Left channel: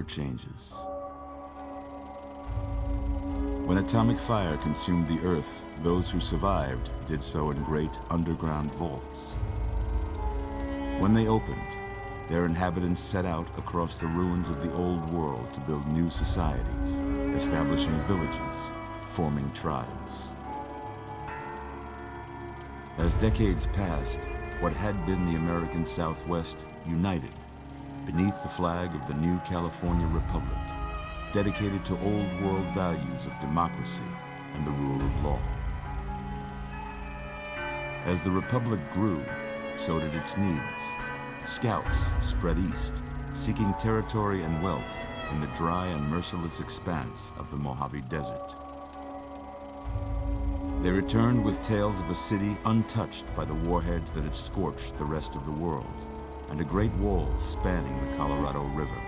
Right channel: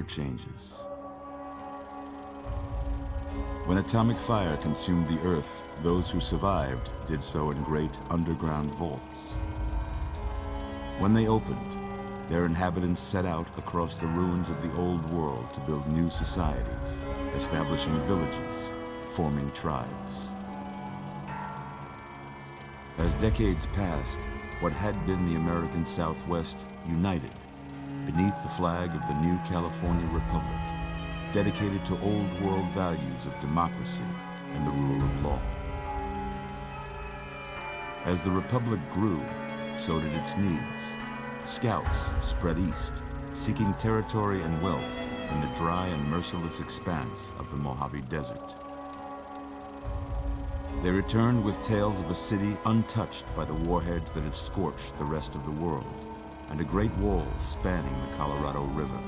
never changes. When atomic fire consumed the Earth, those who survived did so in great underground vaults. When they opened, their inhabitants set out across the ruins of the old world to build new societies, establishing villages, forming tribes. As decades passed, what had been the American Southwest united beneath the flag of the new California Republic, dedicated to old world values of democracy and the rule of law. As the Republic grew, so did its needs. Scouts spread east, seeking territory and wealth in the dry and merciless expanse of the Mojave Desert. They returned with tales of a city untouched by the warheads that had scorched the rest of the world, and a great wall spanning the Colorado River.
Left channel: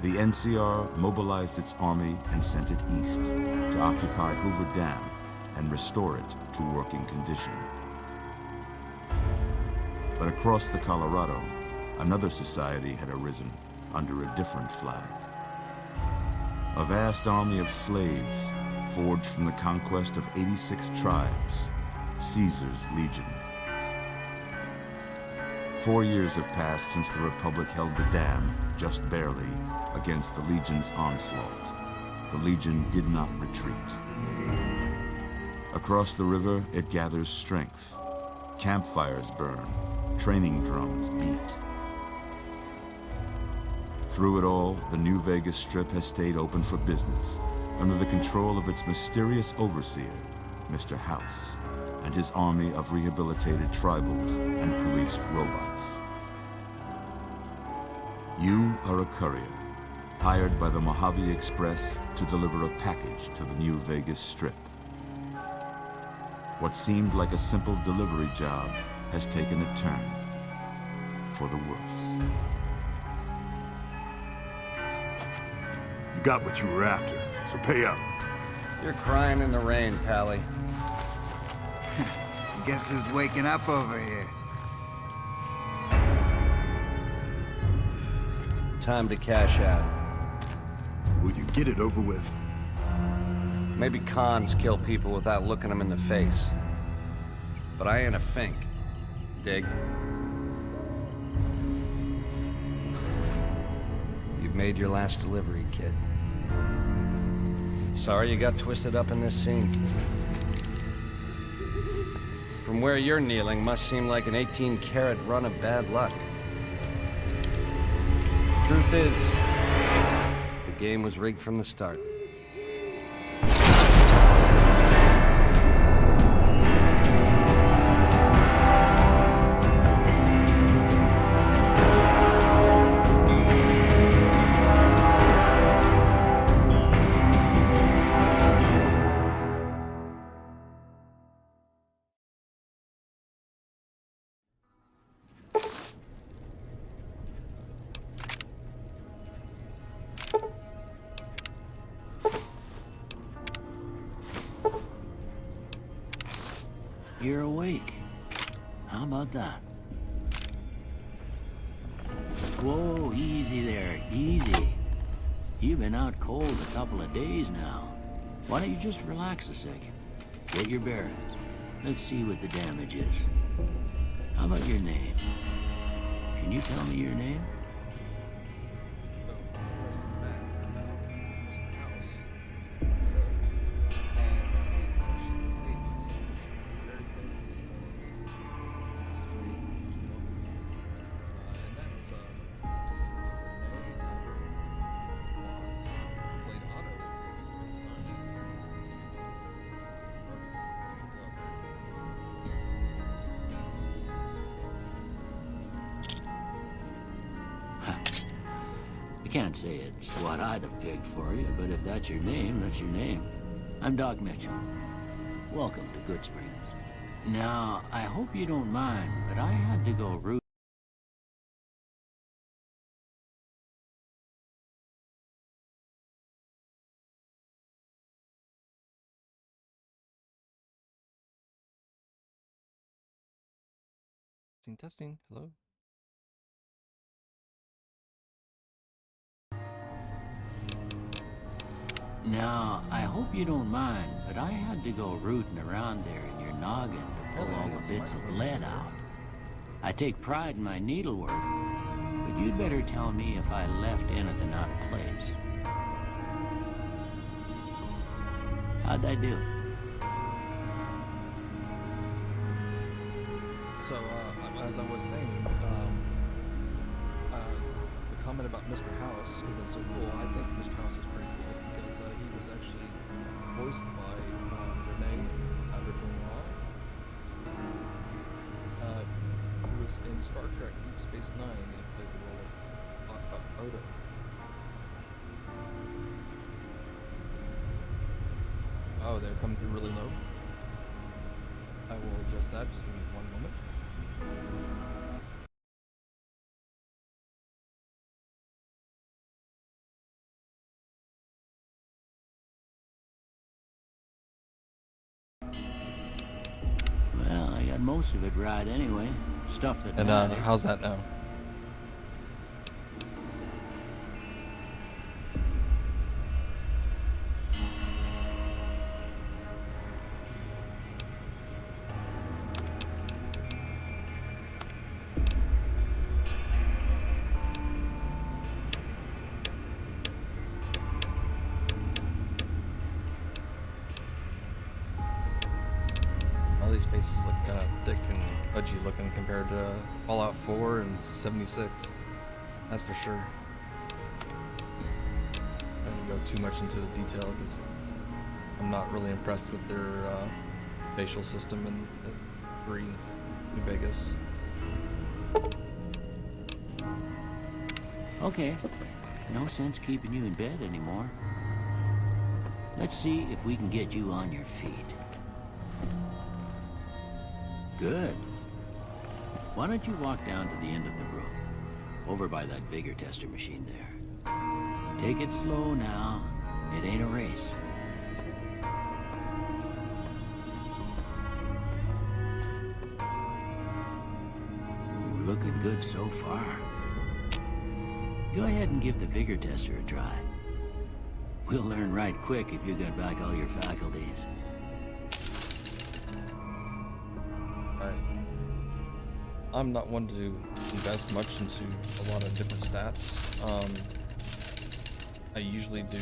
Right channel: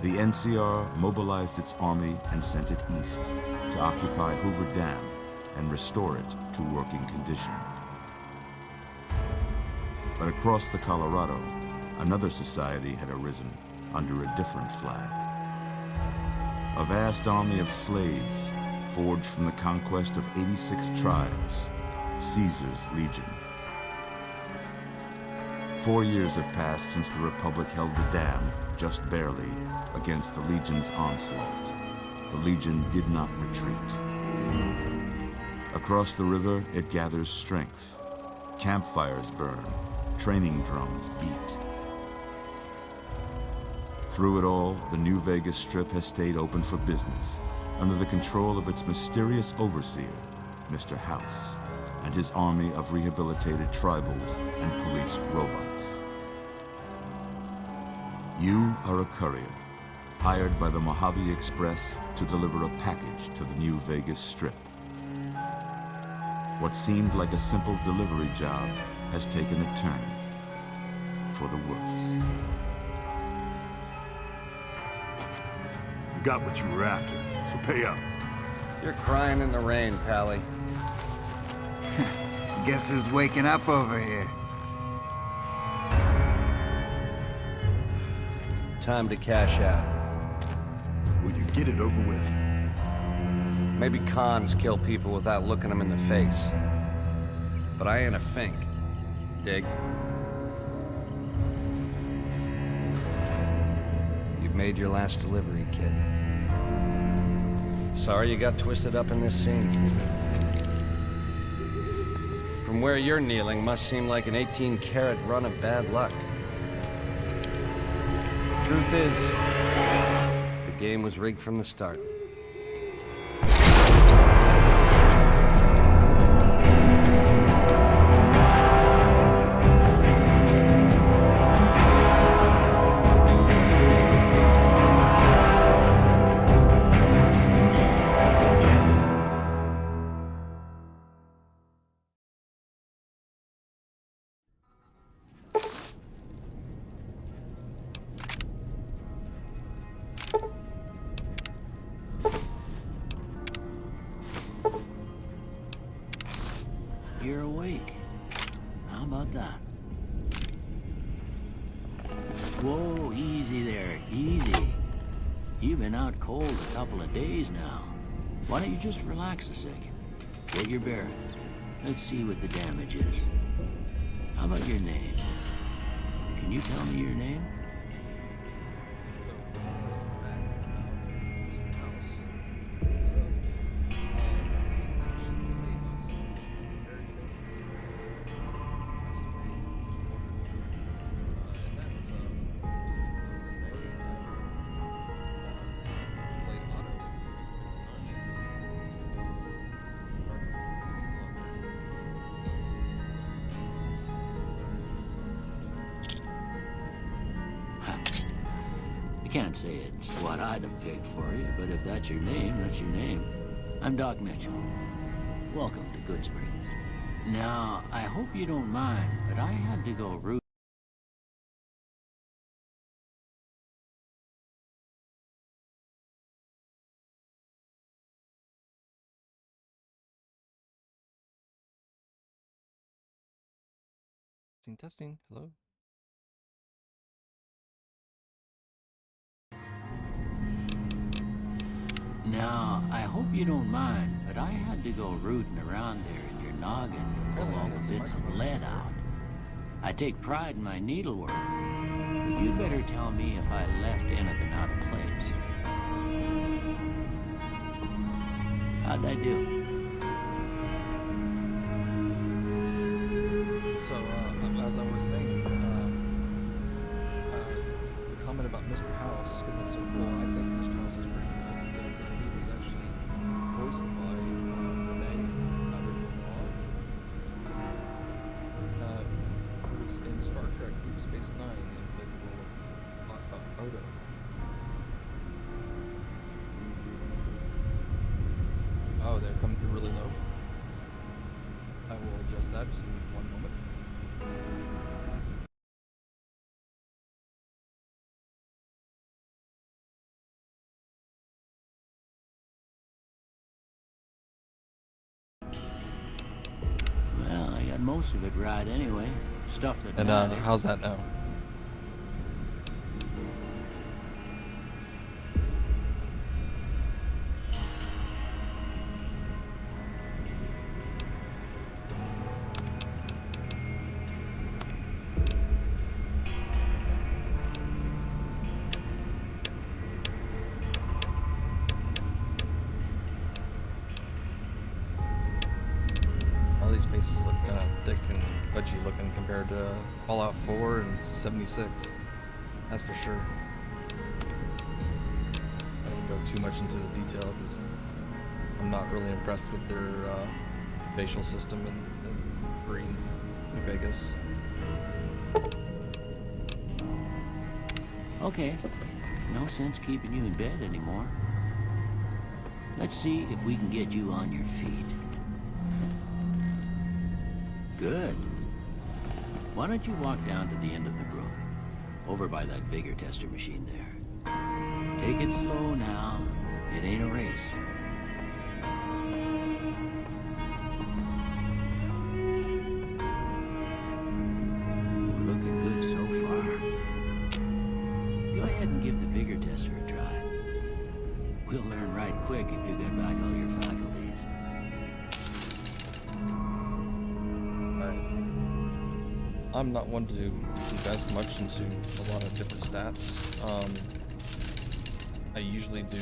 The NCR mobilized its army and sent it east to occupy Hoover Dam and restore it to working condition. But across the Colorado, another society had arisen under a different flag. A vast army of slaves forged from the conquest of 86 tribes, Caesar's Legion. 4 years have passed since the Republic held the dam, just barely, against the Legion's onslaught. The Legion did not retreat. Across the river, it gathers strength. Campfires burn, training drums beat. Through it all, the New Vegas Strip has stayed open for business, under the control of its mysterious overseer, Mr. House, and his army of rehabilitated tribals and police robots. You are a courier, hired by the Mojave Express to deliver a package to the New Vegas Strip. What seemed like a simple delivery job has taken a turn for the worse. You got what you were after, so pay up. You're crying in the rain, Pally. Guess who's waking up over here? Time to cash out. Will you get it over with? Maybe cons kill people without looking them in the face. But I ain't a fink. Dig? You've made your last delivery, kid. Sorry you got twisted up in this scene. From where you're kneeling must seem like an 18-carat run of bad luck. Truth is, the game was rigged from the start. You're awake. How about that? Whoa, easy there, easy. You've been out cold a couple of days now. Why don't you just relax a second? Get your bearings. Let's see what the damage is. How about your name? Can you tell me your name? Can't say it's what I'd have picked for you, but if that's your name, that's your name. I'm Doc Mitchell. Welcome to Good Springs. Now, I hope you don't mind, but I had to go root. Testing, testing. Hello? Now, I hope you don't mind, but I had to go rooting around there in your noggin to pull all the bits of lead out. I take pride in my needlework, but you'd better tell me if I left anything out of place. How'd I do? So, as I was saying, the comment about Mr. House could have been so cool. I think Mr. House is pretty cool because he was actually voiced by Renee Original Law, who was in Star Trek Deep Space Nine and played the role of Odo. Oh, they're coming through really low. I will adjust that. Just give me one moment. Well, I got most of it right anyway. Stuff that And matters. how's that now? These faces look kind of thick and pudgy looking compared to Fallout 4 and 76. That's for sure. I didn't go too much into the detail because I'm not really impressed with their facial system in 3 New Vegas. Okay. No sense keeping you in bed anymore. Let's see if we can get you on your feet. Good. Why don't you walk down to the end of the room, over by that vigor tester machine there. Take it slow now. It ain't a race. Ooh, looking good so far. Go ahead and give the vigor tester a try. We'll learn right quick if you got back all your faculties. Alright. I'm not one to invest much into a lot of different stats. I usually do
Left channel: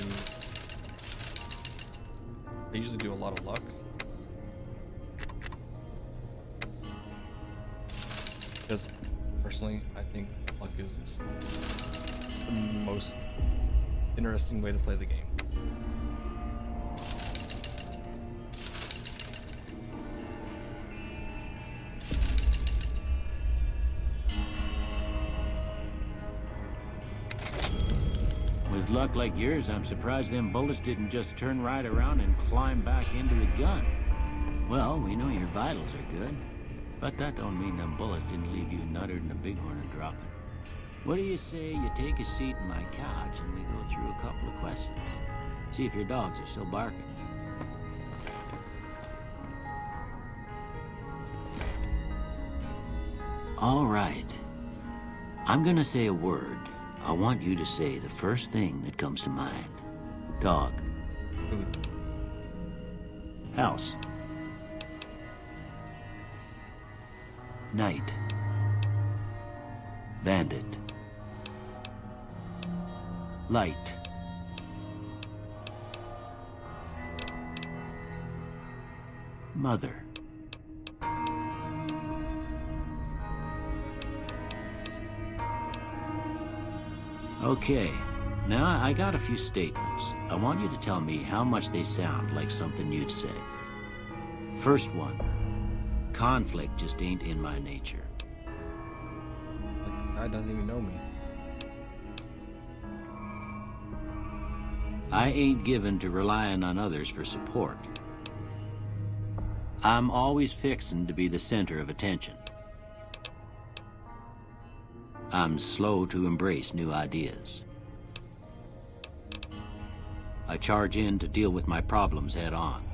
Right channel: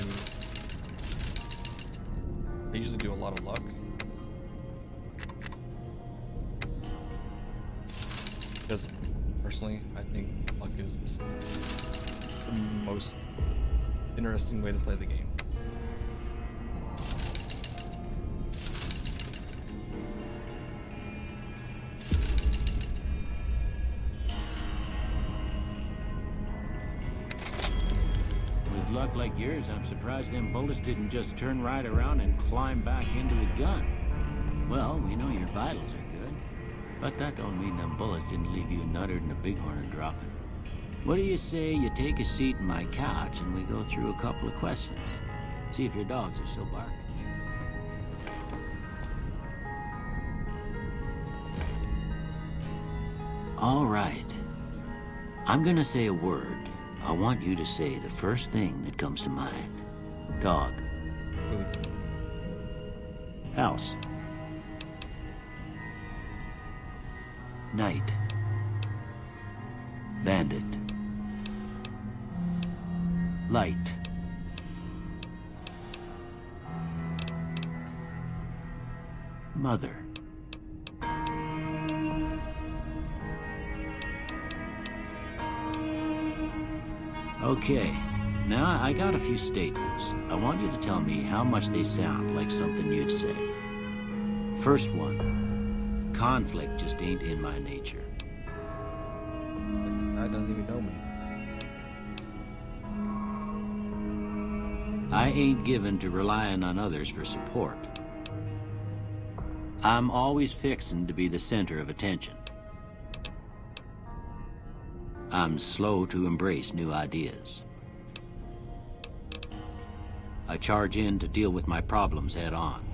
a lot of luck. Because personally, I think luck is the most interesting way to play the game. With luck like yours, I'm surprised them bullets didn't just turn right around and climb back into the gun. Well, we know your vitals are good, but that don't mean them bullets didn't leave you nuttered and a bighorn dropping. What do you say you take a seat in my couch and we go through a couple of questions? See if your dogs are still barking. All right. I'm gonna say a word. I want you to say the first thing that comes to mind. Dog. Food. House. Night. Bandit. Light. Mother. Okay, now I got a few statements. I want you to tell me how much they sound like something you'd say. First one, conflict just ain't in my nature. Like the guy doesn't even know me. I ain't given to relying on others for support. I'm always fixin' to be the center of attention. I'm slow to embrace new ideas. I charge in to deal with my problems head on.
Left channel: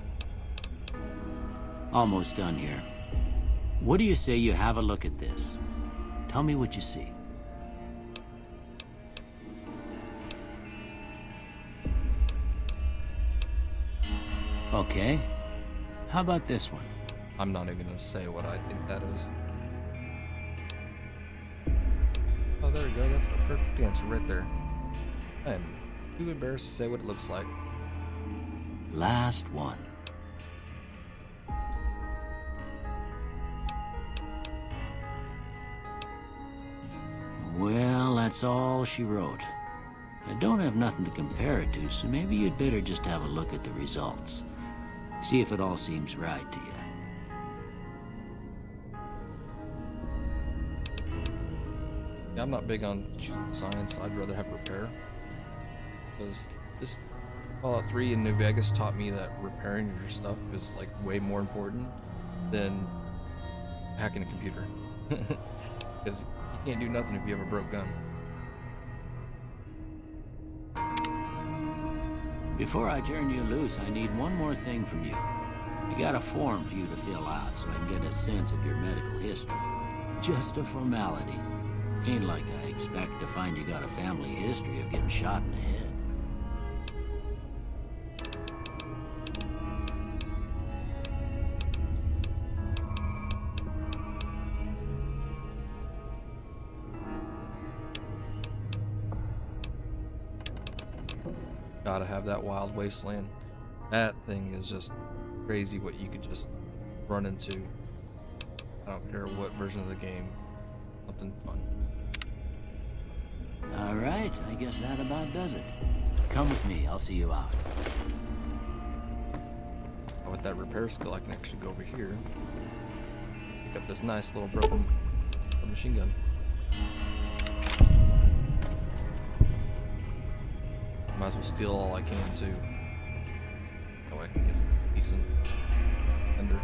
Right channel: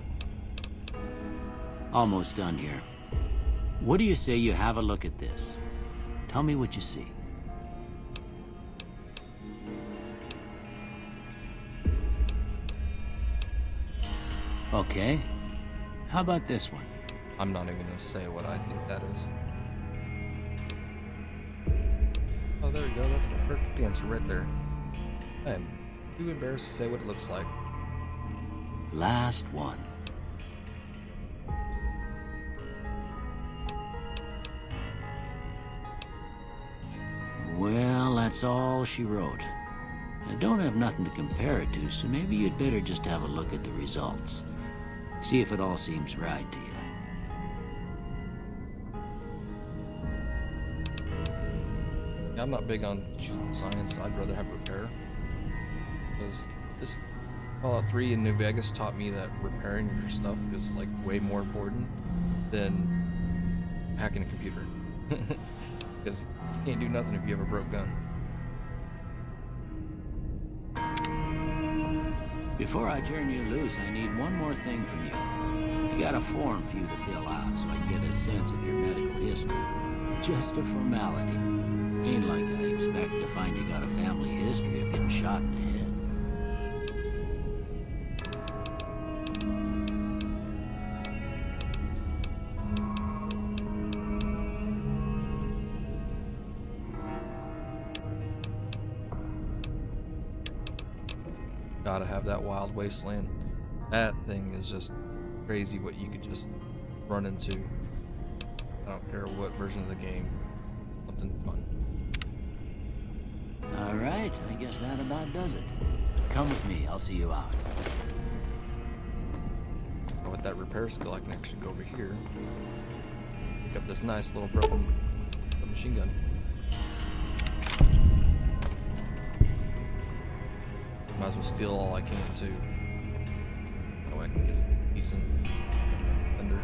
Almost done here. What do you say you have a look at this? Tell me what you see. Okay. How about this one? I'm not even gonna say what I think that is. Oh, there we go. That's the perfect answer right there. I am too embarrassed to say what it looks like. Last one. Well, that's all she wrote. I don't have nothing to compare it to, so maybe you'd better just have a look at the results. See if it all seems right to you. Yeah, I'm not big on choosing science. I'd rather have repair. Because this Fallout 3 in New Vegas taught me that repairing your stuff is like way more important than hacking a computer. Because you can't do nothing if you have a broke gun. Before I turn you loose, I need one more thing from you. I got a form for you to fill out so I can get a sense of your medical history. Just a formality. Ain't like I expect to find you got a family history of getting shot in the head. Gotta have that wild wasteland. That thing is just crazy what you could just run into. I don't care what version of the game. Something fun. All right, I guess that about does it. Come with me, I'll see you out. Oh, with that repair skill, I can actually go over here. Pick up this nice little broken machine gun. Might as well steal all I can too. That way I can get some decent thunder.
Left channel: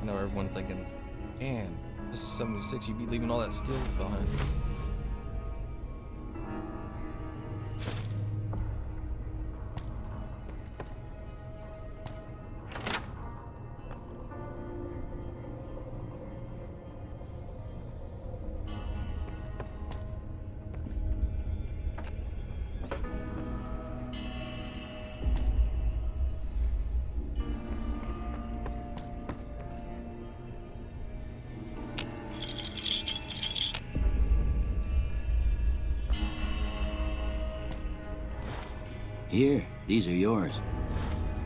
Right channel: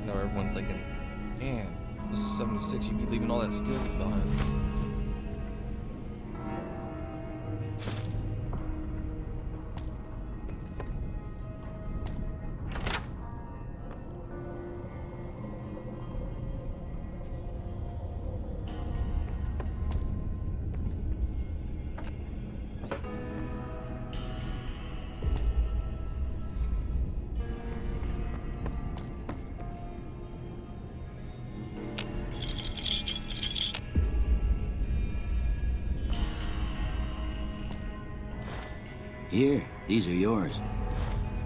I know everyone thinking, man, this is 76, you'd be leaving all that steel behind. Here, these are yours.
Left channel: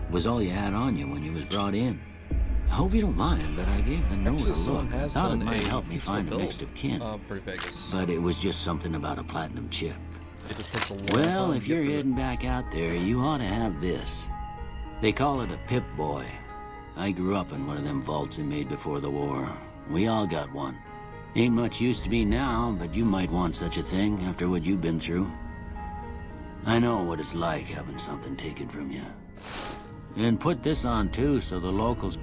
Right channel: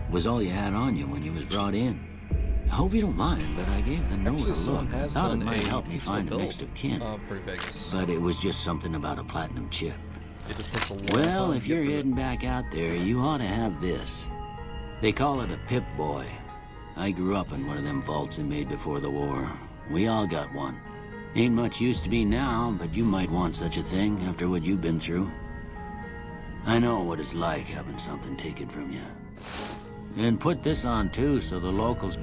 Was all you had on you when you was brought in. I hope you don't mind, but I gave the note Actually, a someone look. I has thought it done might a help me peaceful find a build. next of kin. Pretty Vegas. But it was just something about a platinum chip. It just takes a long Well, time if to get you're through it. heading back out there, you ought to have this. They call it a Pip-Boy. I grew up in one of them vaults they made before the war. We all got one. Ain't much use to me now, but you might want such a thing after what you've been through. I know what it's like having something taken from you. And put this on too, so the locals...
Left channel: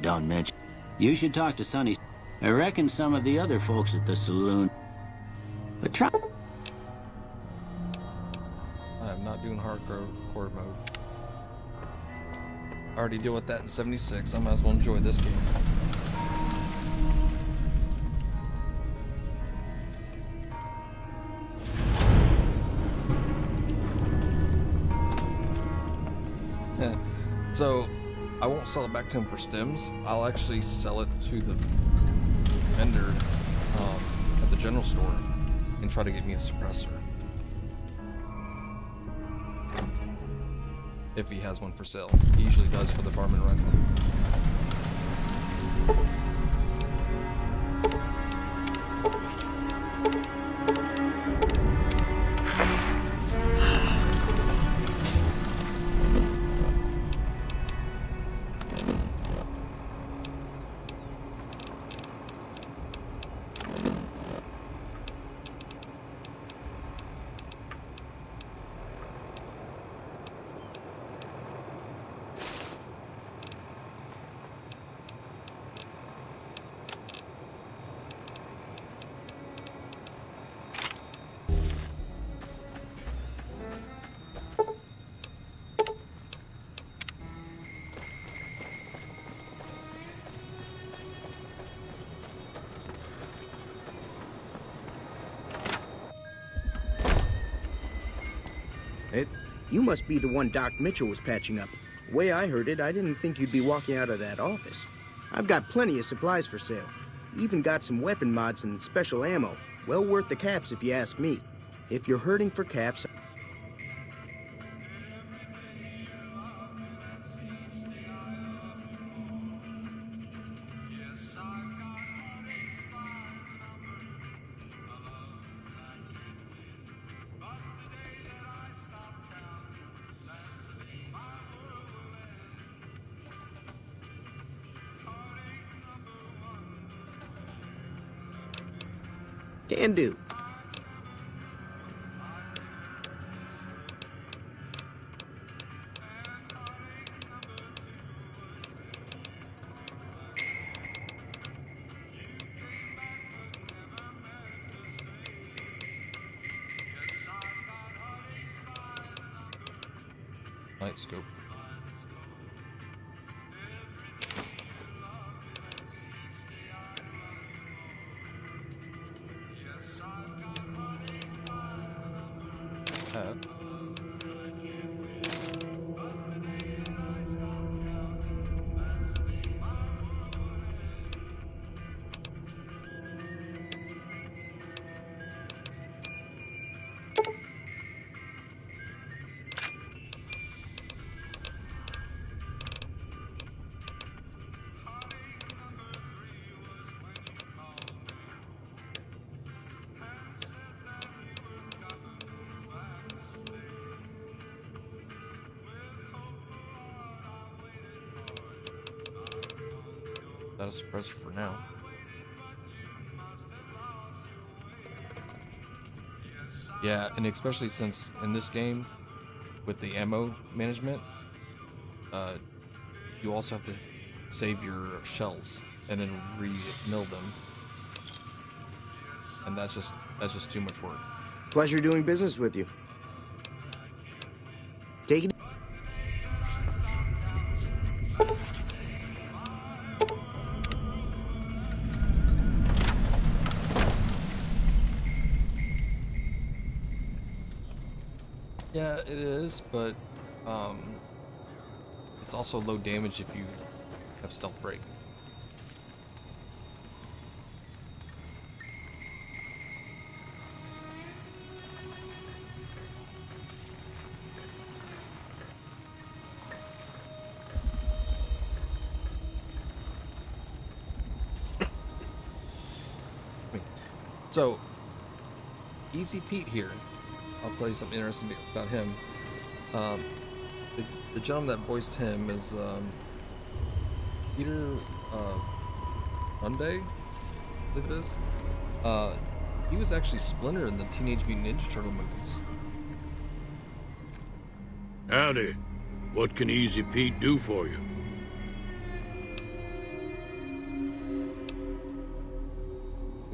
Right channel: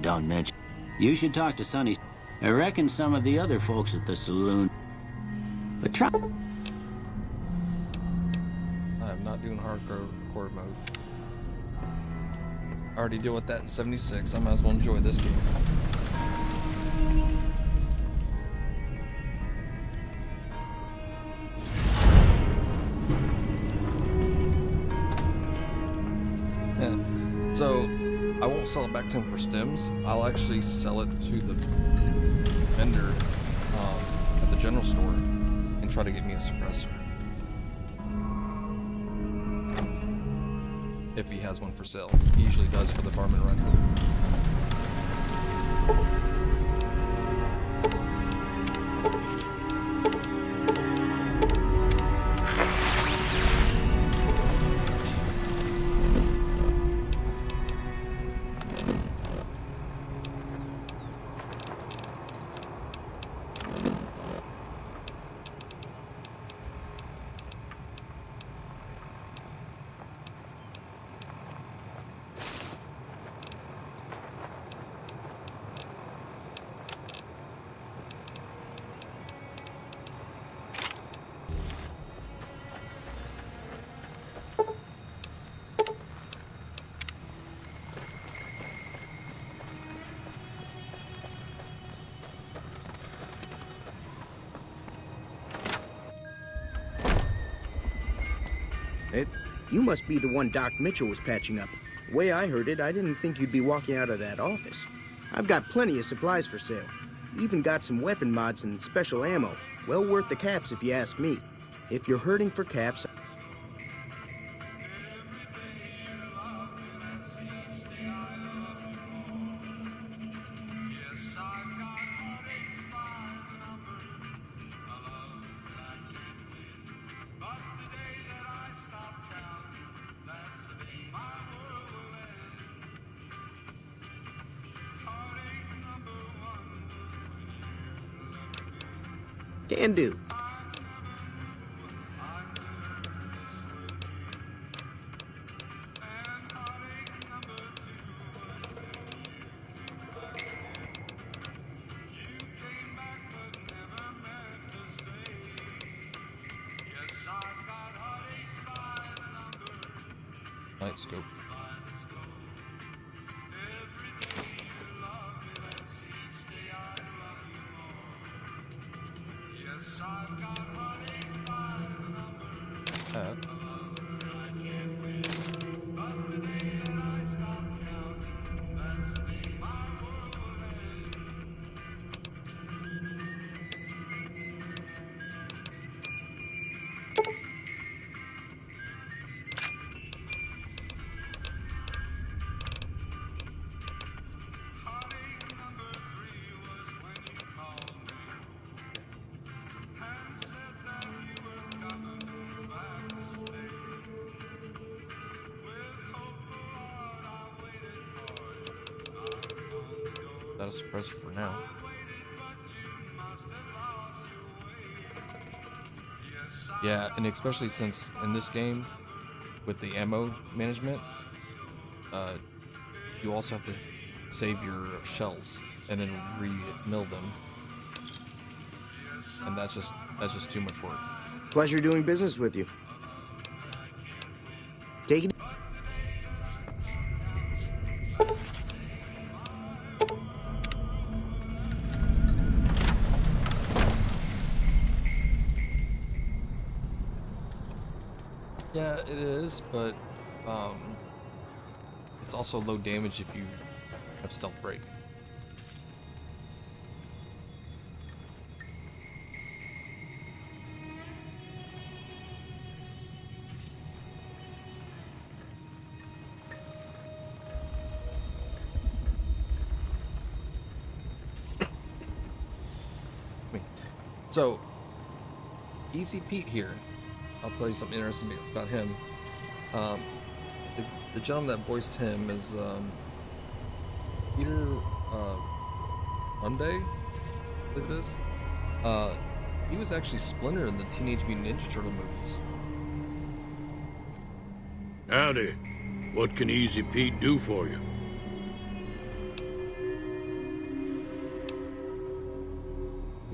don't mention... You should talk to Sonny. I reckon some of the other folks at the saloon... But try... I am not doing hardcore mode. I already deal with that in 76. I might as well enjoy this game. Yeah. So I won't sell it back to him for stems. I'll actually sell it to the vendor at the general store and try to get me a suppressor. If he has one for sale. He usually does for the varmint rifle. You must be the one Doc Mitchell was patching up. The way I heard it, I didn't think you'd be walking out of that office. I've got plenty of supplies for sale. Even got some weapon mods and special ammo. Well worth the caps if you ask me. If you're hurting for caps... Can do. Night scope. That is suppressor for now. Yeah, and especially since in this game, with the ammo management, you also have to save your shells and then re-mill them, and that's just too much work. Pleasure doing business with you. Take it. Yeah, it is, but it's also low damage if you have stealth break. So, Easy Pete here. I'll tell you something interesting about him. The gentleman that voiced him is Peter Monday, I believe it is. He was actually Splinter in the Teenage Mutant Ninja Turtle movies. Howdy. What can Easy Pete do for you?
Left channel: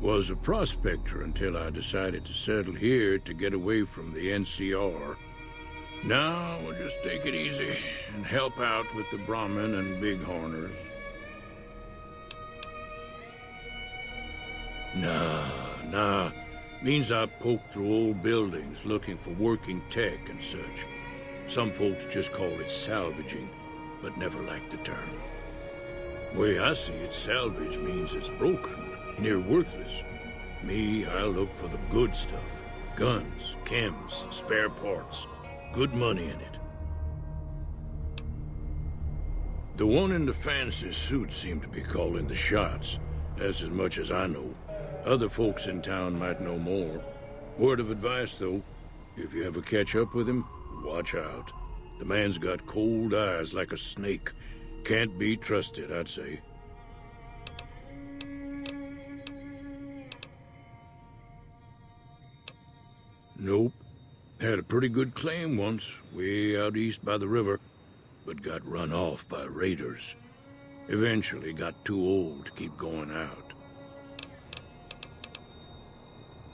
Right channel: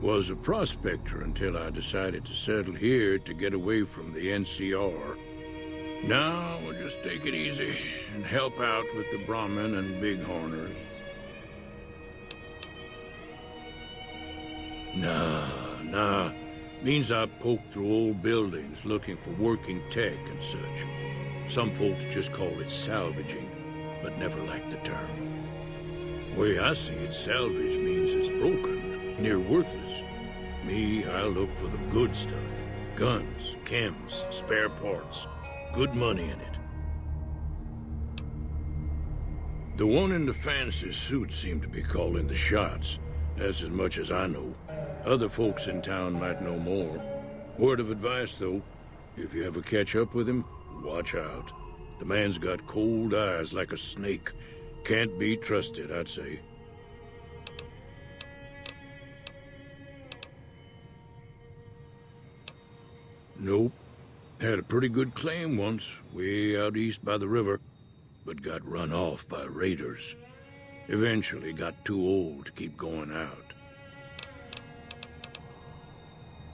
Was a prospector until I decided to settle here to get away from the NCR. Now we'll just take it easy and help out with the Brahmin and Bighorners. Nah. Means I poke through old buildings looking for working tech and such. Some folks just call it salvaging, but never liked the term. Way I see it, salvage means it's broken, near worthless. Me, I look for the good stuff. Guns, chems, spare parts. Good money in it. The one in the fancy suit seemed to be calling the shots. That's as much as I know. Other folks in town might know more. Word of advice, though. If you ever catch up with him, watch out. The man's got cold eyes like a snake. Can't be trusted, I'd say. Nope. Had a pretty good claim once, way out east by the river, but got run off by raiders. Eventually got too old to keep going out.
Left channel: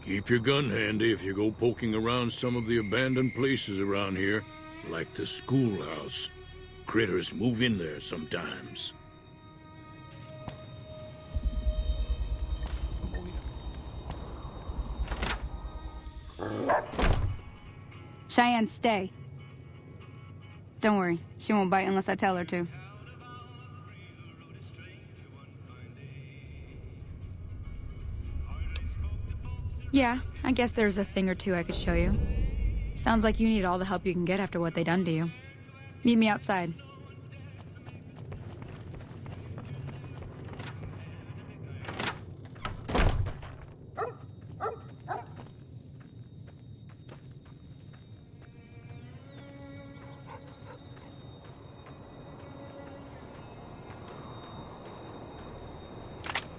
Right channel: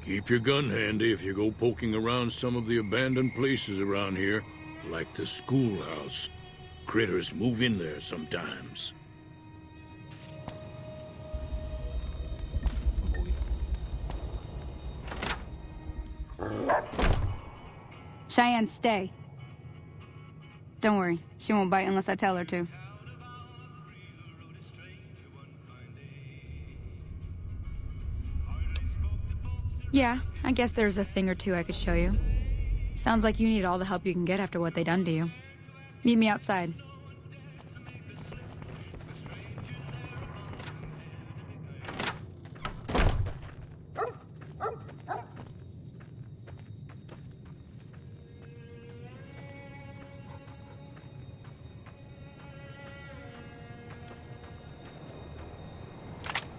Keep your gun handy if you go poking around some of the abandoned places around here, like the schoolhouse. Critters move in there sometimes. Cheyenne, stay. Don't worry, she won't bite unless I tell her to. Yeah, I guess there's a thing or two I could show you. Sounds like you need all the help you can get after what they done to you. Meet me outside.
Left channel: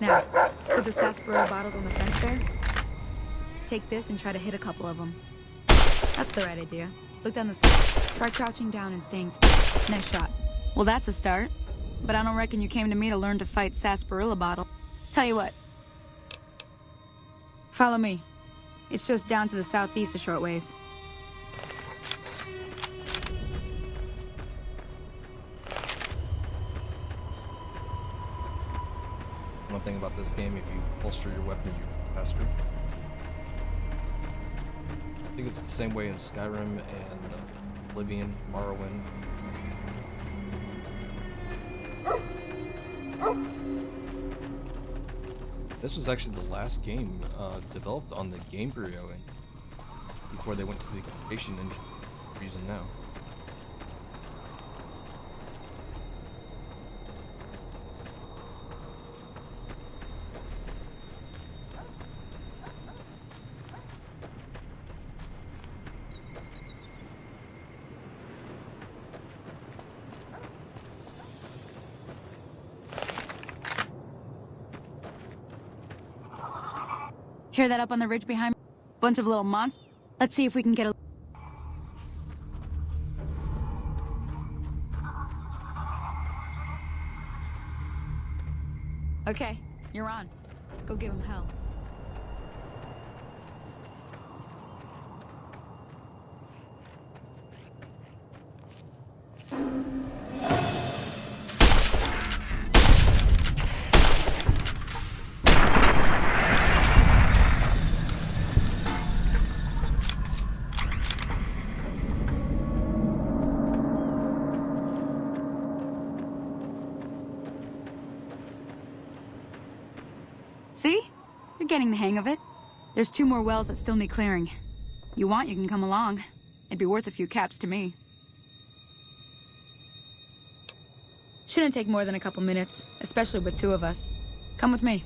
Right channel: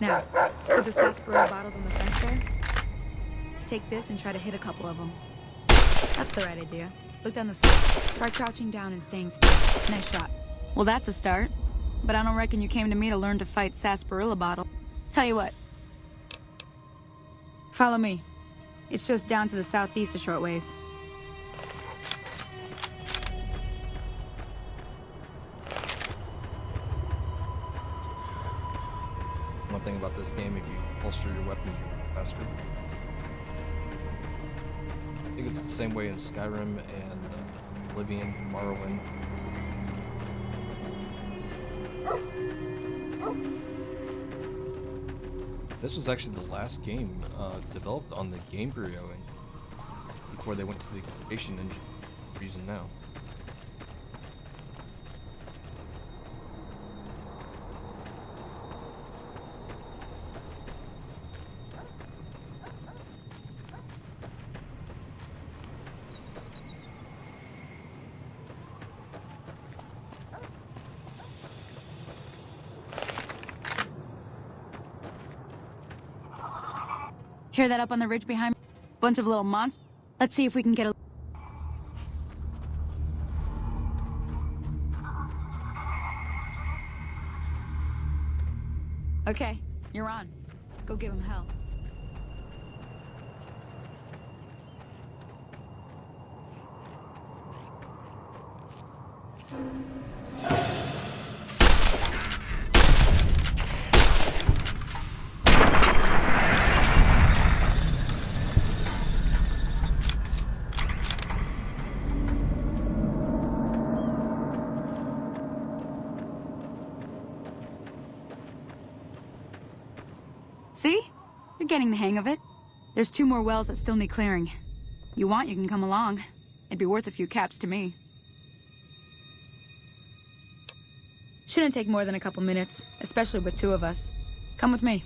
Now, see the sarsaparilla bottles on the fence there? Take this and try to hit a couple of them. That's the right idea. Look down the side. Try crouching down and staying still. Nice shot. Well, that's a start. But I don't reckon you came to me to learn to fight sarsaparilla bottle. Tell you what. Follow me. It's just down to the southeast a short ways. One thing about this game, if you holster your weapon, you're faster. I think it's the same way in Skyrim and Oblivion, Morrowind. This was actually the last game developed on the Game Bureau engine before they went to the creation engine reason now. Hear that up on the ridge behind me? Bunch of little monsters. Let's see if we can get a... Okay, you're on. Go give him hell. See? You're getting the hang of it. There's 2 more wells that still need clearing. You want, you can come along. It'd be worth a few caps to me. Shouldn't take more than a couple minutes, especially with 2 of us. Come with me.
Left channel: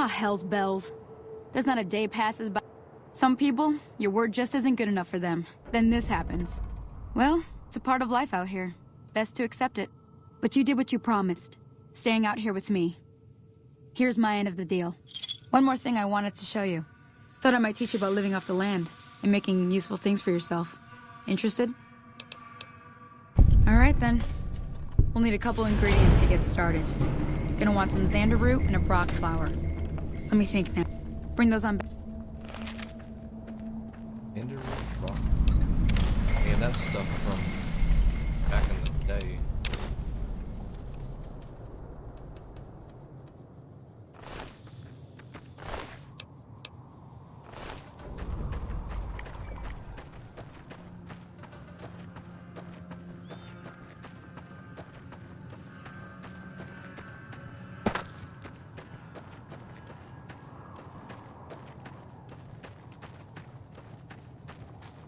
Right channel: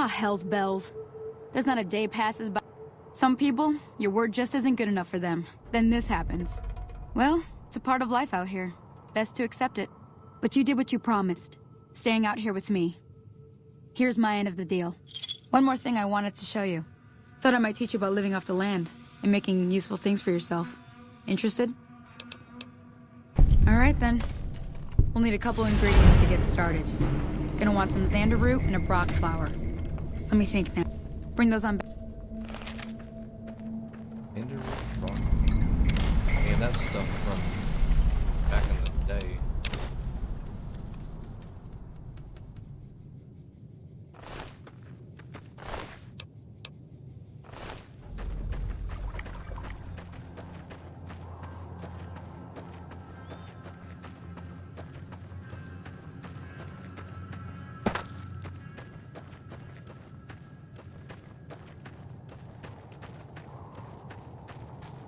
Ah, hell's bells. There's not a day passes by. Some people, your word just isn't good enough for them. Then this happens. Well, it's a part of life out here. Best to accept it. But you did what you promised. Staying out here with me. Here's my end of the deal. One more thing I wanted to show you. Thought I might teach you about living off the land and making useful things for yourself. Interested? Alright then. We'll need a couple ingredients to get started. Gonna want some xander root and a brock flower. Let me think now. Bring those on back. Xander root, brock. Man, that's stuff from back in the day.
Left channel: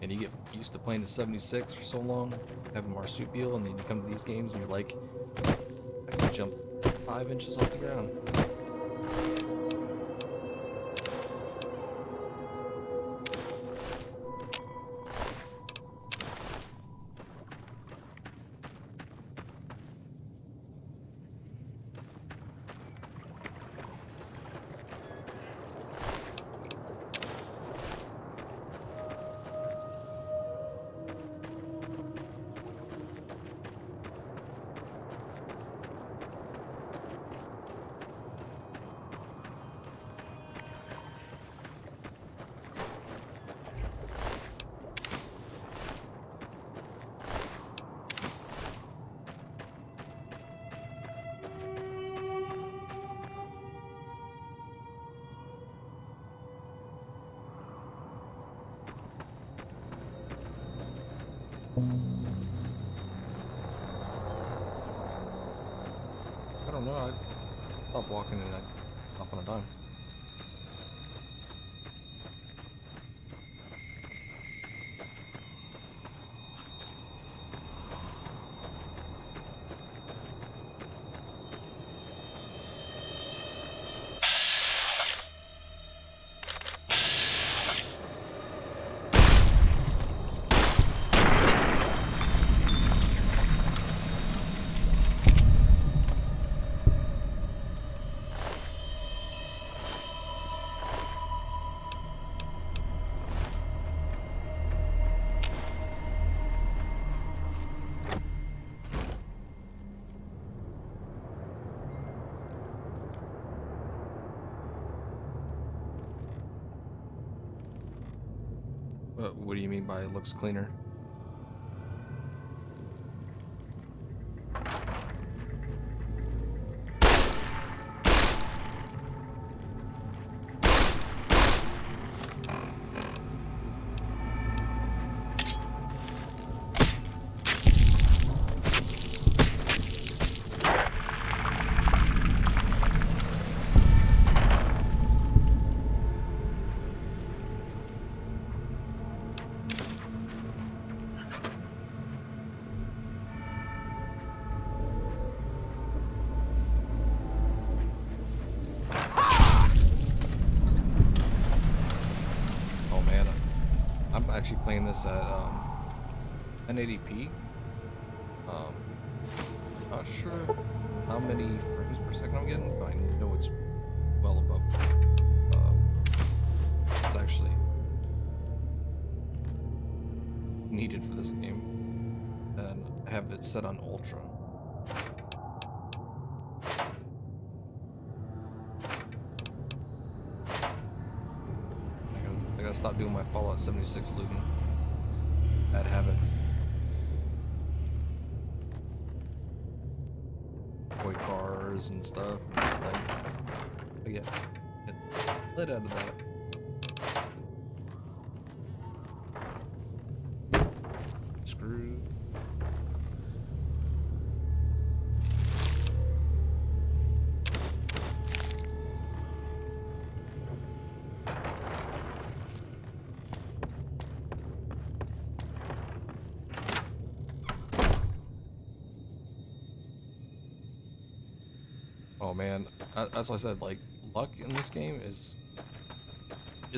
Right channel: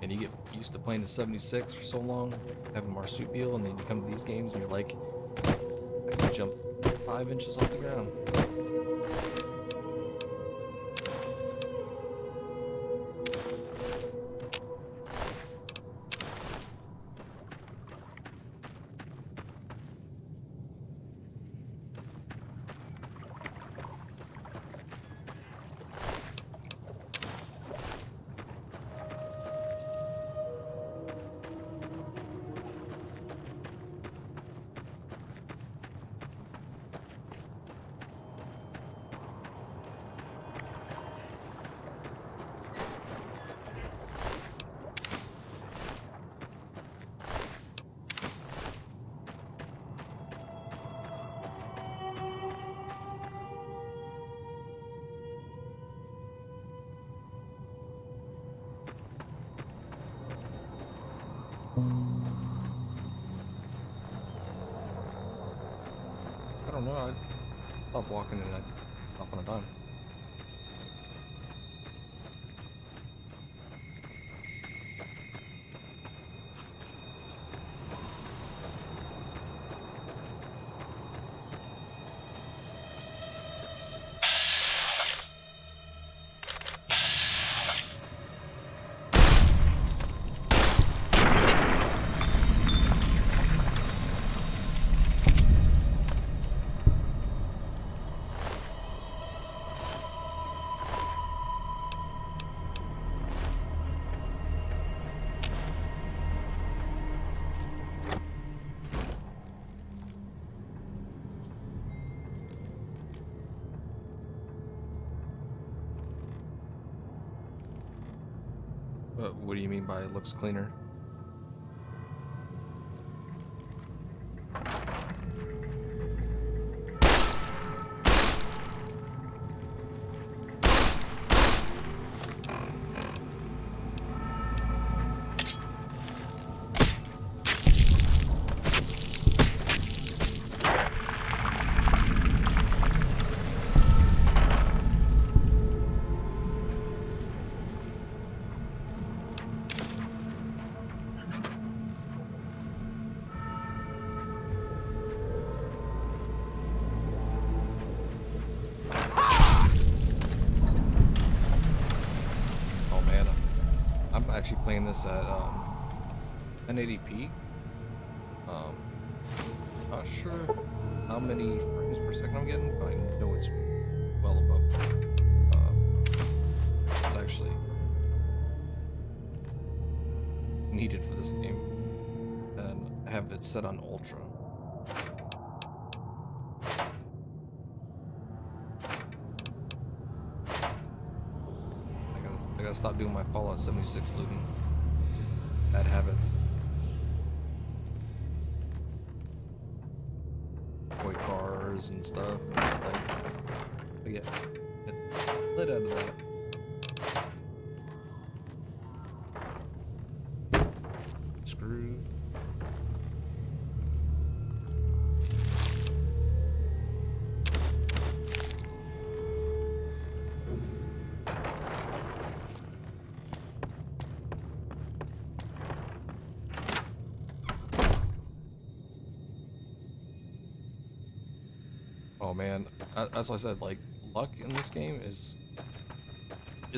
And you get used to playing the 76 for so long, having marsupial, and then you come to these games and you're like, I can jump 5 inches off the ground. I don't know, I'd stop walking and I'd hop on a dime. What do you mean by it looks cleaner? I'm actually playing this at 1080p. Not sure how many frames per second I'm getting, but I know it's well above. It's actually needed for this game, and I have it set on ultra. I gotta stop doing my Fallout 76 looting. Bad habits. Toy cars and stuff. But yeah, get lit out of that. Screw. Oh man, that's what I said, like, luck in this game is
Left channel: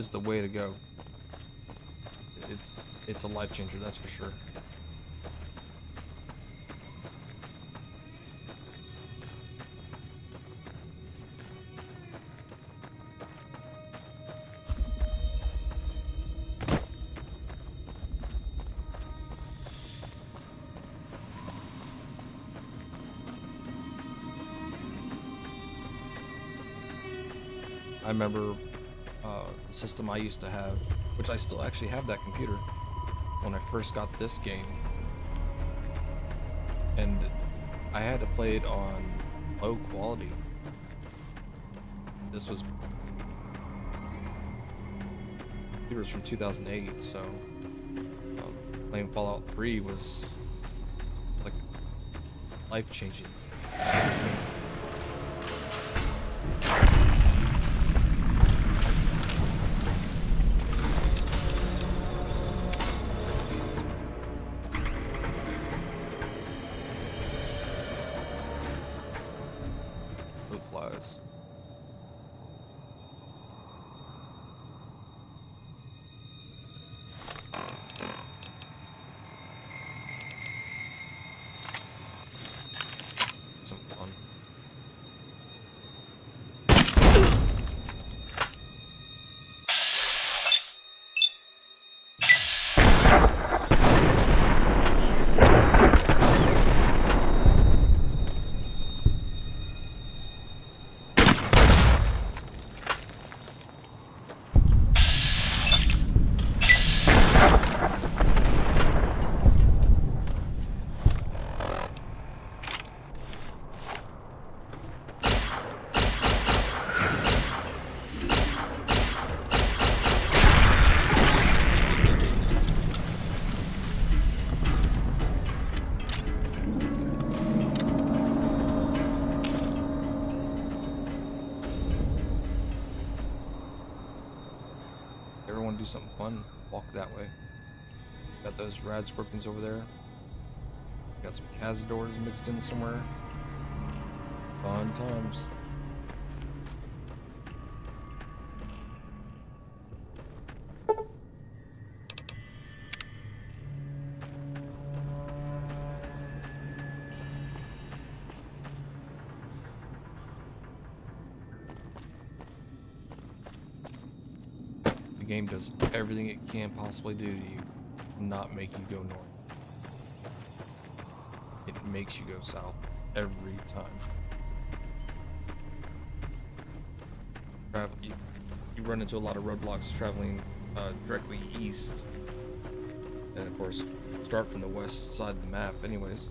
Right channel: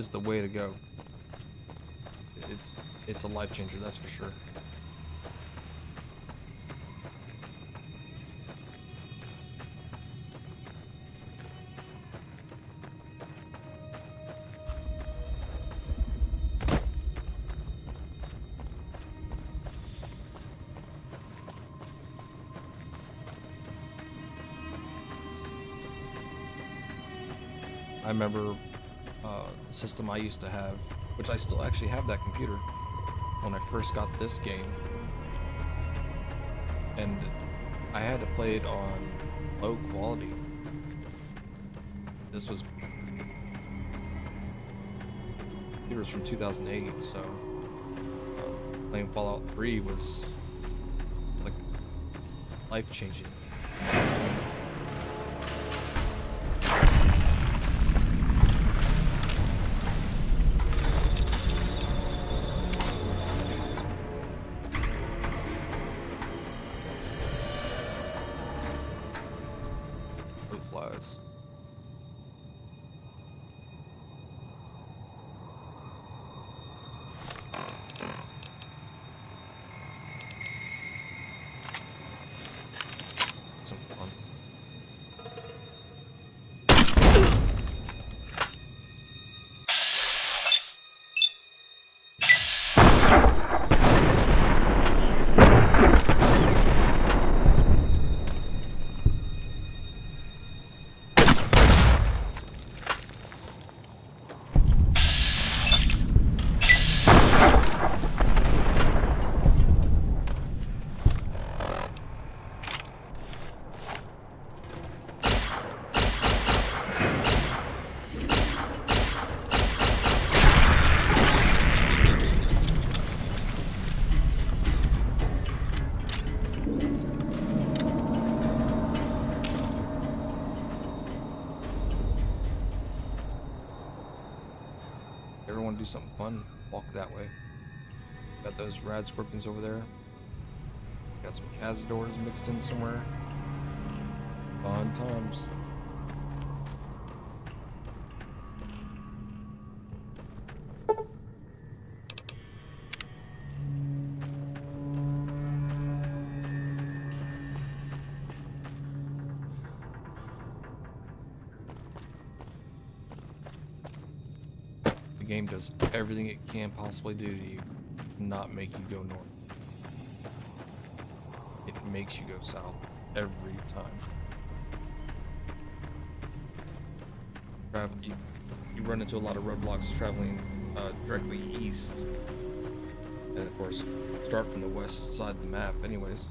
the way to go. It's a life changer, that's for sure. I remember the system I used to have, which I still actually have that computer, when I first got this game. And I had to play it on low quality. This was... It was from 2008, so playing Fallout 3 was like life-changing. Flies. Some fun. Everyone do something fun, walk that way. Got those rad scorpions over there. Got some cazadors mixed in somewhere. Fun times. The game does everything it can possibly do to you, not make you go north. It makes you go south every time. You run into a lot of roadblocks traveling directly east, and of course start from the west side of the map anyways.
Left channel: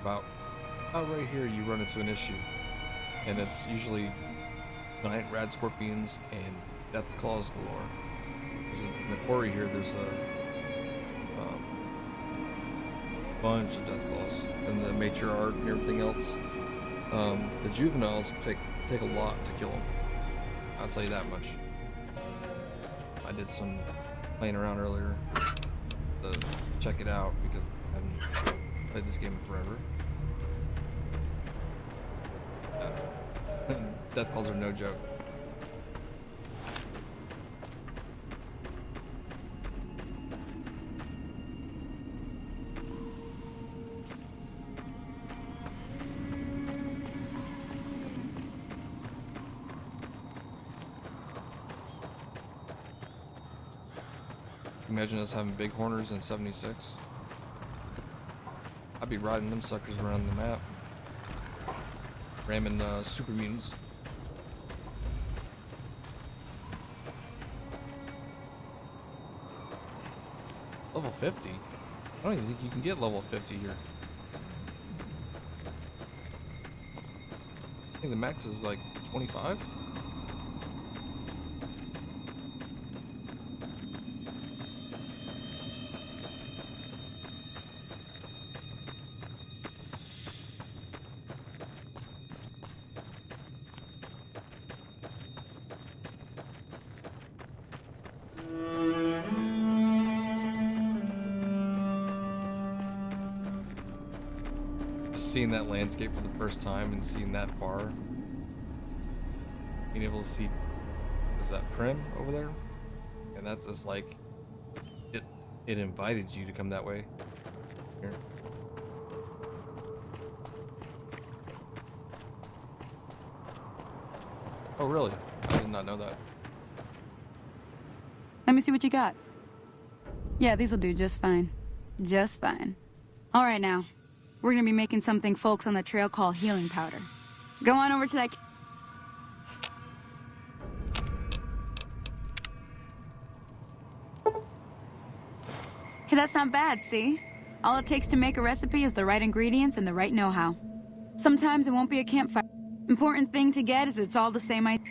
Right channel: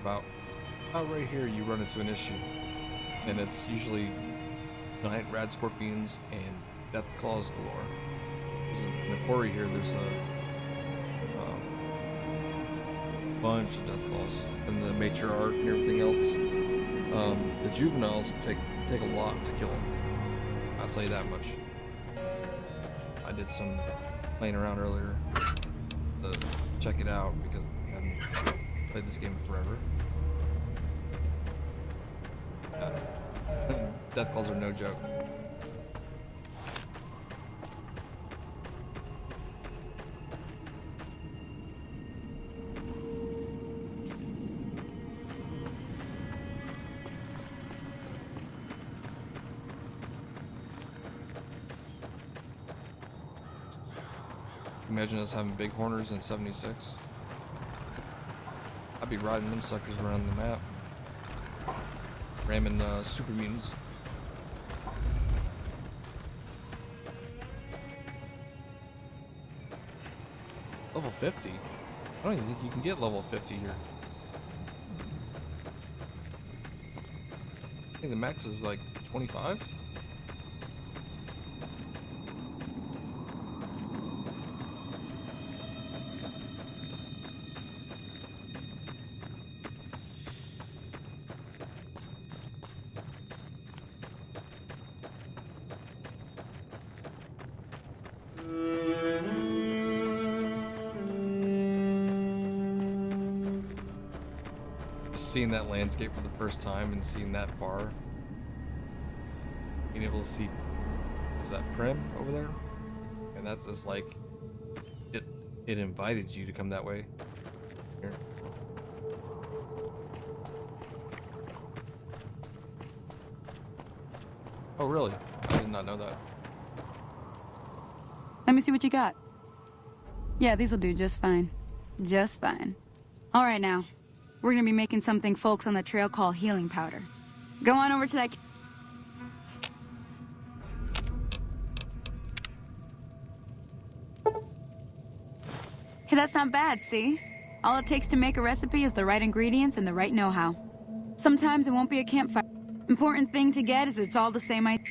About right here you run into an issue, and it's usually giant rad scorpions and death claws galore. In the quarry here there's a bunch of death claws, and the matriarch and everything else. The juveniles take a lot to kill them, I'll tell you that much. I did some playing around earlier to check it out because I haven't played this game in forever. Death calls are no joke. Imagine us having big horners in 76. I'd be riding them suckers around the map, ramming super mutants. Level 50? I don't even think you can get level 50 here. I think the max is like 25? Just seeing that landscape for the first time and seeing that far. Being able to see, was that Prim over there? And that's just like, it invited you to come that way. Here. Oh, really? I did not know that. Let me see what you got. Yeah, these'll do just fine. Just fine. All right, now. We're gonna be making something folks on the trail call healing powder. Go on over to that... Hey, that's not bad, see? All it takes to make a recipe is the right ingredients and the right know-how. Sometimes it won't be a campfire. Important thing to get is it's all the same idea.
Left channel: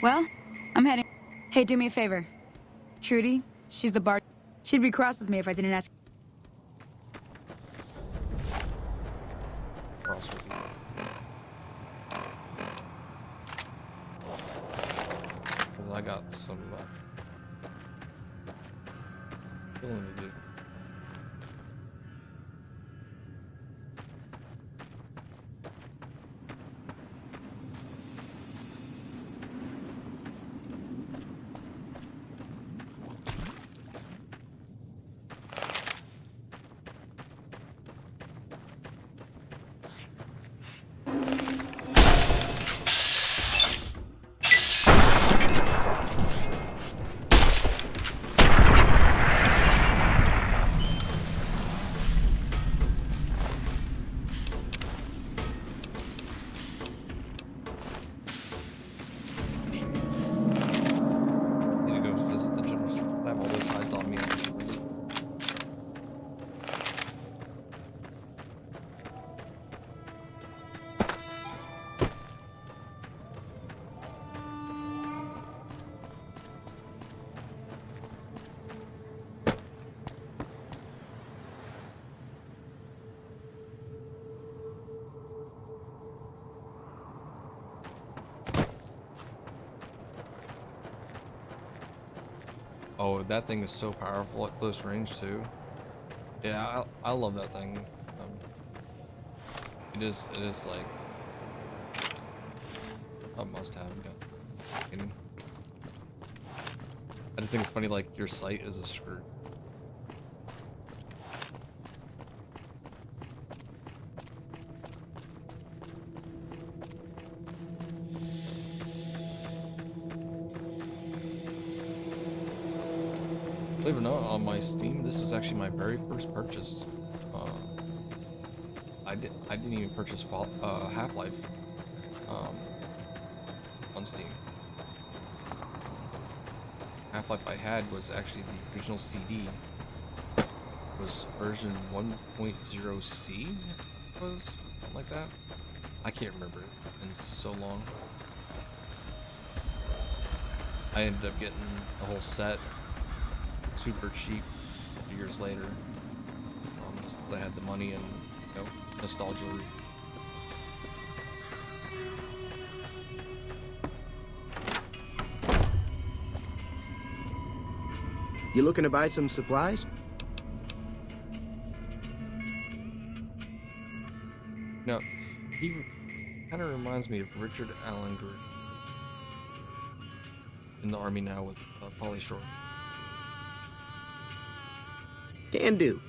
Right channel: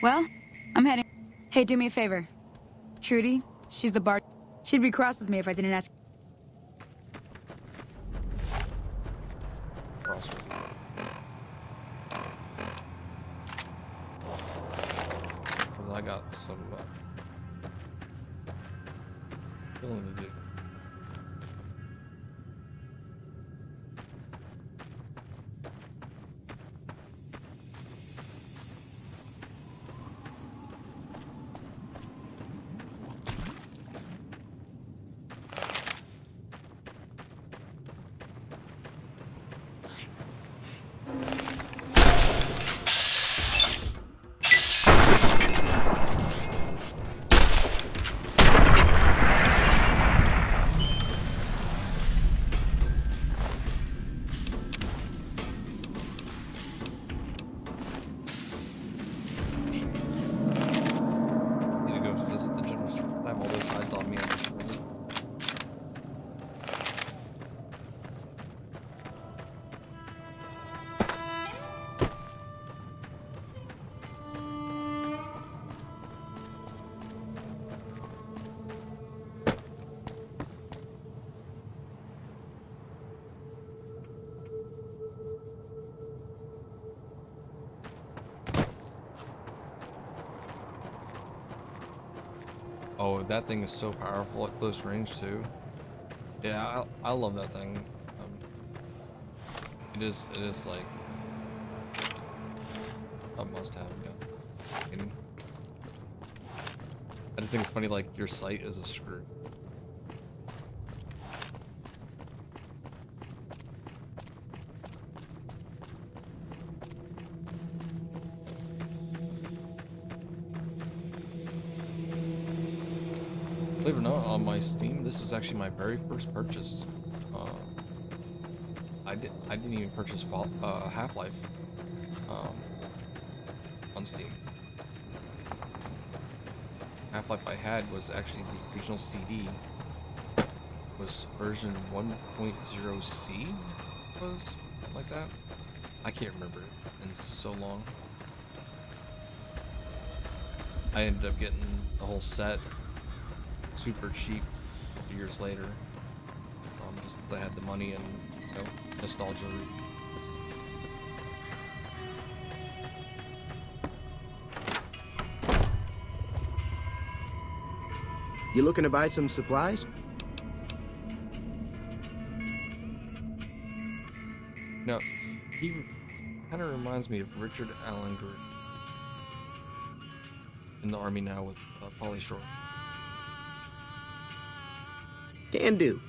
Well, I'm heading... Hey, do me a favor. Trudy, she's the bar... She'd be cross with me if I didn't ask... Cross with you. Because I got some killing to do. Oh, that thing is so powerful at close range too. Yeah, I love that thing. It is like a must-have. Yeah. I just think it's funny, like your sight is a screw. Believe it or not, on my Steam, this was actually my very first purchase. I didn't even purchase Half-Life on Steam. Half-Life I had was actually the original CD. It was version 1.0C, was something like that. I can't remember it. It's been so long. I ended up getting the whole set super cheap years later, just because I had the money and, you know, nostalgia. You looking to buy some supplies? No, he kind of reminds me of Richard Allen Group in the army now with Pauly Shore. Can do.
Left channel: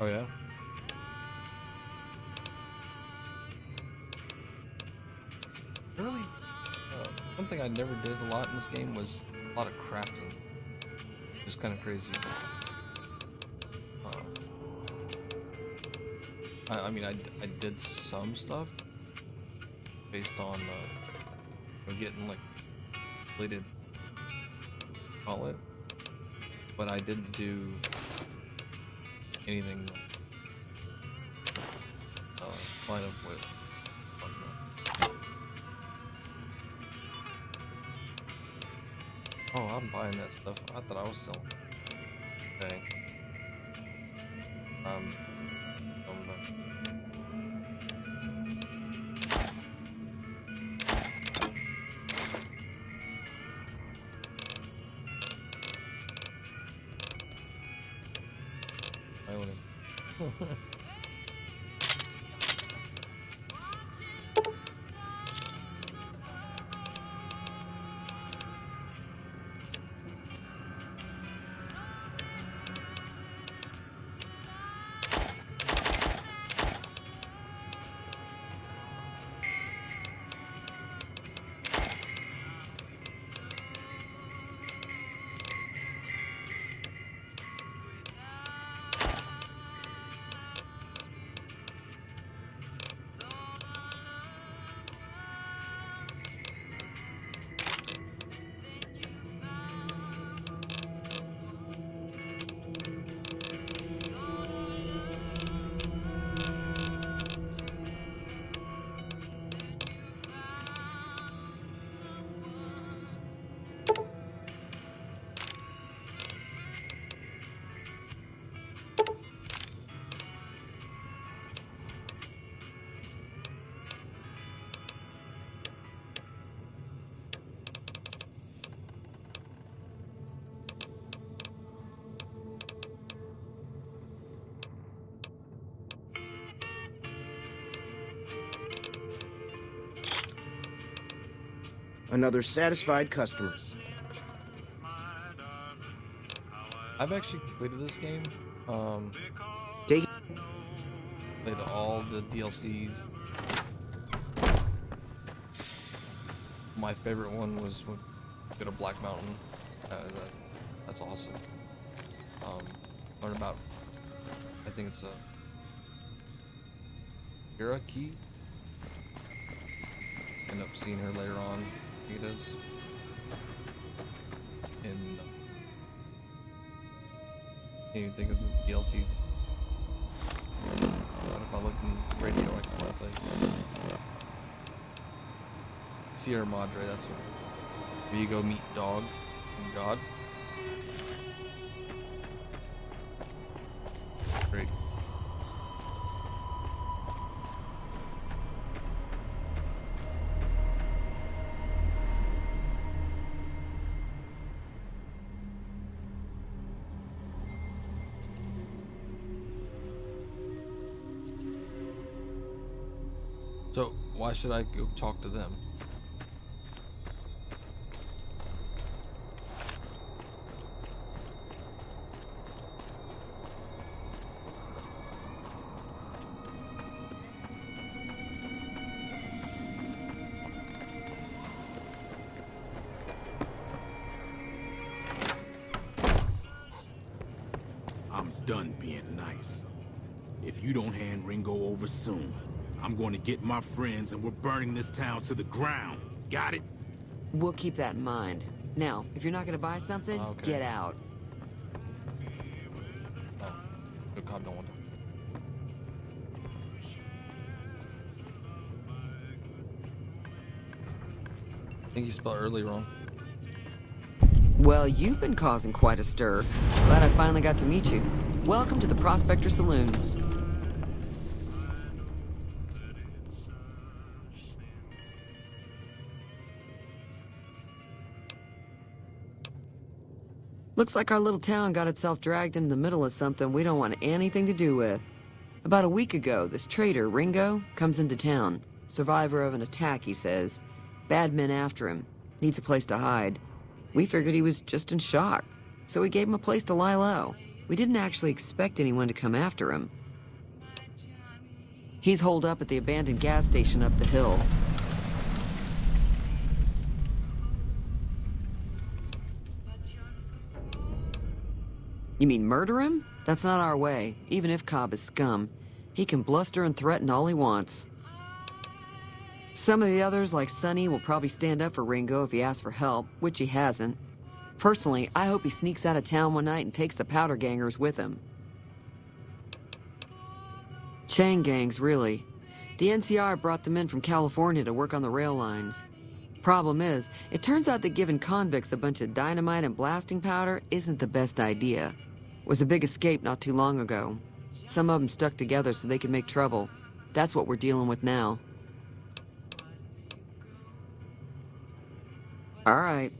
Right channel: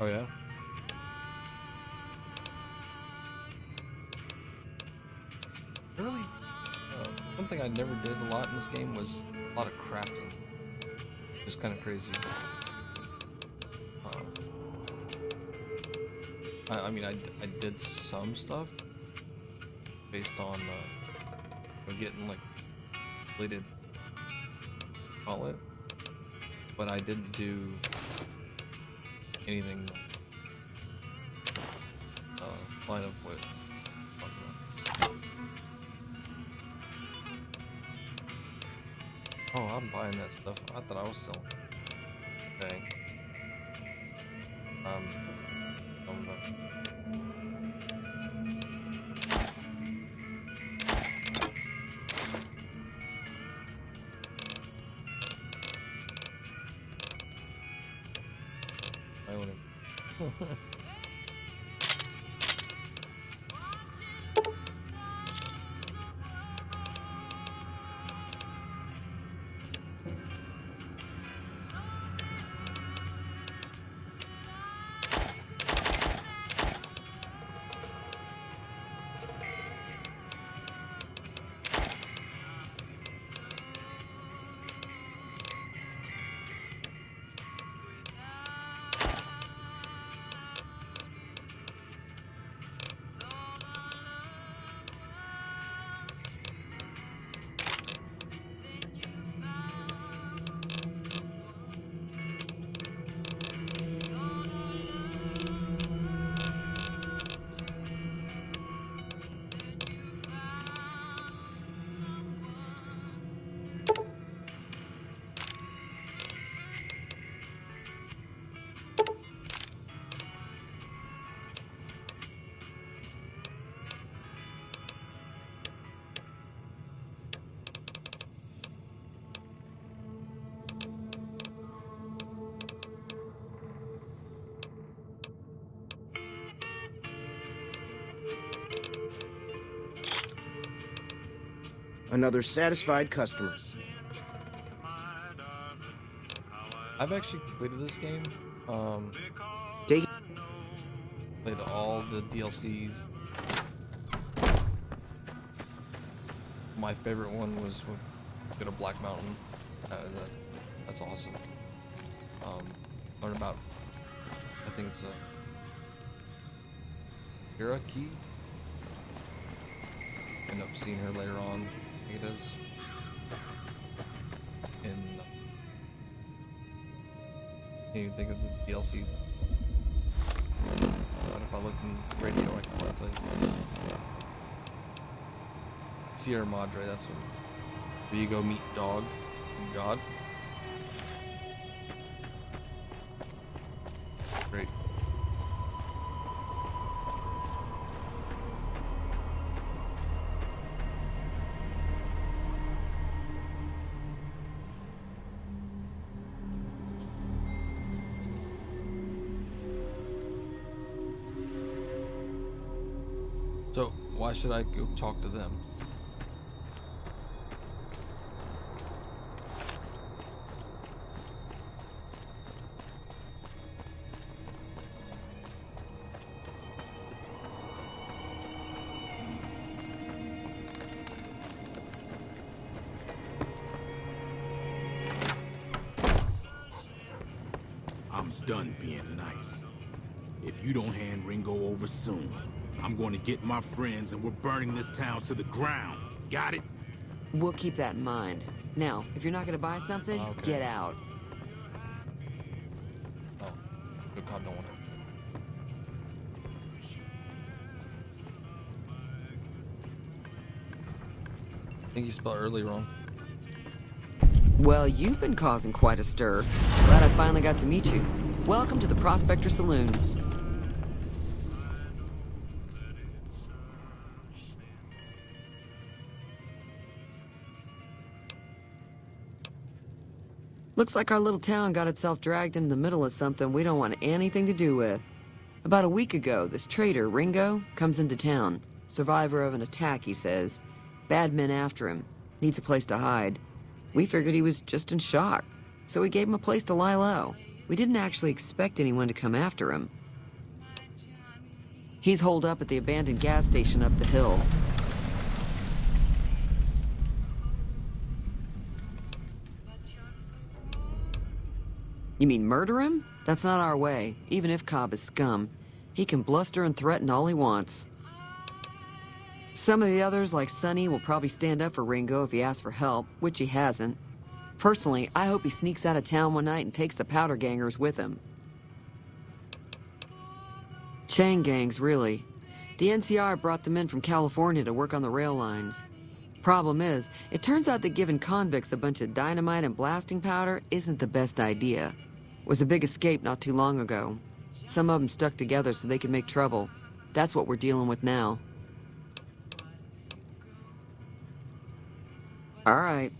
Oh yeah? really, one thing I never did a lot in this game was a lot of crafting. Just kind of crazy. I mean, I did some stuff based on getting like completed, call it, but I didn't do anything line of what. Oh, I'm buying that stuff. I thought I was selling. Dang. I own it. Another satisfied customer. I've actually completed this game. Take Played all the DLCs. My favorite one was when we go to Black Mountain. That's awesome. Learn about, I think it's a Kira key. End up seeing her later on. I think it is. And can't even think of the DLCs. But if I look in the radio, I can probably tell you. Sierra Madre, that's where you go meet Dog and God. Great. So, why should I go talk to them? I'm done being nice. If you don't hand Ringo over soon, I'm going to get my friends and we're burning this town to the ground. Got it? We'll keep that in mind. Now, if you're not going to buy something, get out. Oh, good cop, don't want to. I think you spelled early wrong. Well, you've been causing quite a stir. Glad I finally got to meet you. Welcome to the Prospector Saloon. Looks like our little town got itself dragged into the middle of something we don't want anything to do with. About a week ago, this traitor, Ringo, comes into town. Survivor of an attack, he says. Bad men after him. Needs a place to hide. We figured he was just in shock, so we gave him a place to lie low. We didn't actually expect anyone to come after him. He's holed up at the abandoned gas station up the hill. You mean murder him? That's not our way, even if Cobb is scum. He can bluster and threaten all he wants. Some of the others, like Sonny, will probably stand up for Ringo if he asks for help, which he hasn't. Personally, I hope he sneaks out of town one night and takes the powder gangers with him. Chain gangs, really. The NCR brought them in from California to work on the rail lines. Problem is, it turns out that giving convicts a bunch of dynamite and blasting powder isn't the best idea. It was a big escape not too long ago. Some of them stuck together so they could make trouble. That's what we're dealing with now. All right.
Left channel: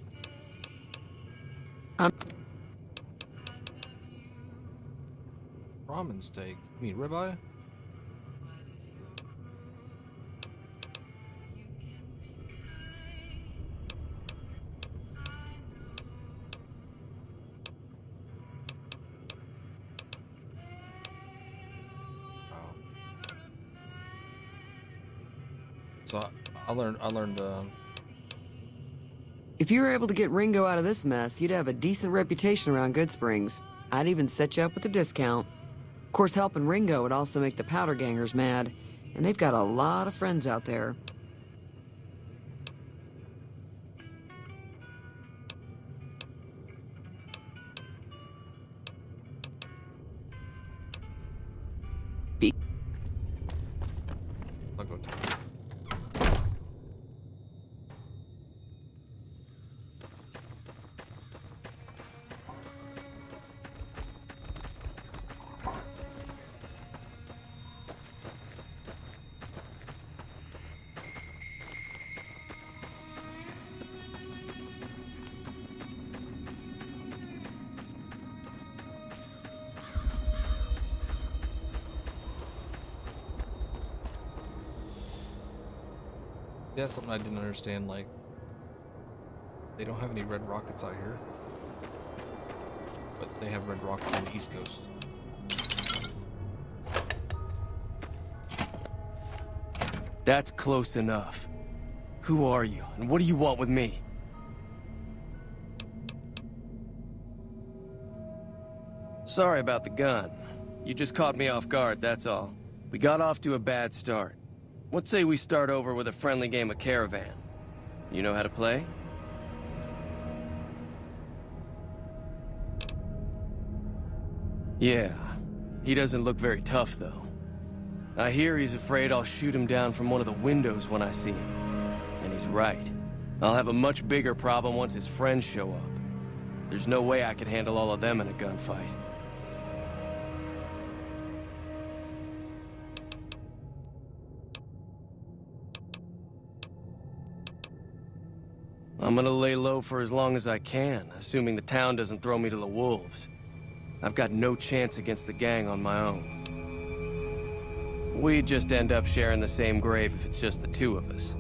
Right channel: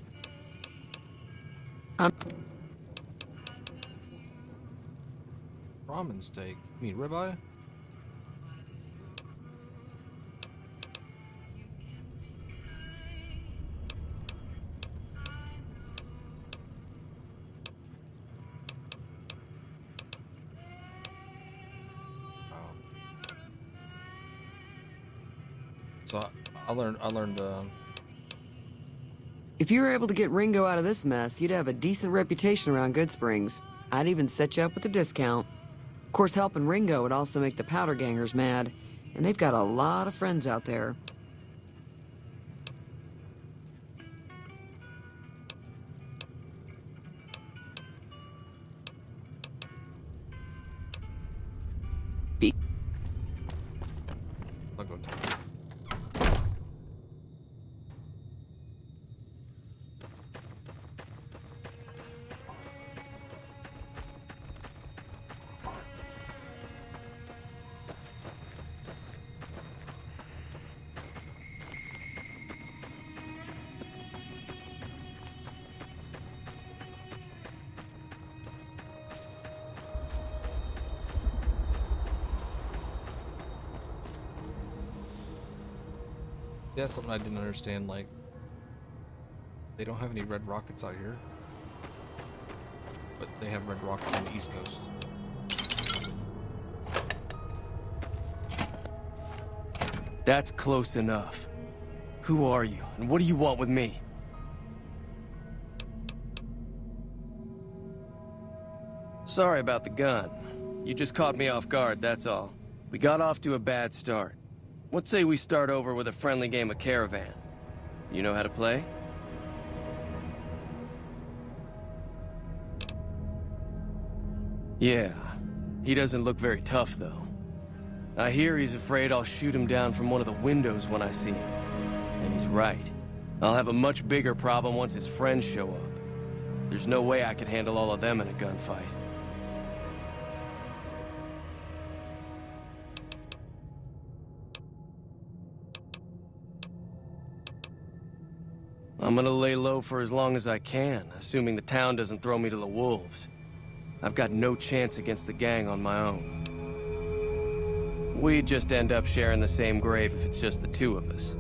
Ramen steak. You mean ribeye? So I learned. If you were able to get Ringo out of this mess, you'd have a decent reputation around Good Springs. I'd even set you up with a discount. Of course, helping Ringo would also make the powder gangers mad, and they've got a lot of friends out there. I'll go to. Yeah, that's something I didn't understand, like, they don't have any red rockets out here, but they have red rockets on the East Coast. That's close enough. Who are you, and what do you want with me? Sorry about the gun. You just caught me off guard, that's all. We got off to a bad start. What say we start over with a friendly game of Caravan? You know how to play? Yeah, he doesn't look very tough, though. I hear he's afraid I'll shoot him down from one of the windows when I see him. And he's right. I'll have a much bigger problem once his friends show up. There's no way I could handle all of them in a gunfight. I'm gonna lay low for as long as I can, assuming the town doesn't throw me to the wolves. I've got no chance against the gang on my own. We'd just end up sharing the same grave if it's just the two of us.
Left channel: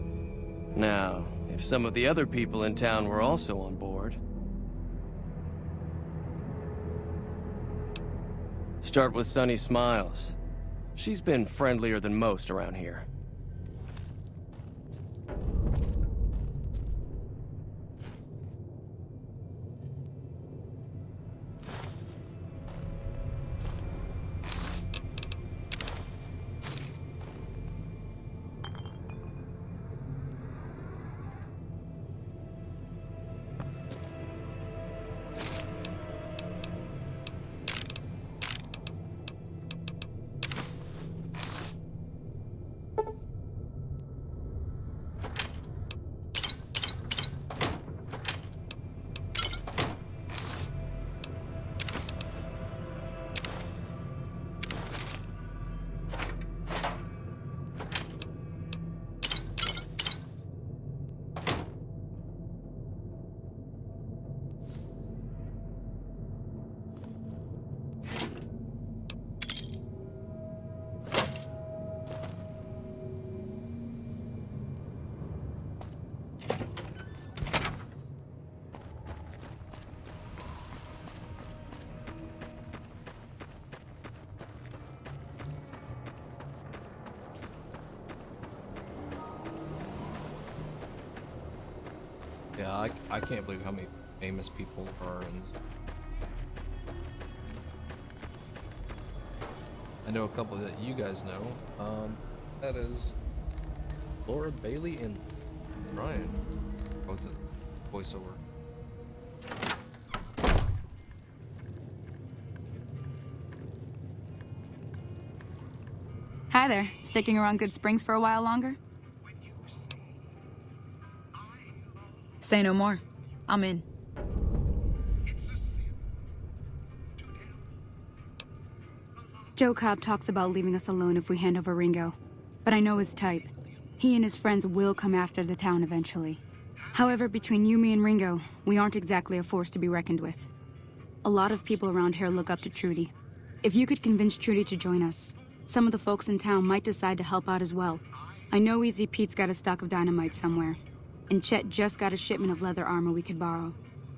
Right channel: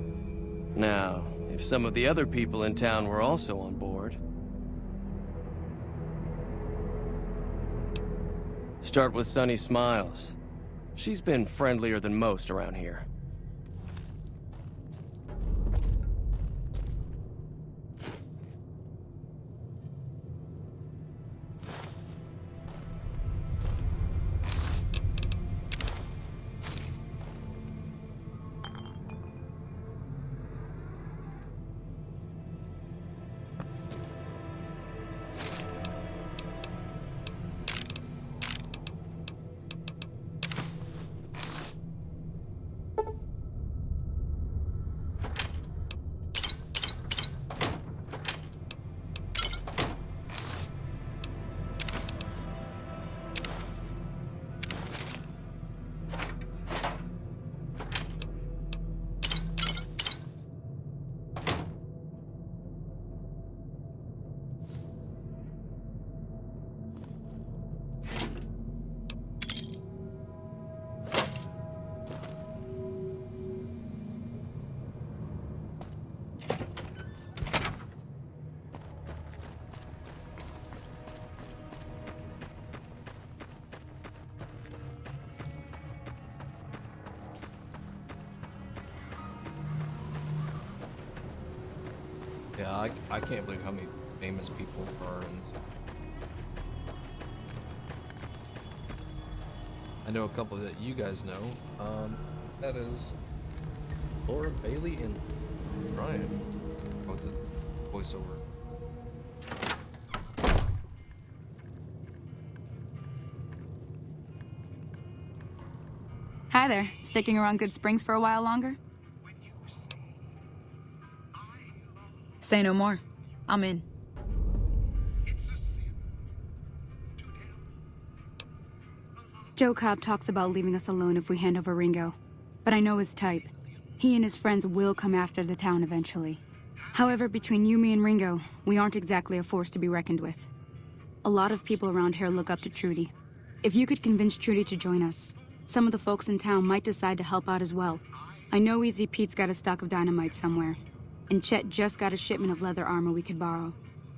Now, if some of the other people in town were also on board... Start with Sunny Smiles. She's been friendlier than most around here. Yeah, I can't believe how many famous people are in know a couple that you guys know. That is Laura Bailey and Ryan. Both it voiceover. Hi there. Sticking around Good Springs for a while longer? Say no more. I'm in. Joe Cobb talks about leaving us alone if we hand over Ringo. But I know his type. He and his friends will come after the town eventually. However, between you, me, and Ringo, we aren't exactly a force to be reckoned with. A lot of people around here look up to Trudy. If you could convince Trudy to join us, some of the folks in town might decide to help out as well. I know Easy Pete's got a stock of dynamite somewhere, and Chet just got a shipment of leather armor we could borrow.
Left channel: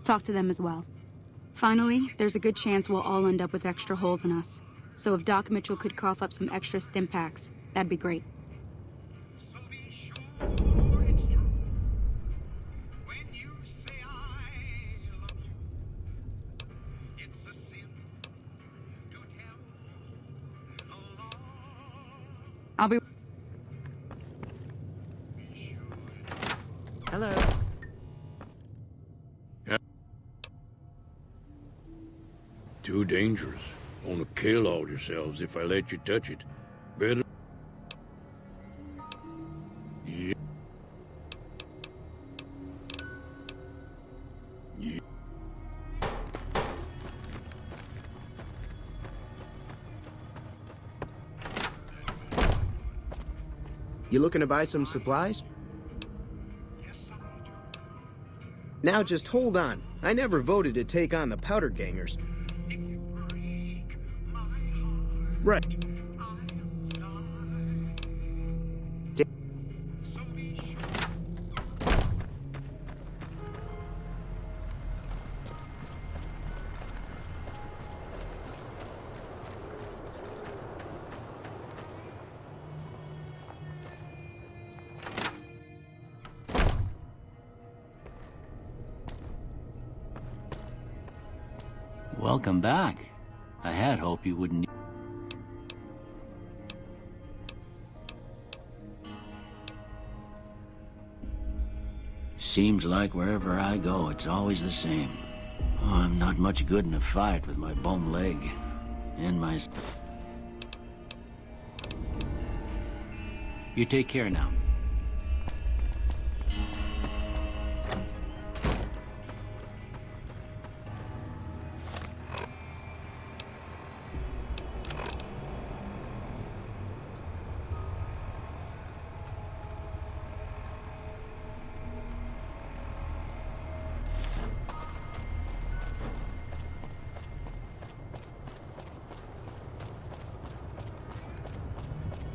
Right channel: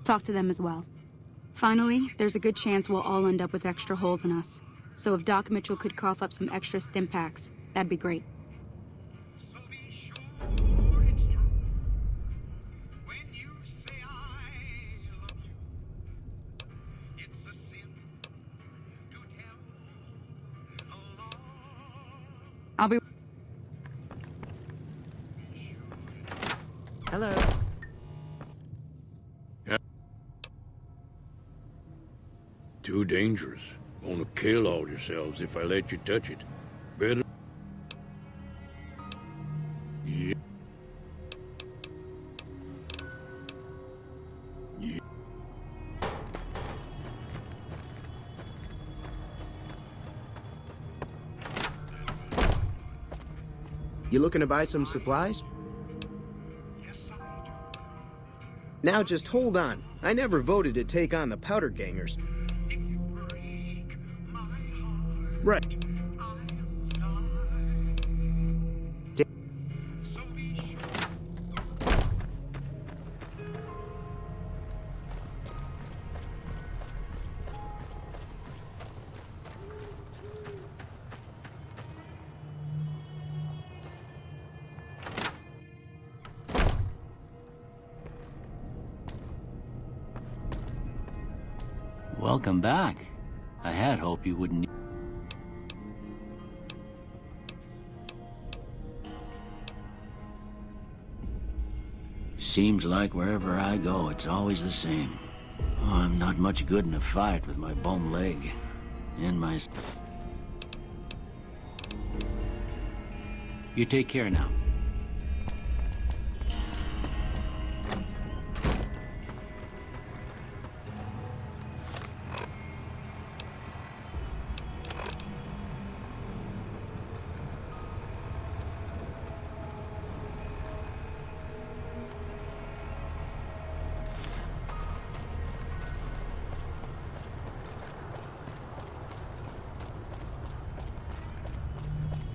Talk to them as well. Finally, there's a good chance we'll all end up with extra holes in us. So if Doc Mitchell could cough up some extra stim packs, that'd be great. I'll be... Hello. Yeah. Too dangerous. Gonna kill all yourselves if I let you touch it. Better... Yeah. Yeah. You looking to buy some supplies? Now just hold on. I never voted to take on the Powder Gangers. Right. Welcome back. I had hoped you wouldn't... Seems like wherever I go, it's always the same. Oh, I'm not much good in a fight with my bum leg. And my... You take care now.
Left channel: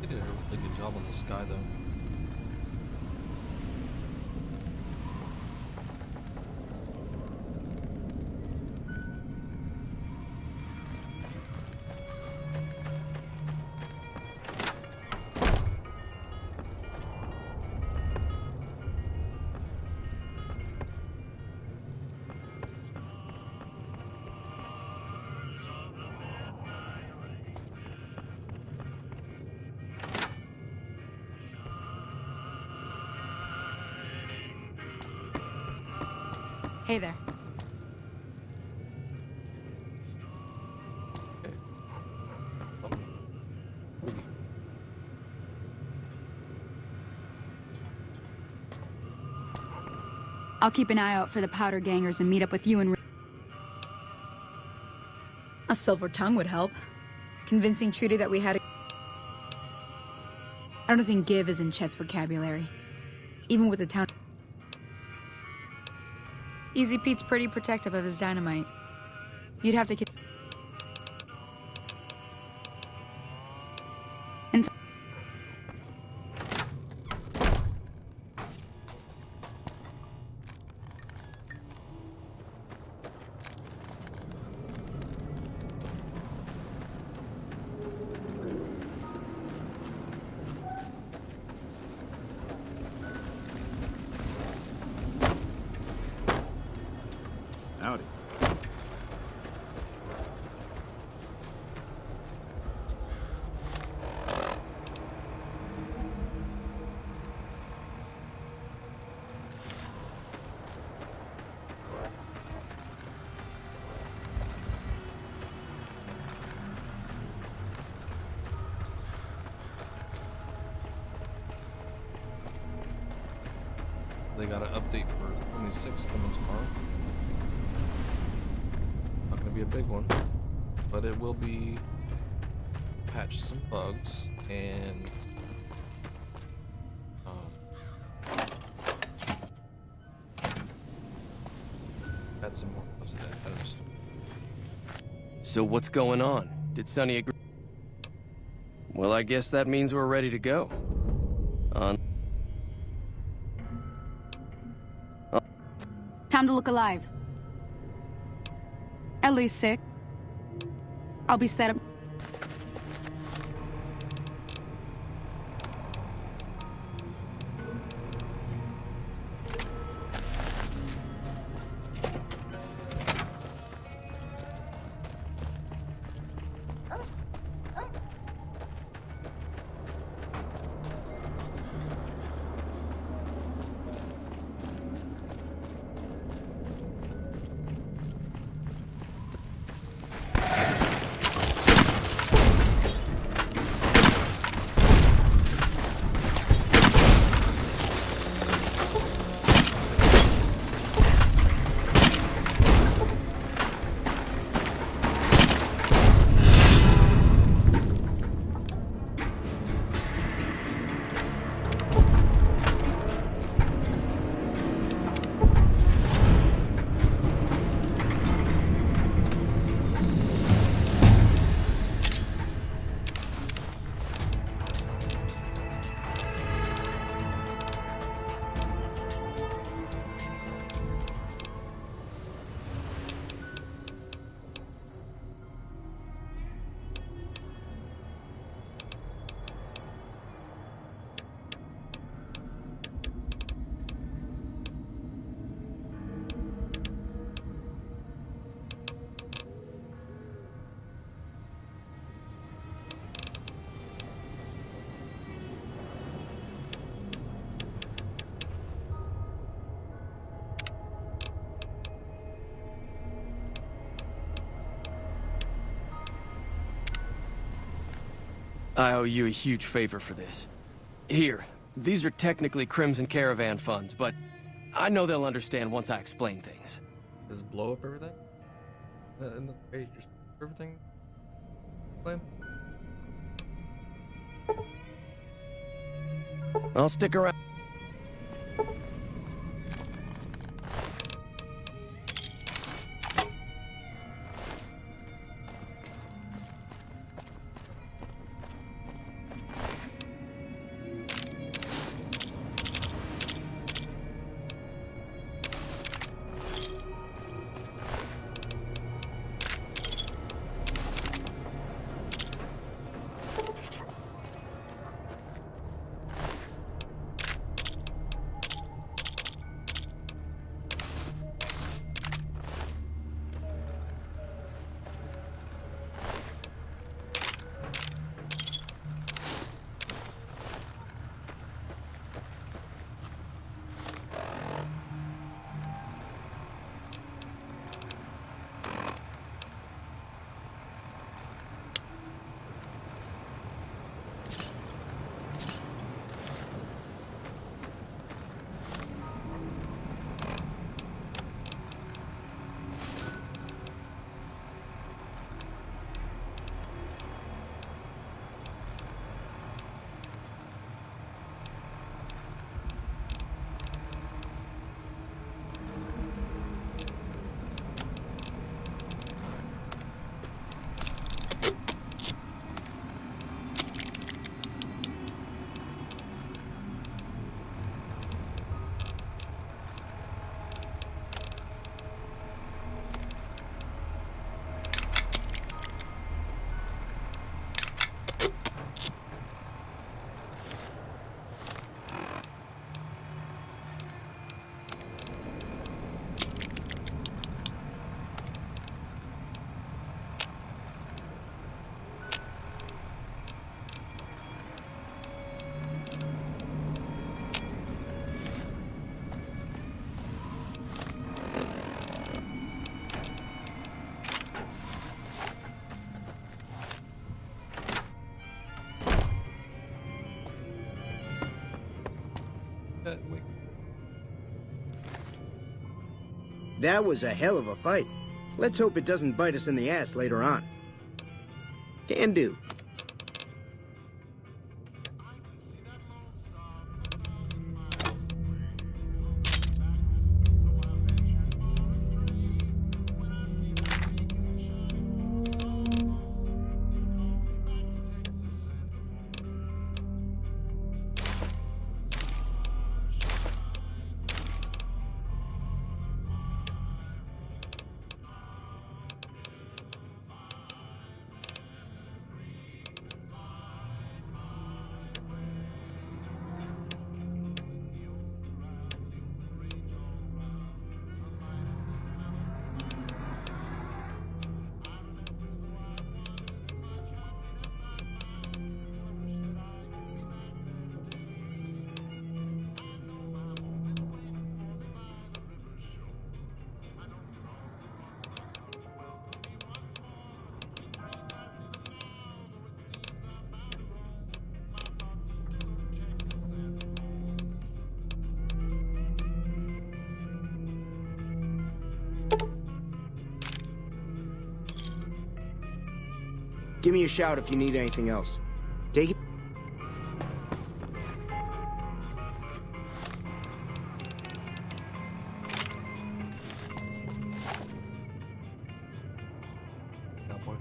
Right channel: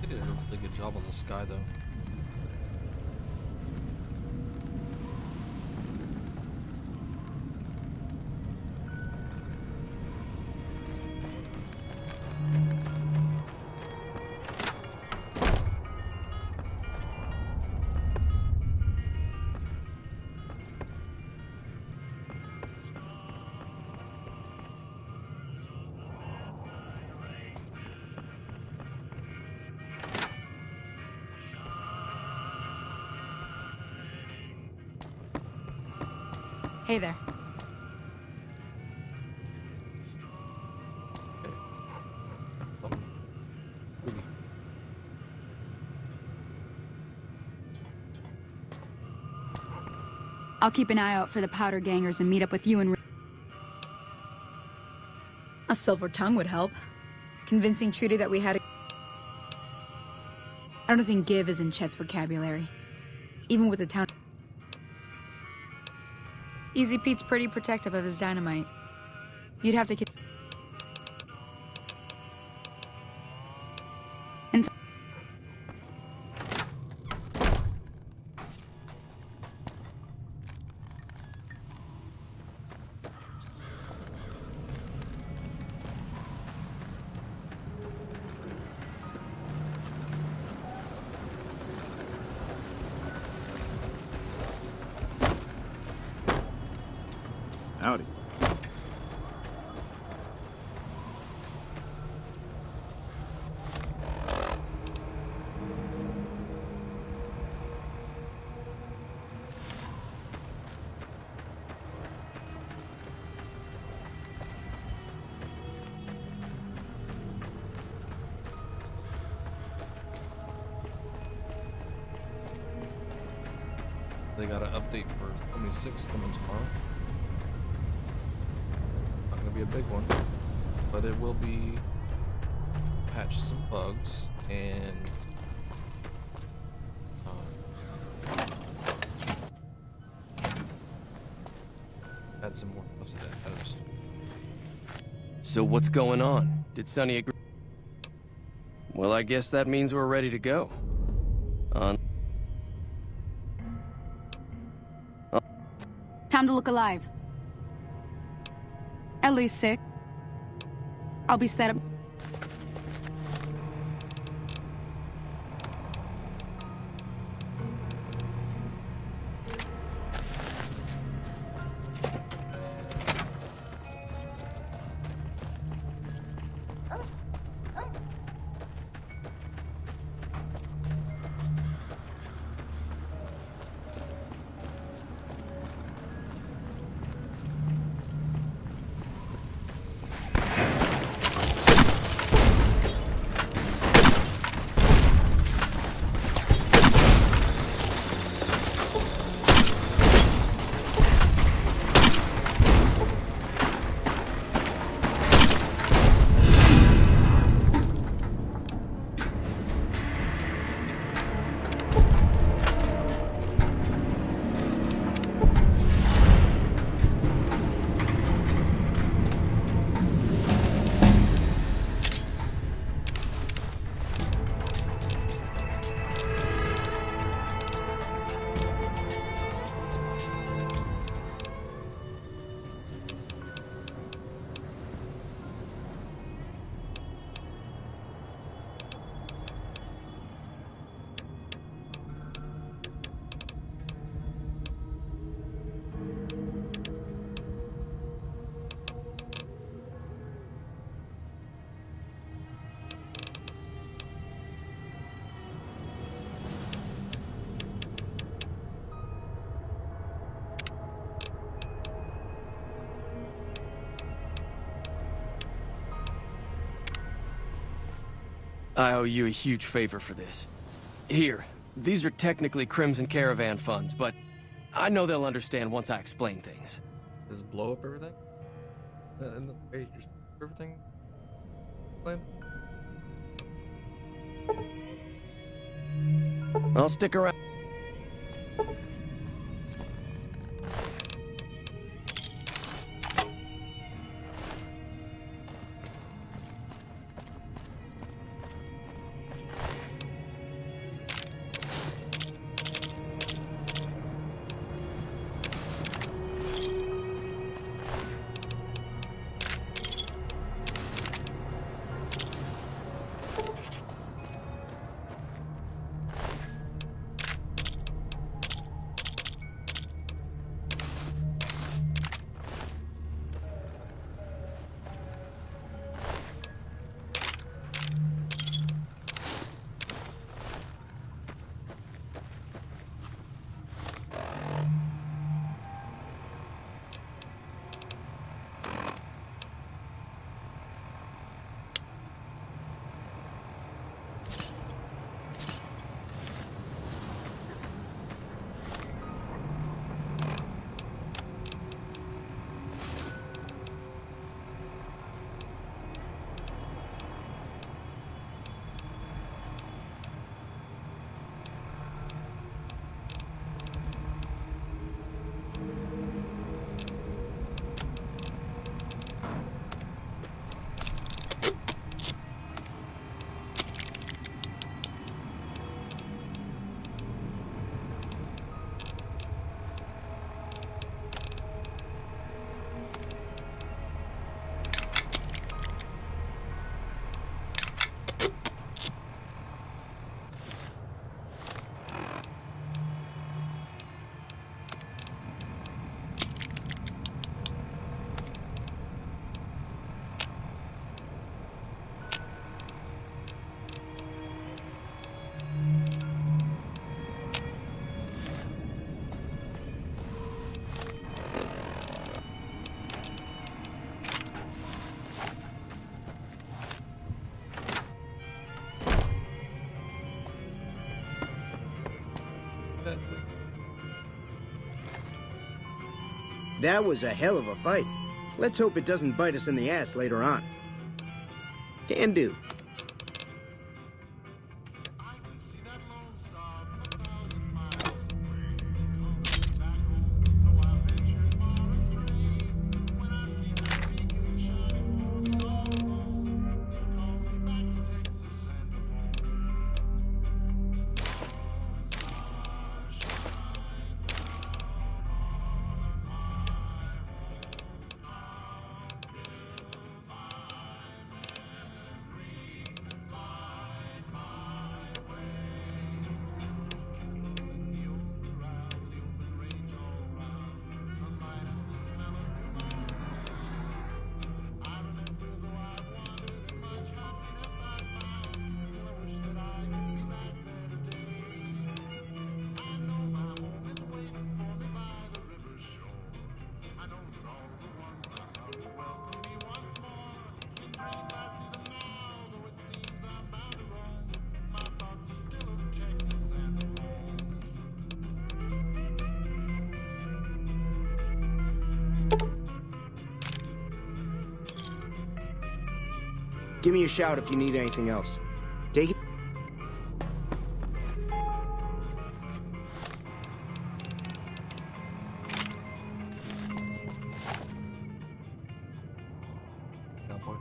They did a really good job on the sky, though. Hey there. I'll keep an eye out for the Powder Gangers and meet up with you and... A silver tongue would help. Convincing Trudy that we had a... I don't think give is in Chet's vocabulary. Even with the town... Easy Pete's pretty protective of his dynamite. You'd have to... Howdy. They got an update for 26 coming tomorrow. Not gonna be a big one, but it will be patch some bugs and add some more stuff to that. So what's going on? Did Sonny agree? Well, I guess that means we're ready to go. Time to look alive. At least sick. I'll be set up. I owe you a huge favor for this. Here, these are technically Crimson Caravan funds, but I know they'll understand once I explain things. Does it blow up everything? In the way everything? Plan? I'll stick around. That was a hell of a fight. Let's hope it doesn't bite us in the ass later on. Can do. Give me a shout if you need anything else. Take it. Cowboy.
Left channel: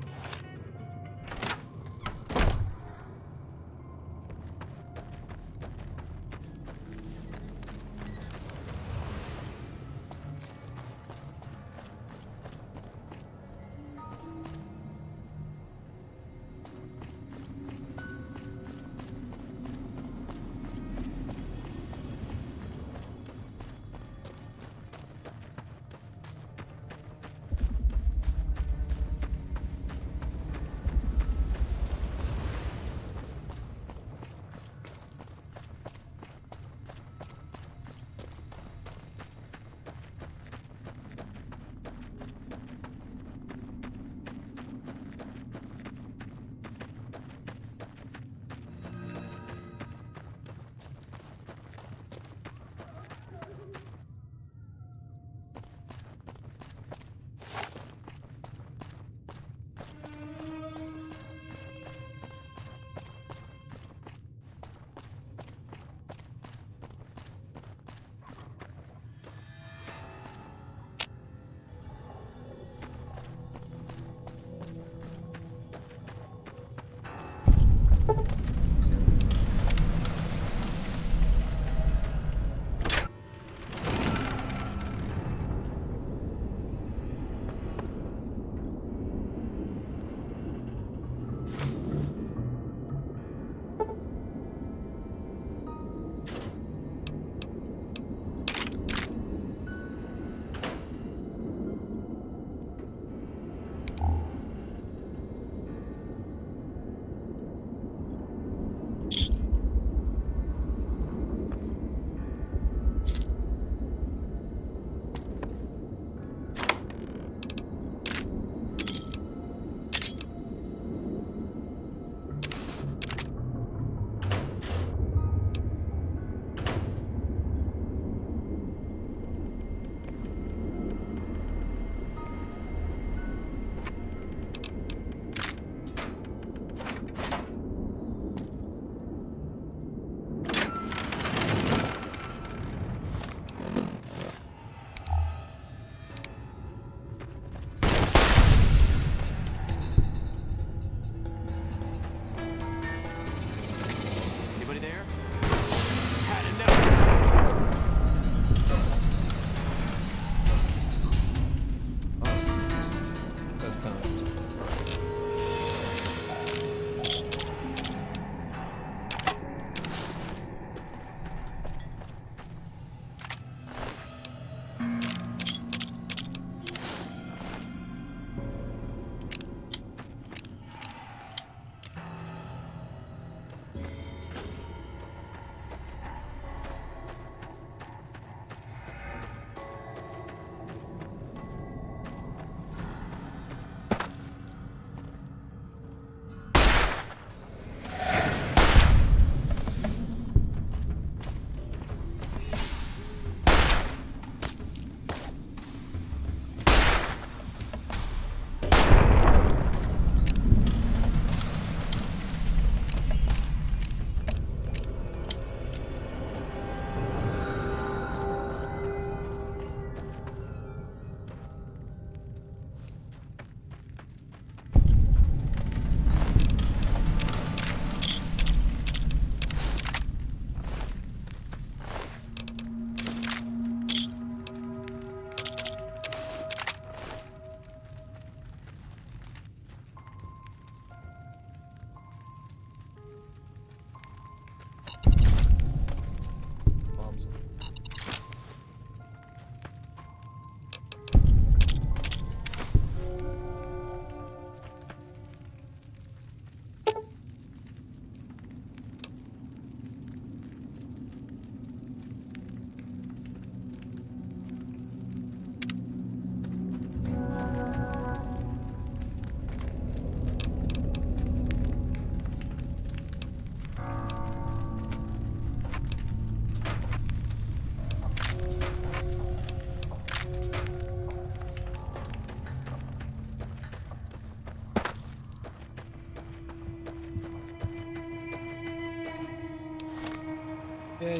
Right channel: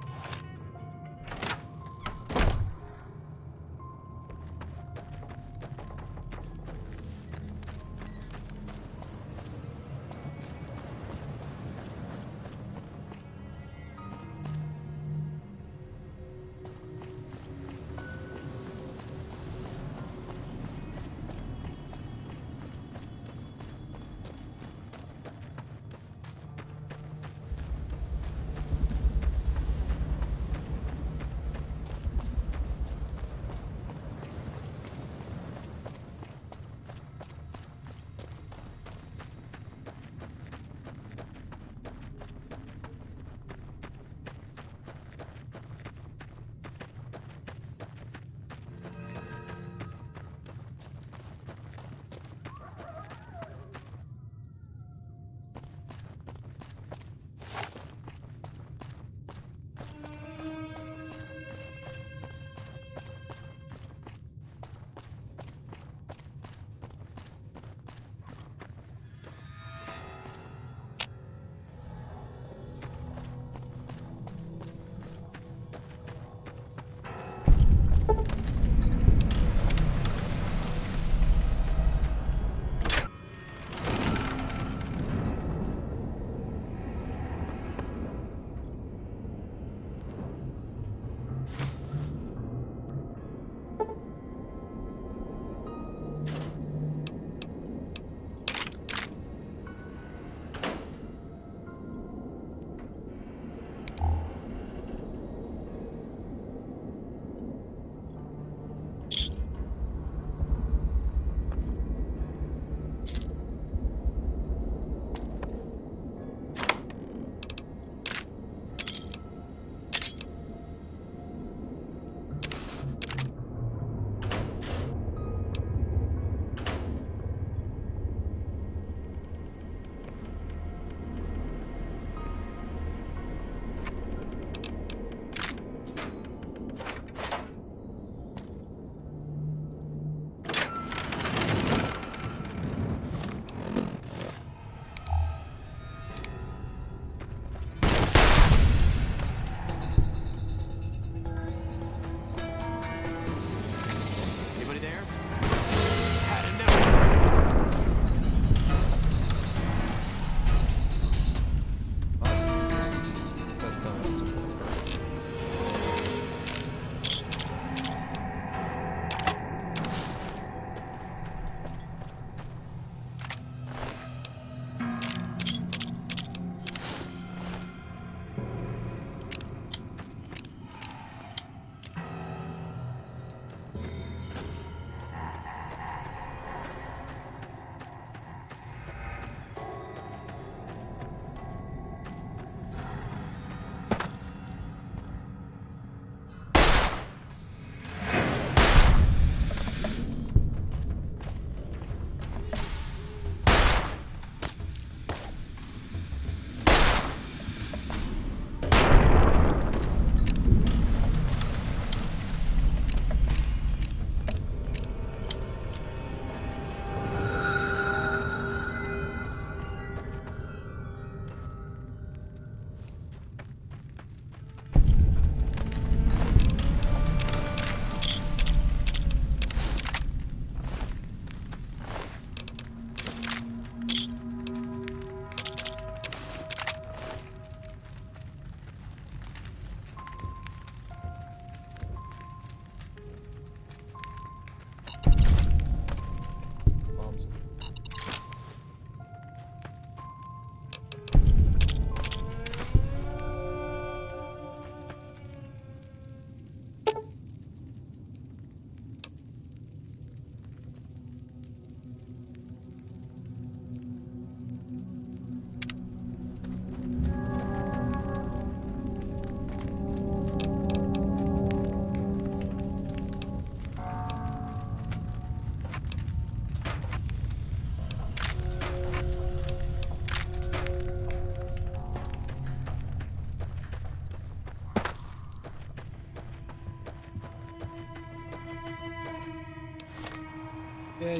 Yeah.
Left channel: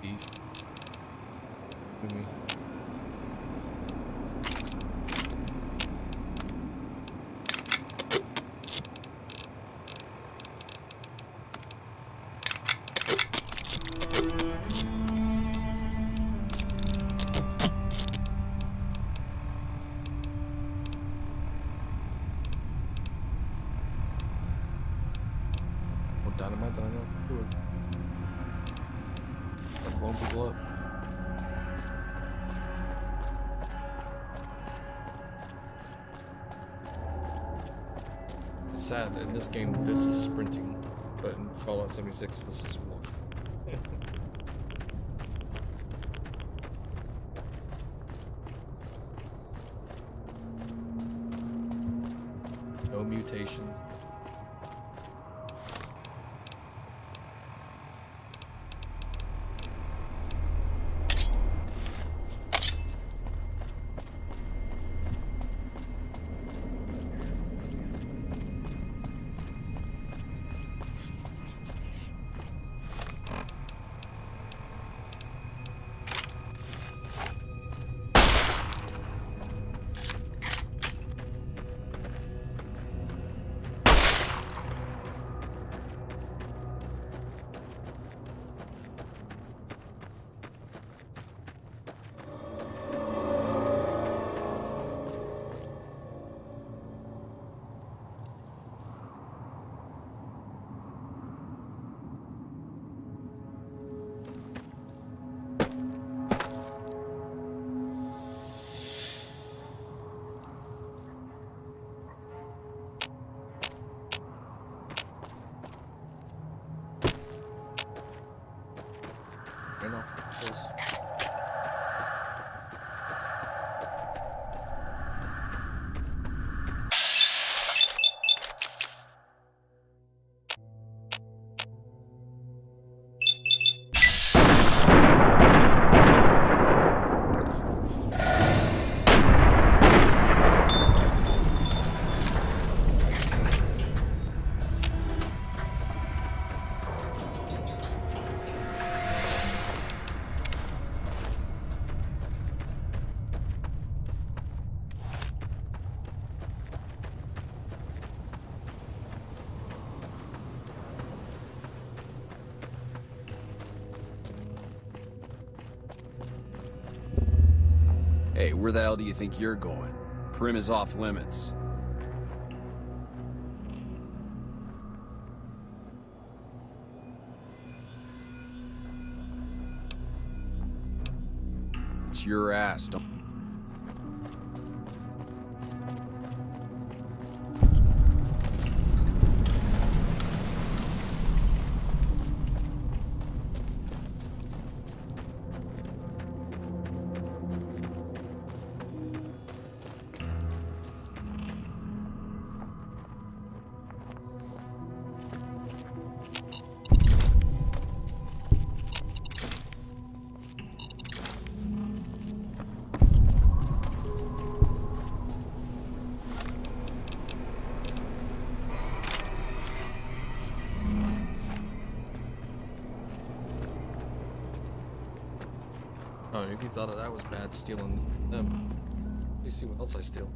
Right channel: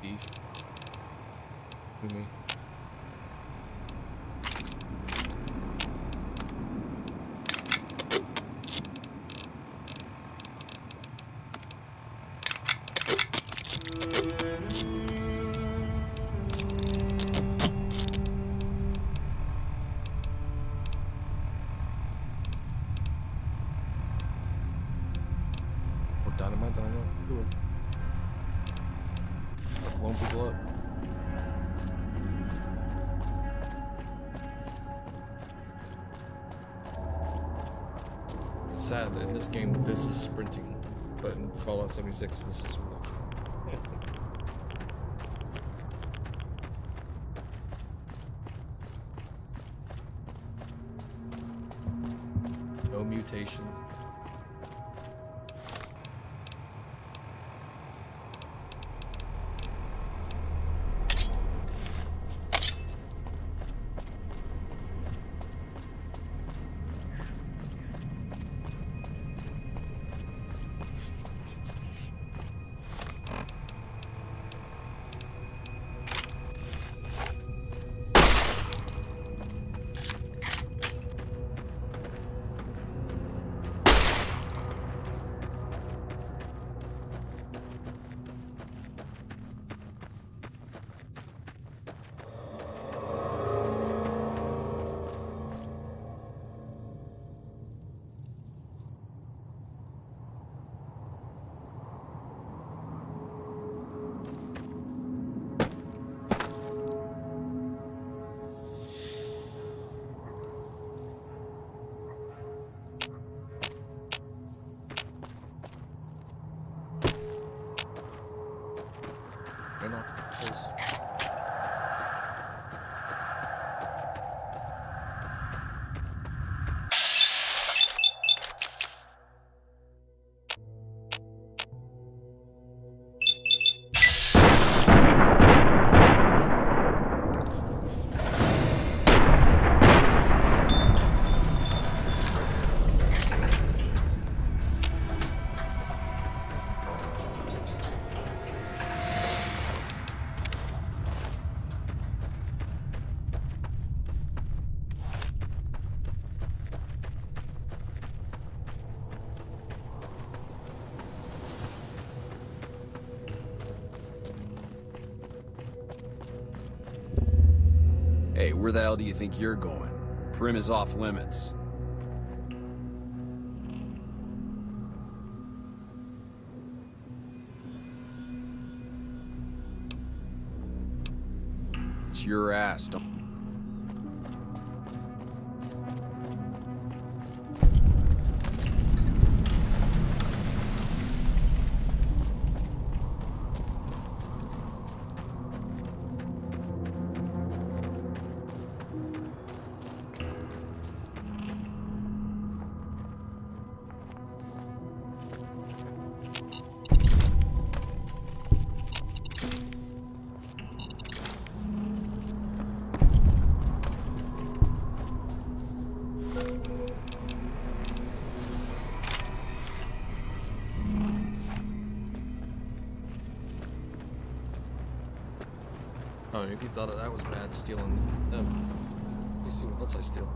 Beef. With me. More dynamite than I know what to do with. Start blowing people up. It's sad, in this game, this is sprinting, but in Fallout 76, this is walking. No mutation. You know, Hey, where the hell do you think you're going? Prim is off limits. It's your ass, don't... oh, if you thought that was bad, stealing them. Let me see what else I steal.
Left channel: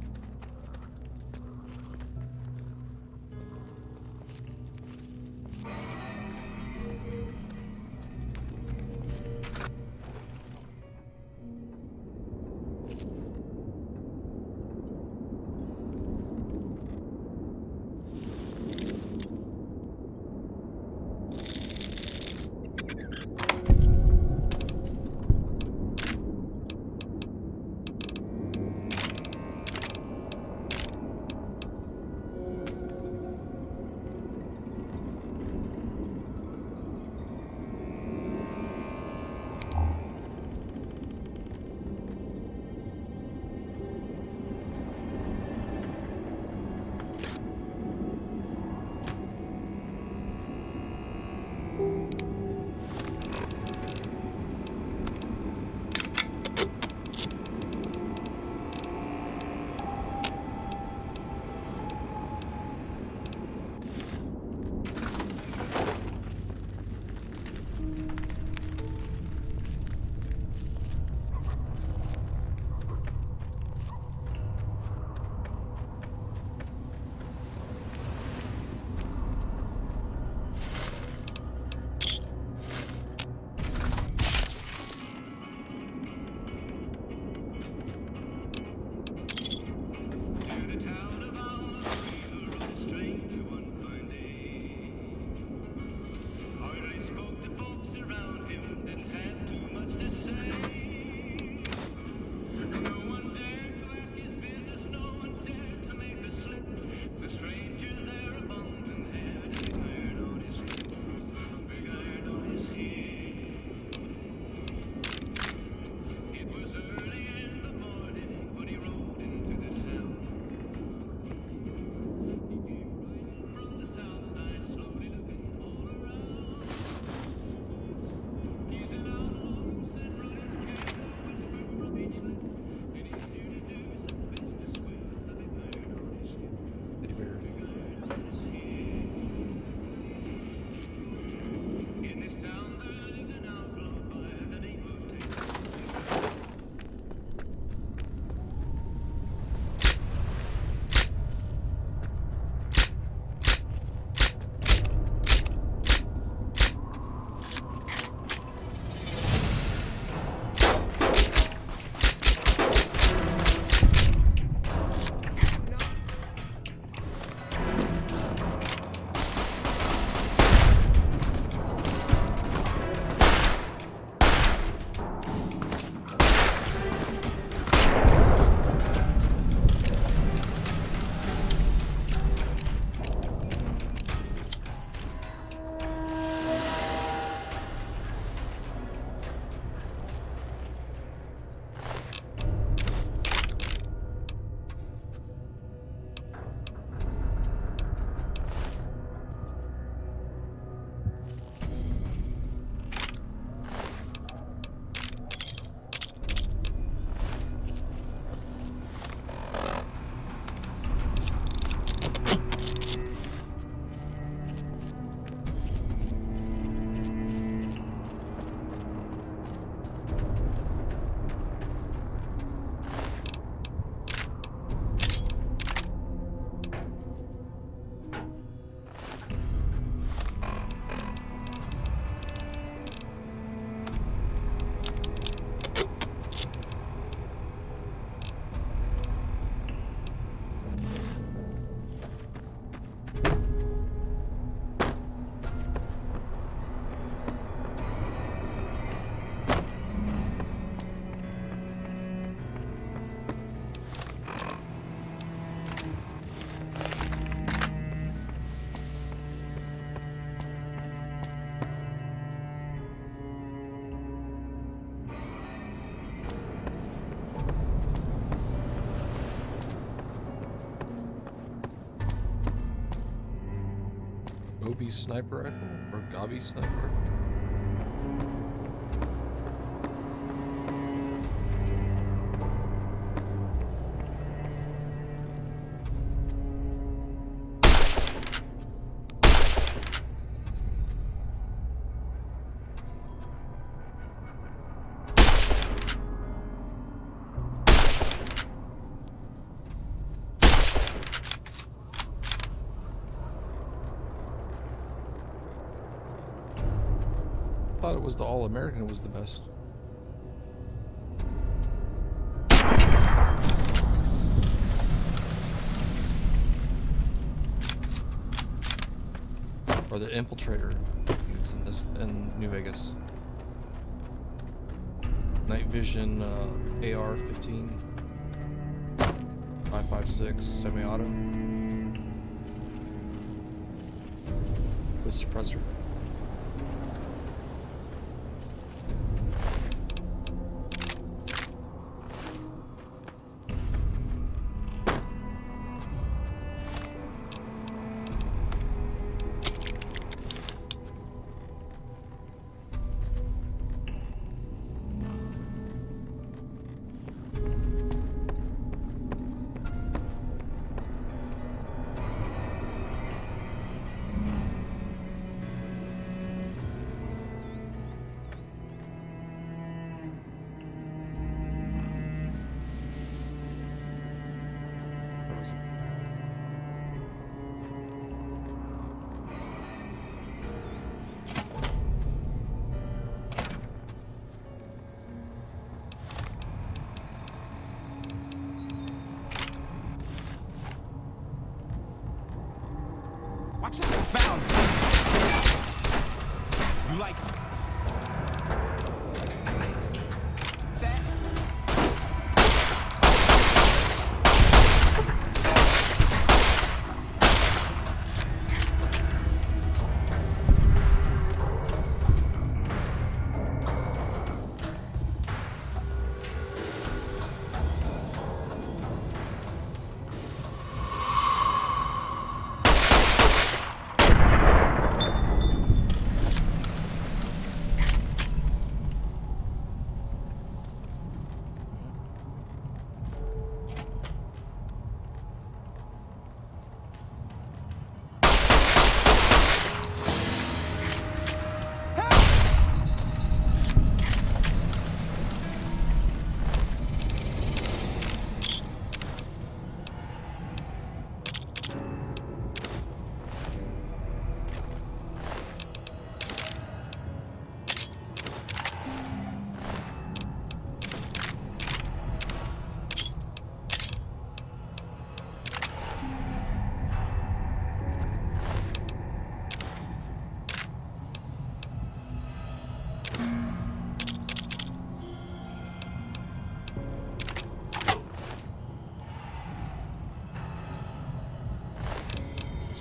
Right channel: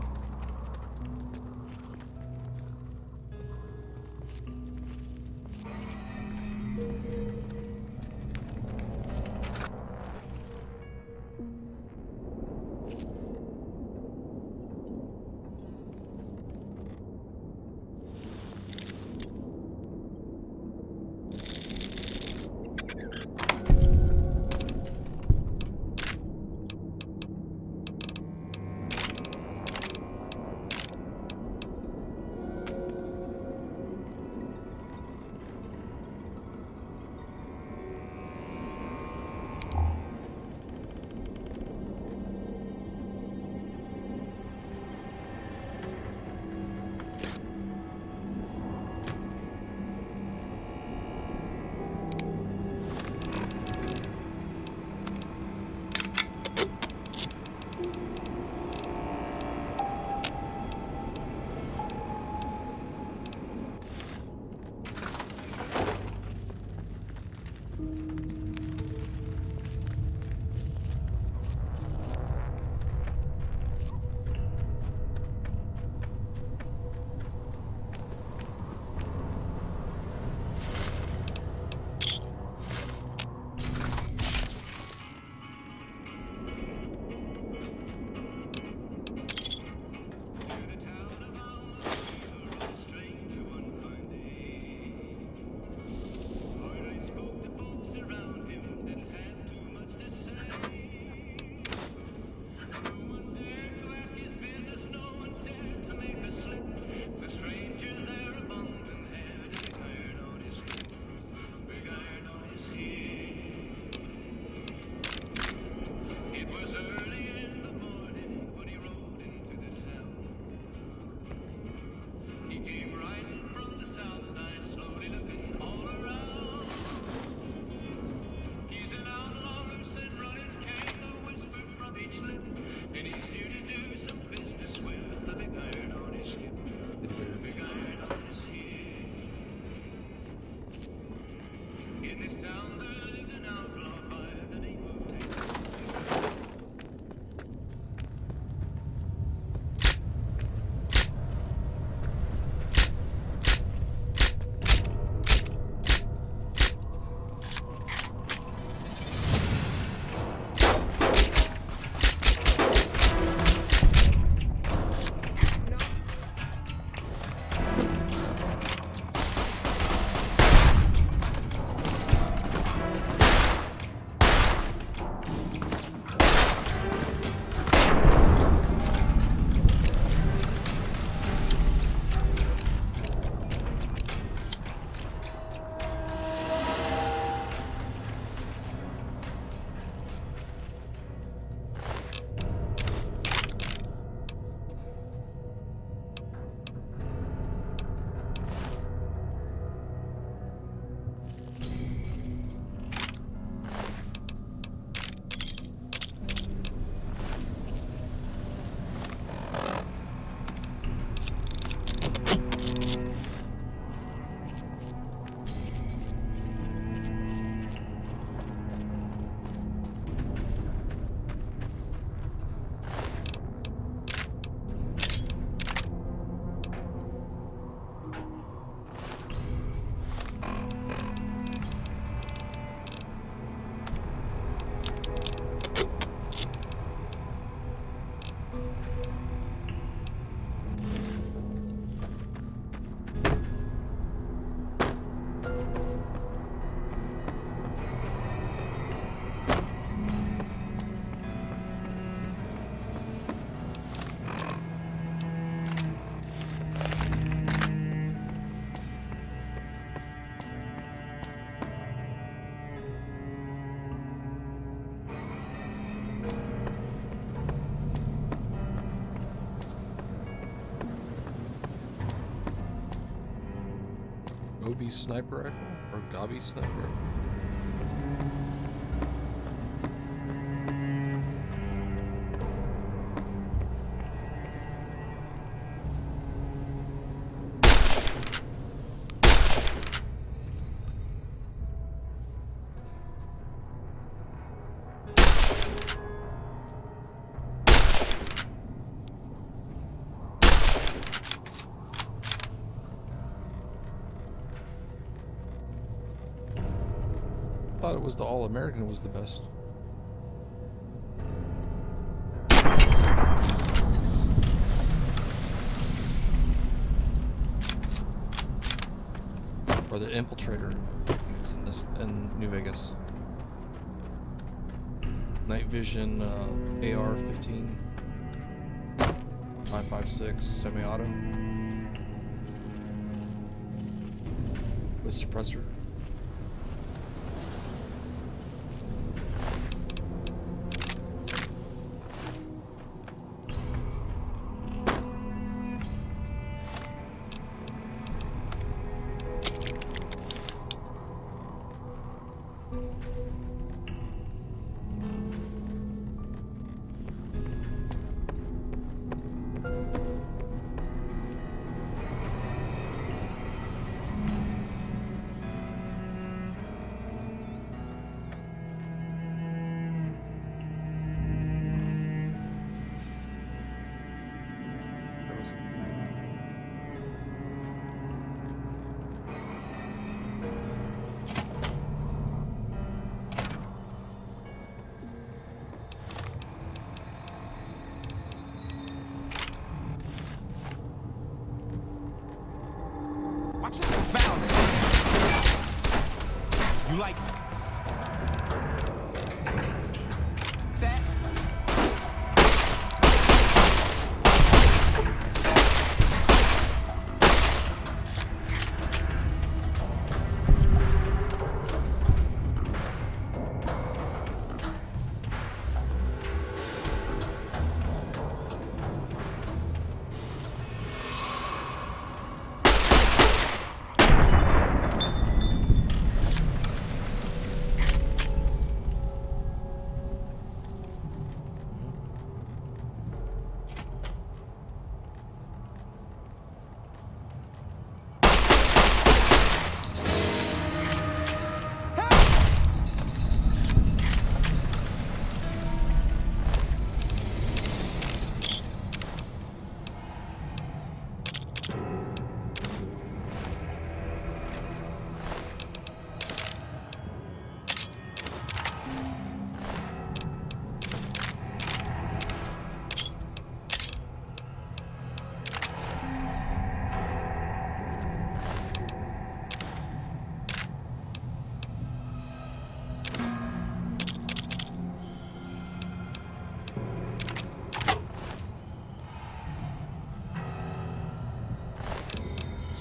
Gobi sniper rifle? Or Gobi sniper rifle? I thought it was the All-American was the best. Or the Infiltrator. It's in New Vegas. Night Vision AR-15. 5.56 semi-auto. With suppressor. Watch out, found it. You like that?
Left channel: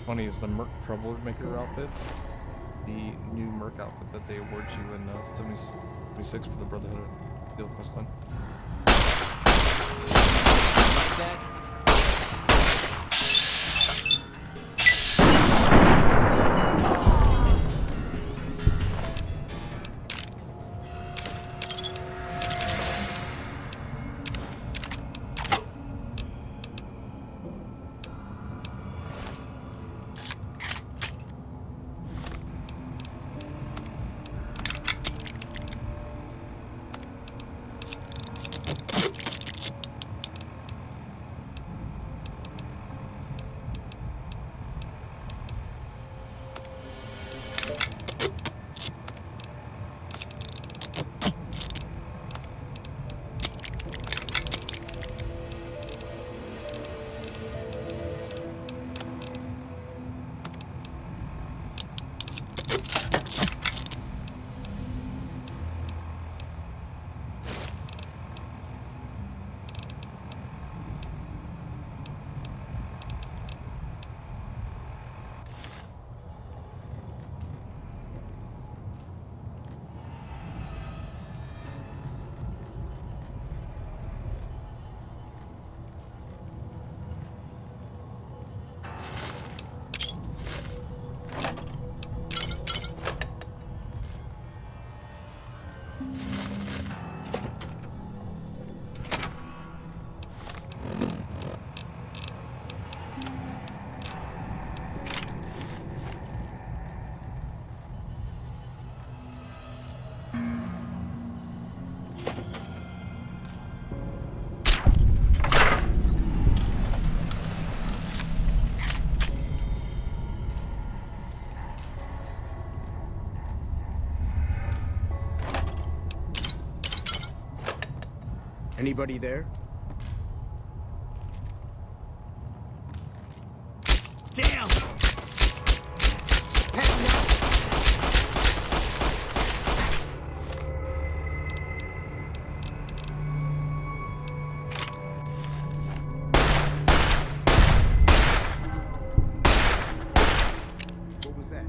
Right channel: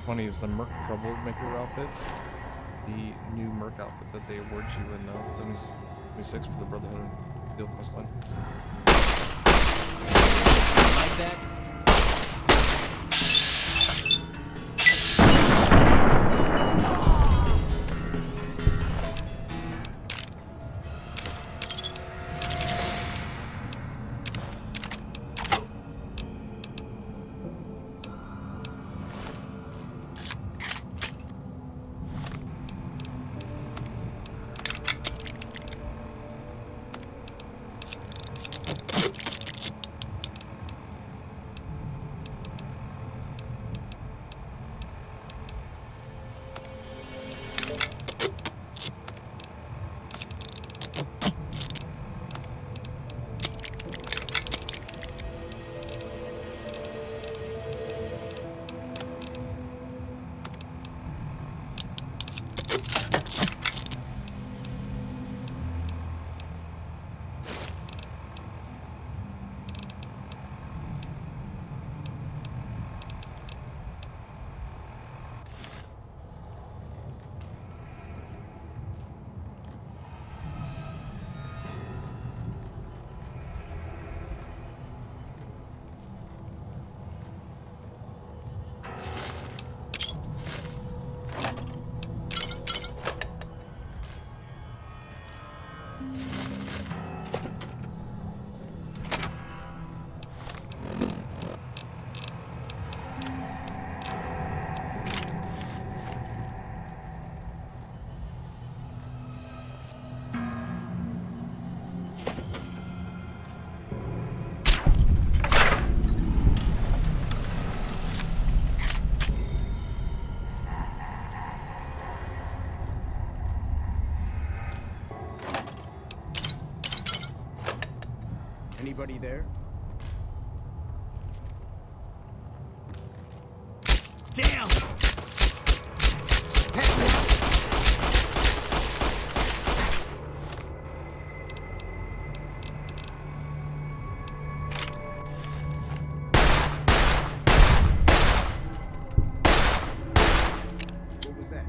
Funny is the Merc Troublemaker outfit, the new Merc outfit that they award you in 76 for the Brotherhood of Steel questline. Like that? Anybody there? Damn! What was that?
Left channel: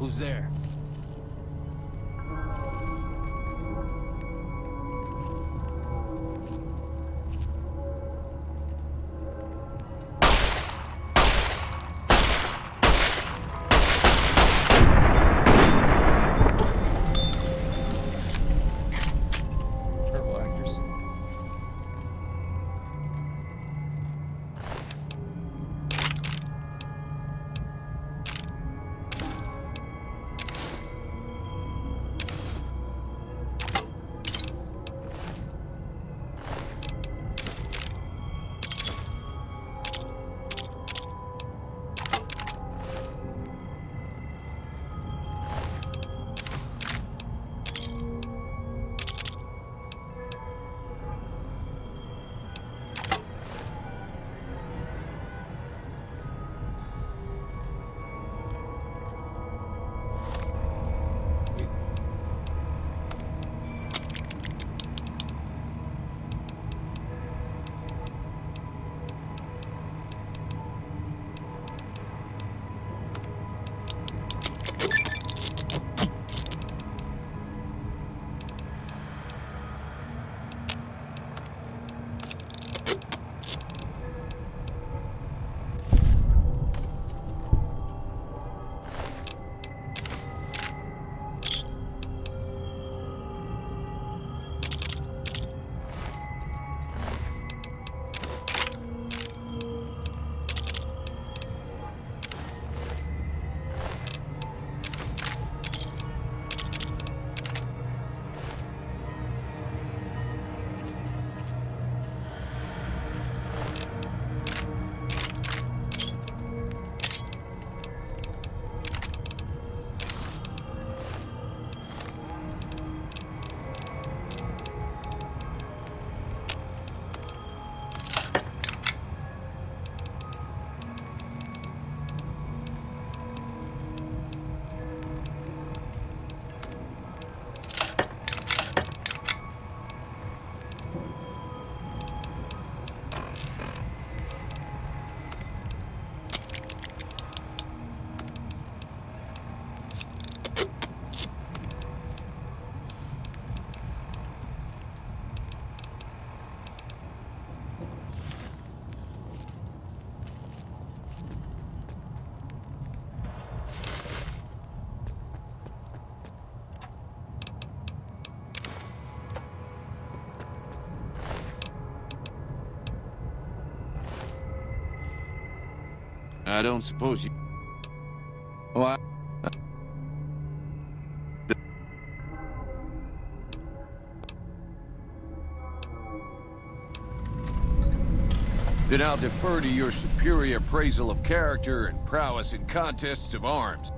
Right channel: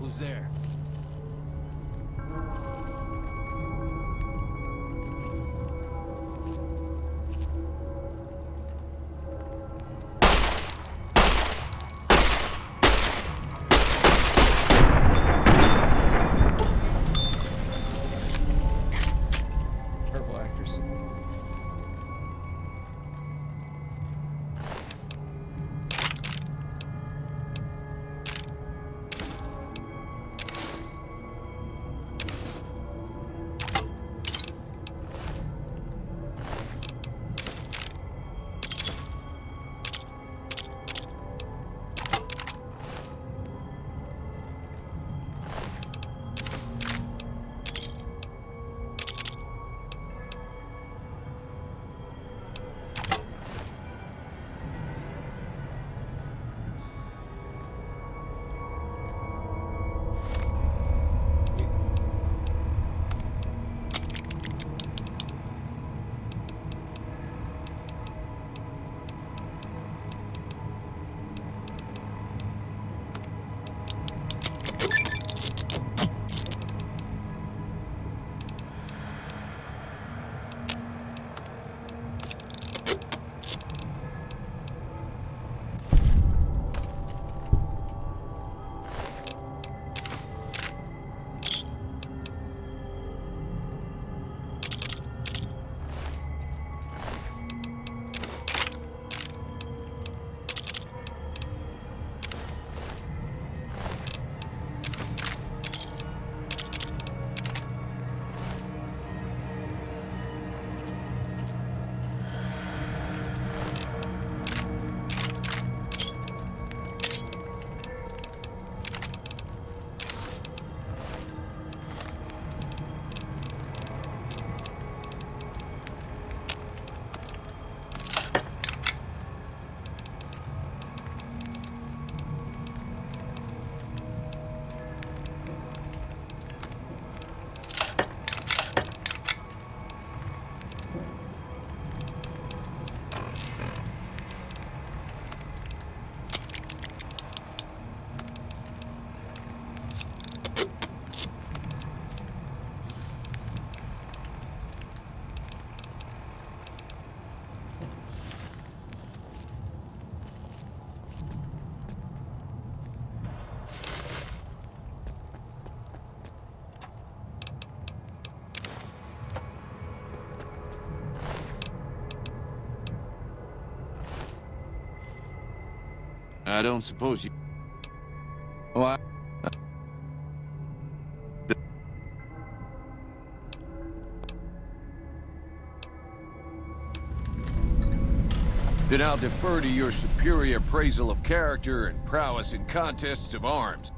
Who's there? Terrible actors. I don't suppose you... What? Then I'll defer to your superior appraisal of character and prowess in contests of arms.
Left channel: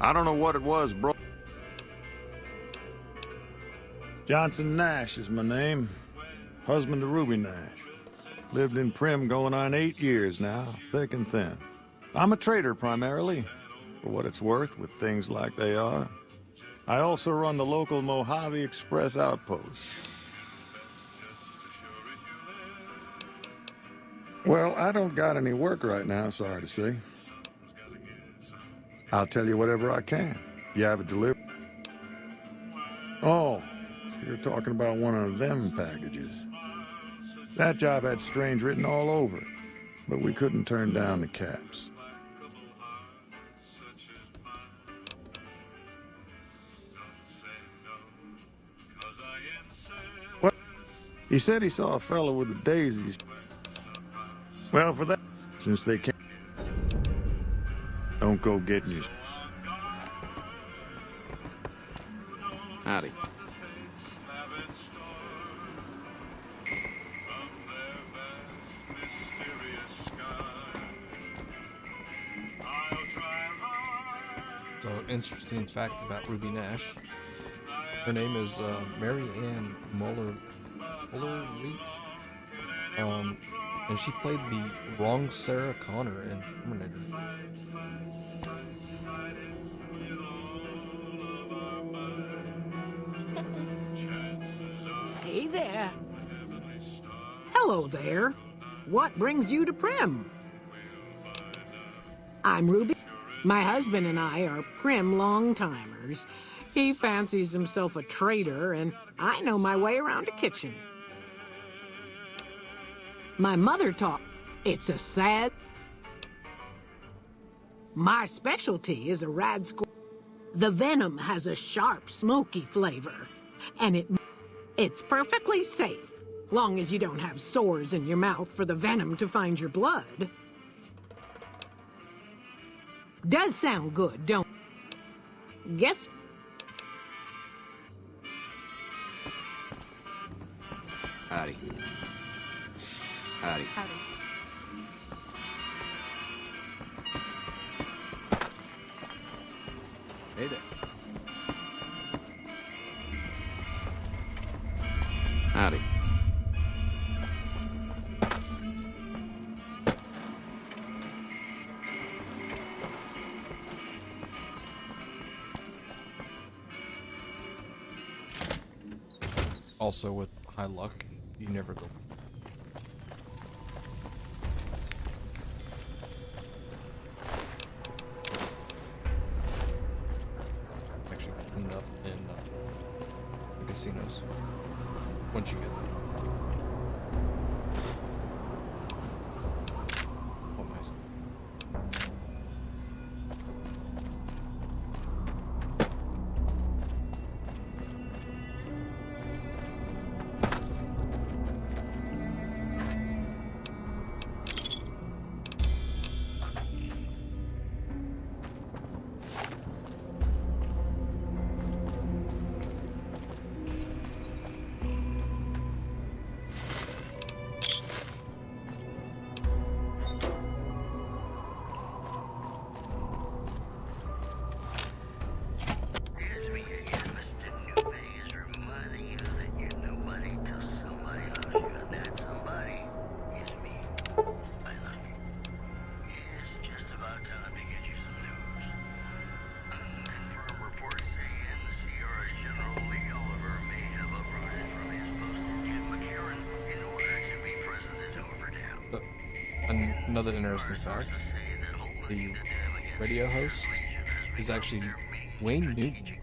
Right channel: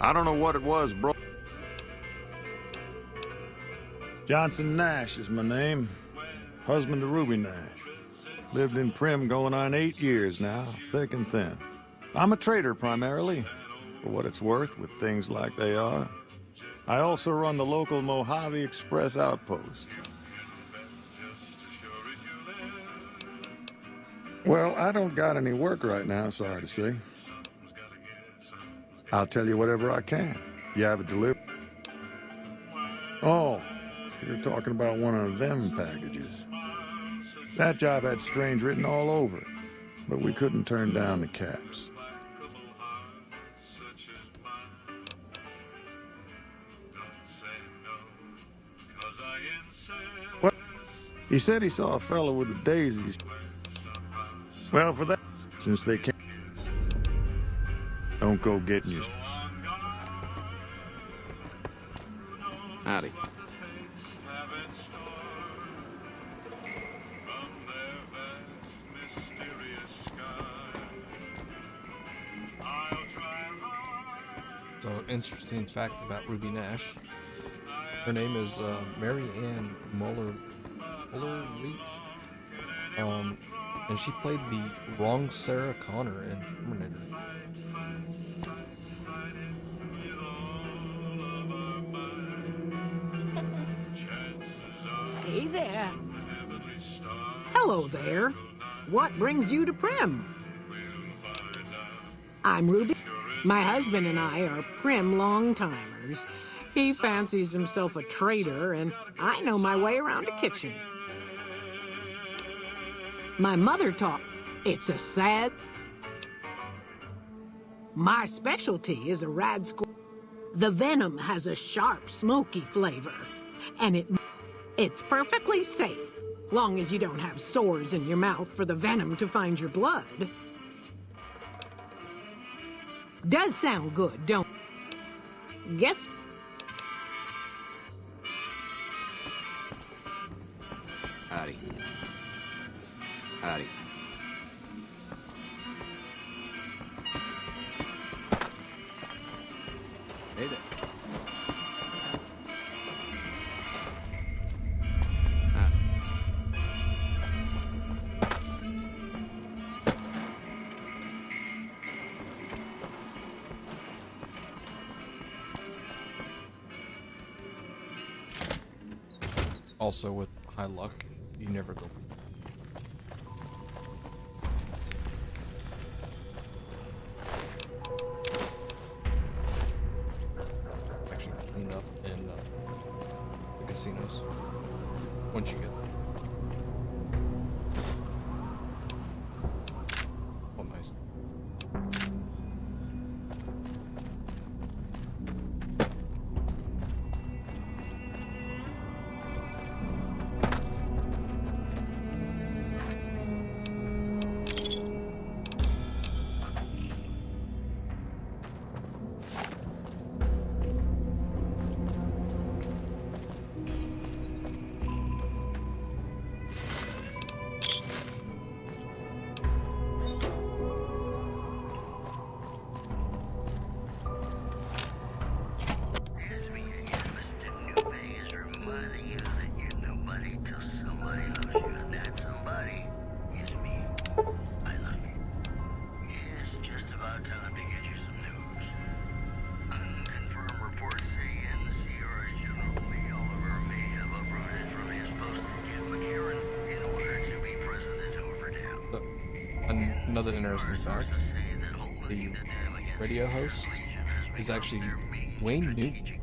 I don't know what it was, bro. Johnson Nash is my name. Husband to Ruby Nash. Lived in Prim going on 8 years now, thick and thin. I'm a trader primarily, for what it's worth with things like they are. I also run the local Mojave Express outpost. Well, I don't got any work right now, sorry to say. I'll tell you whatever I can. You have it delivered? Oh, so you're talking about one of them packages. That job had strange written all over it, but we couldn't turn down the caps. What? He said he saw a fellow with the daisies. Well, for that, since they can't, don't go getting your... Howdy. So, interesting fact about Ruby Nash. Her name is Mary Ann Muller Lee. And she played the wrong Sarah Connor in Terminator. Hey there. Hello there. What brings you to Prim? I'm Ruby. My husband and I are Prim long-timers. He fancies himself a trader, and I know my way around a kitchen. My mother taught. It's a sad... My specialty is a rad squirrel. The venom has a sharp, smoky flavor, and it's perfectly safe, long as you don't have sores in your mouth for the venom to find your blood. Does sound good, don't... Guess... Howdy. Howdy. Hey there. Howdy. Also, with high luck, you never go. Actually, clean up in the casinos once you get there. Oh, nice. Another interesting fact, the radio host is actually Wayne Newton.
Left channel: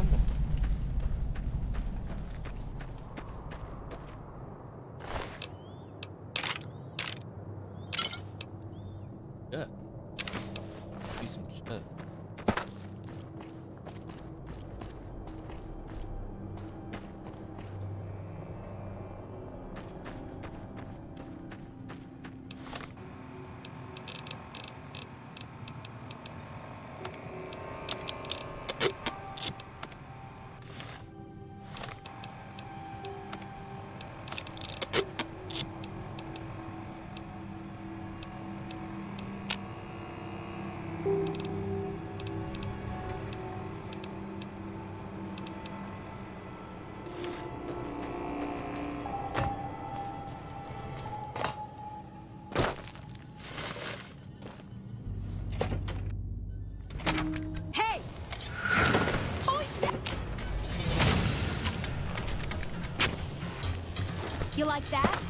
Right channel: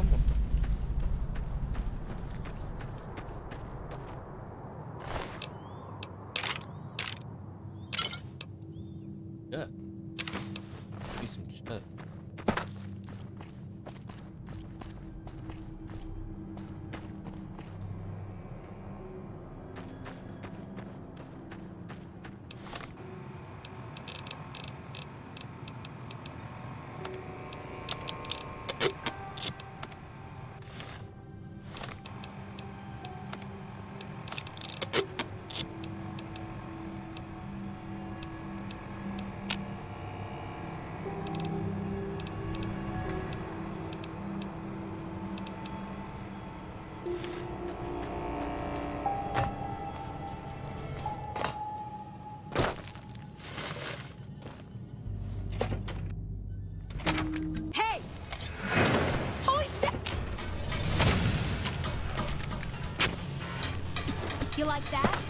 something? Yeah. See some shit. Hey! Holy shit! You like that?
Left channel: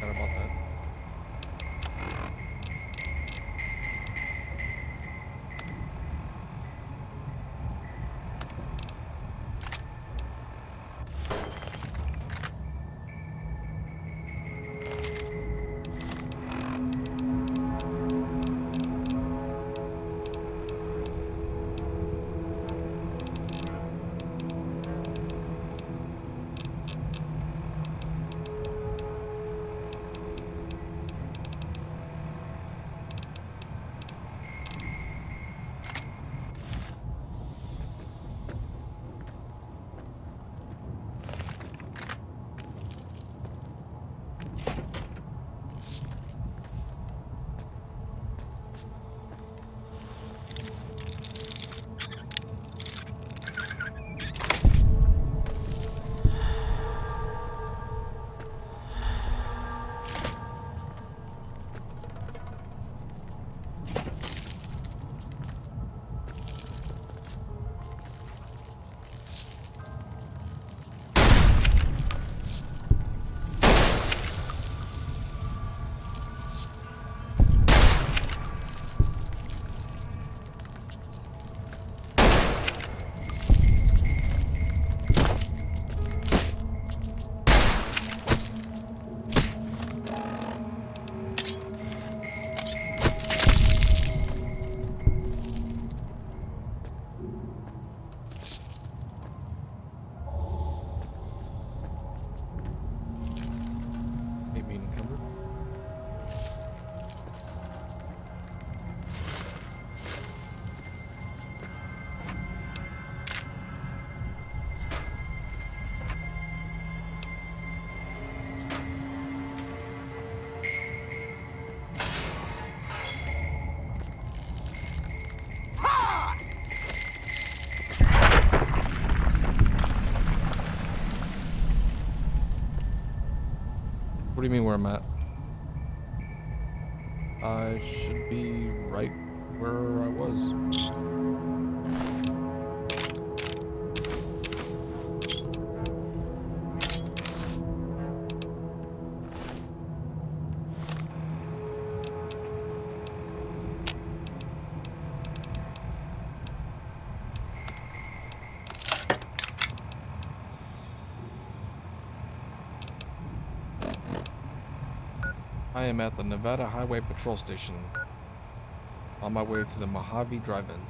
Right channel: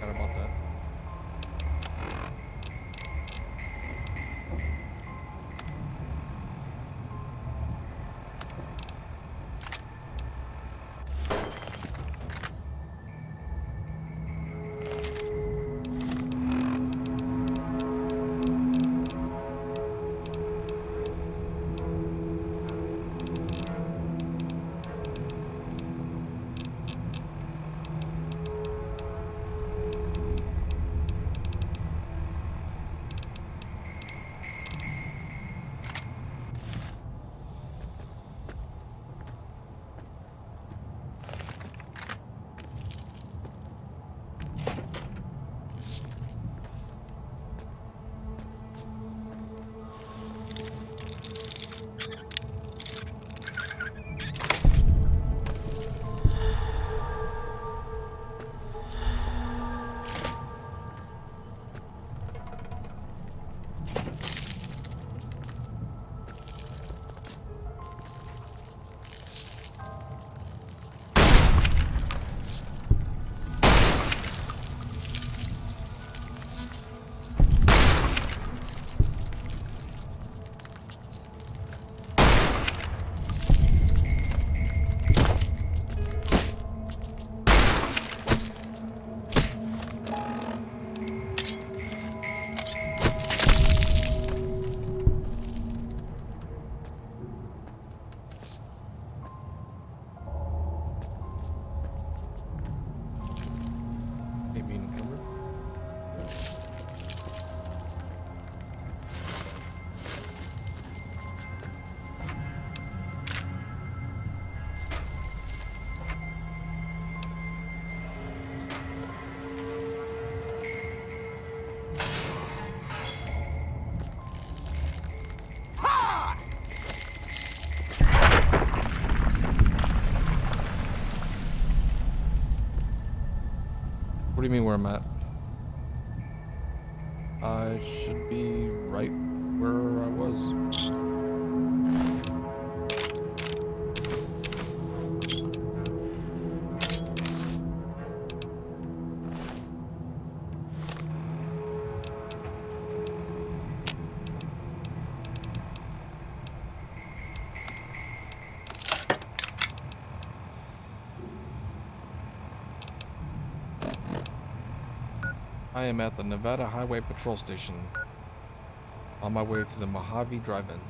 About that. do you mean where I'm at? I should be right where I was. I am at the Nevada Highway Patrol Station, on my way to the Mojave Drive-In.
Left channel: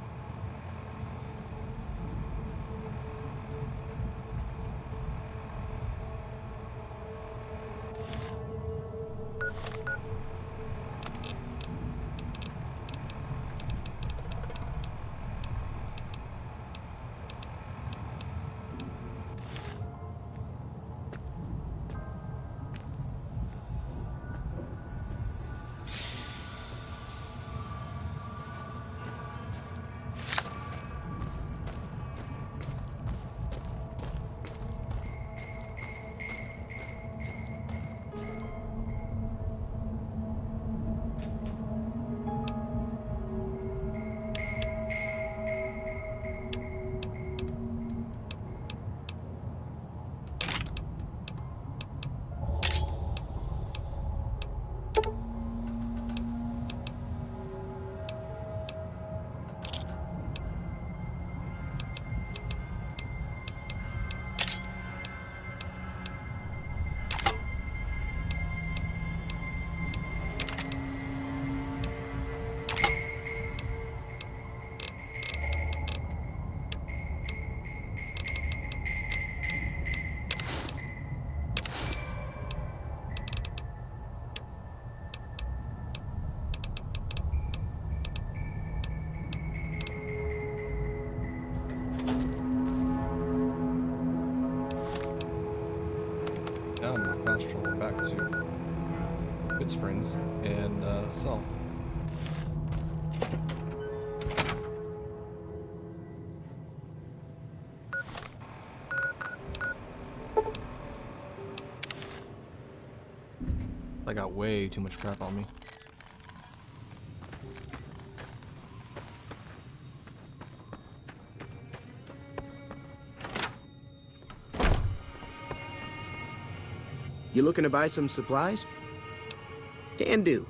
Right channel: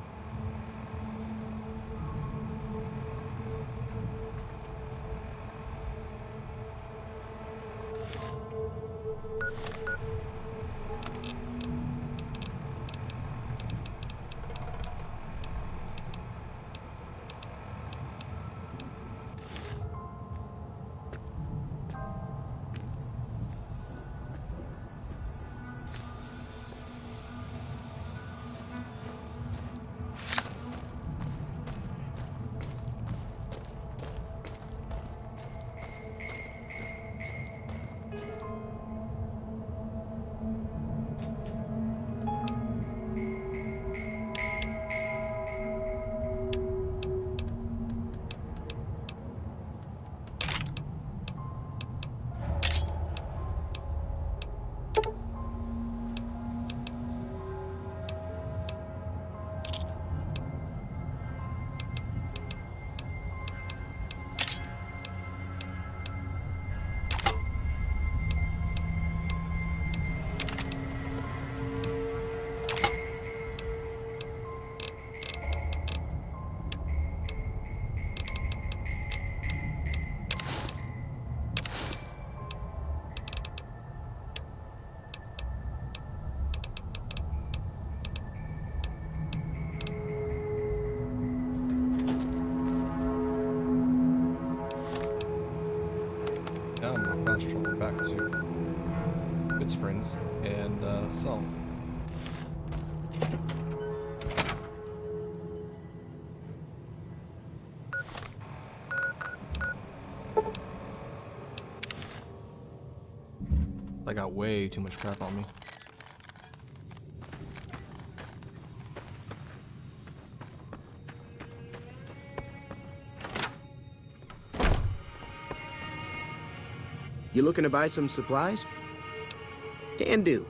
Now I'm gonna fast travel back to Good Springs and sell. I got way too much crap on me. You looking to buy some supplies? Can do.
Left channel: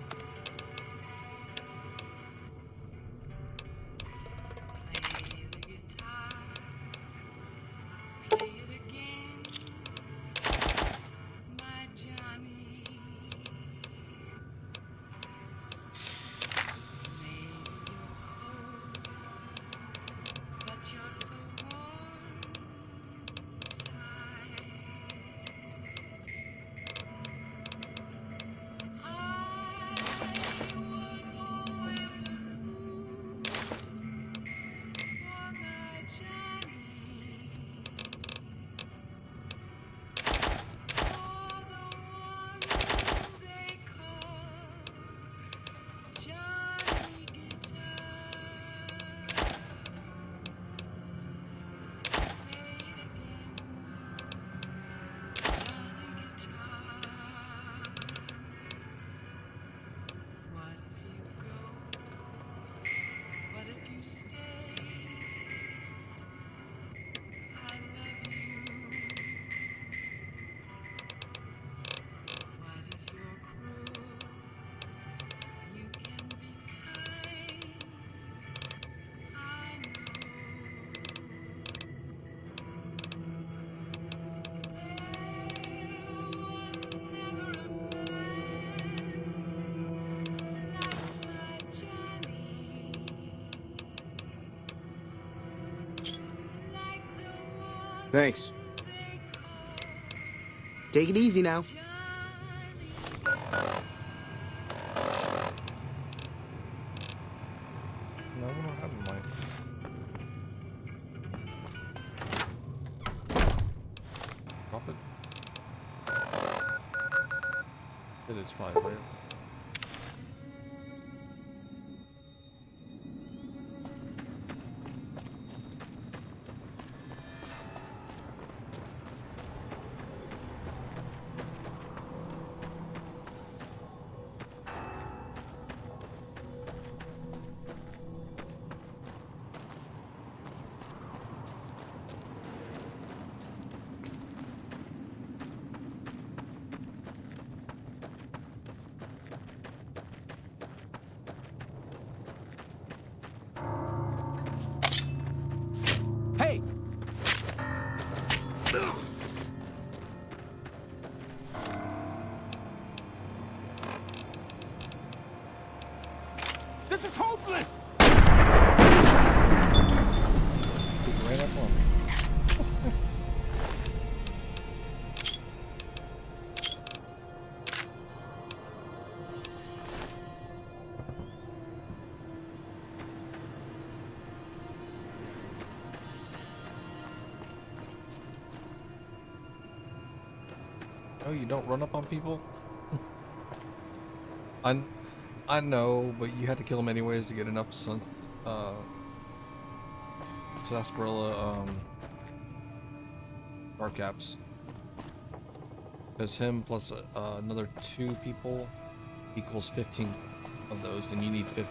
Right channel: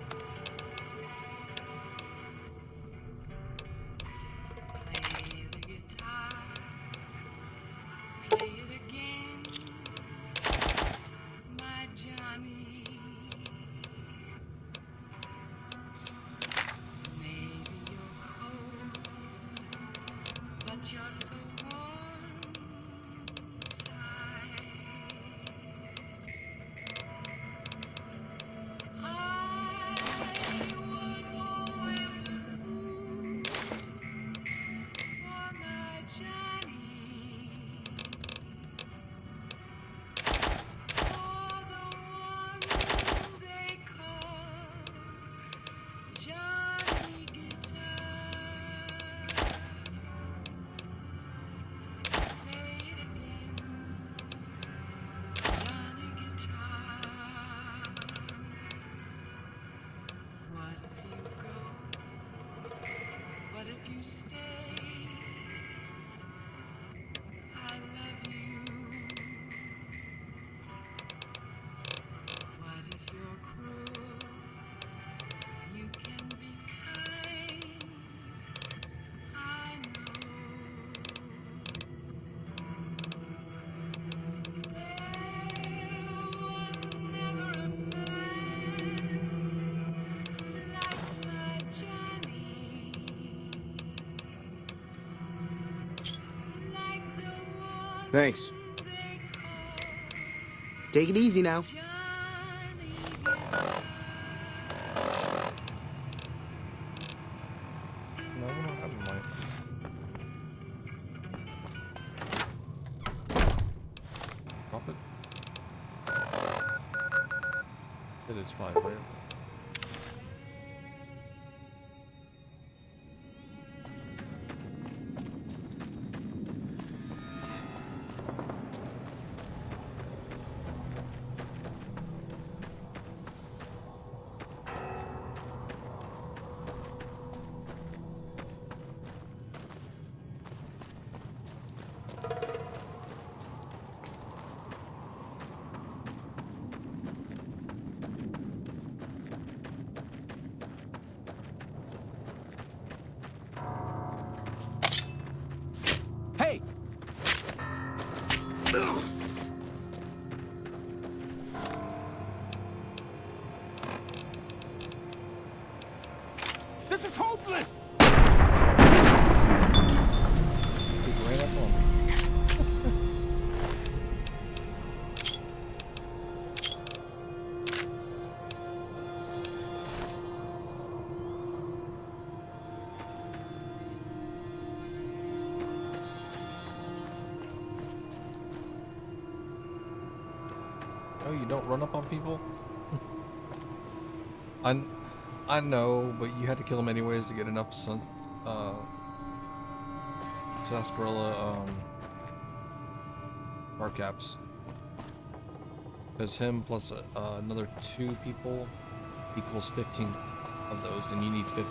Thanks. Take it easy now. No, we don't have a mic. Drop it. It is fine, right? Oh, you don't run up on people? I know, but you had to kill them anyways to get enough sarsaparilla bar caps. Because him plus another 2 people equals 15 of those, and you need 50.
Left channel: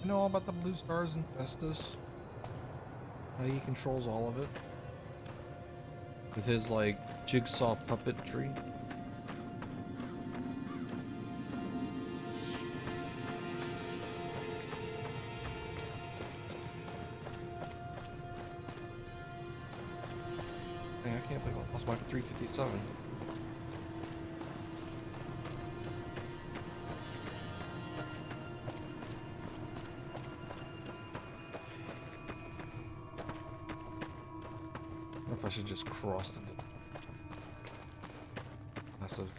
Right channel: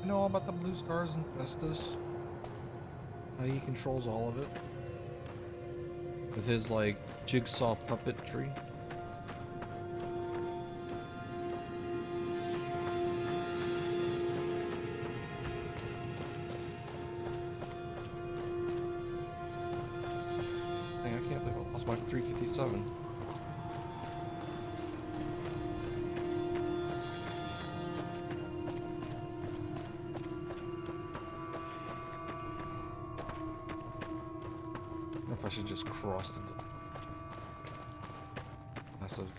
You know all about the blue stars and Festus? How he controls all of it? With his, like, jigsaw puppetry? Dang, I can't believe I lost my 357. I should just cross the massive.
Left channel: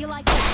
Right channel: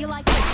You like that?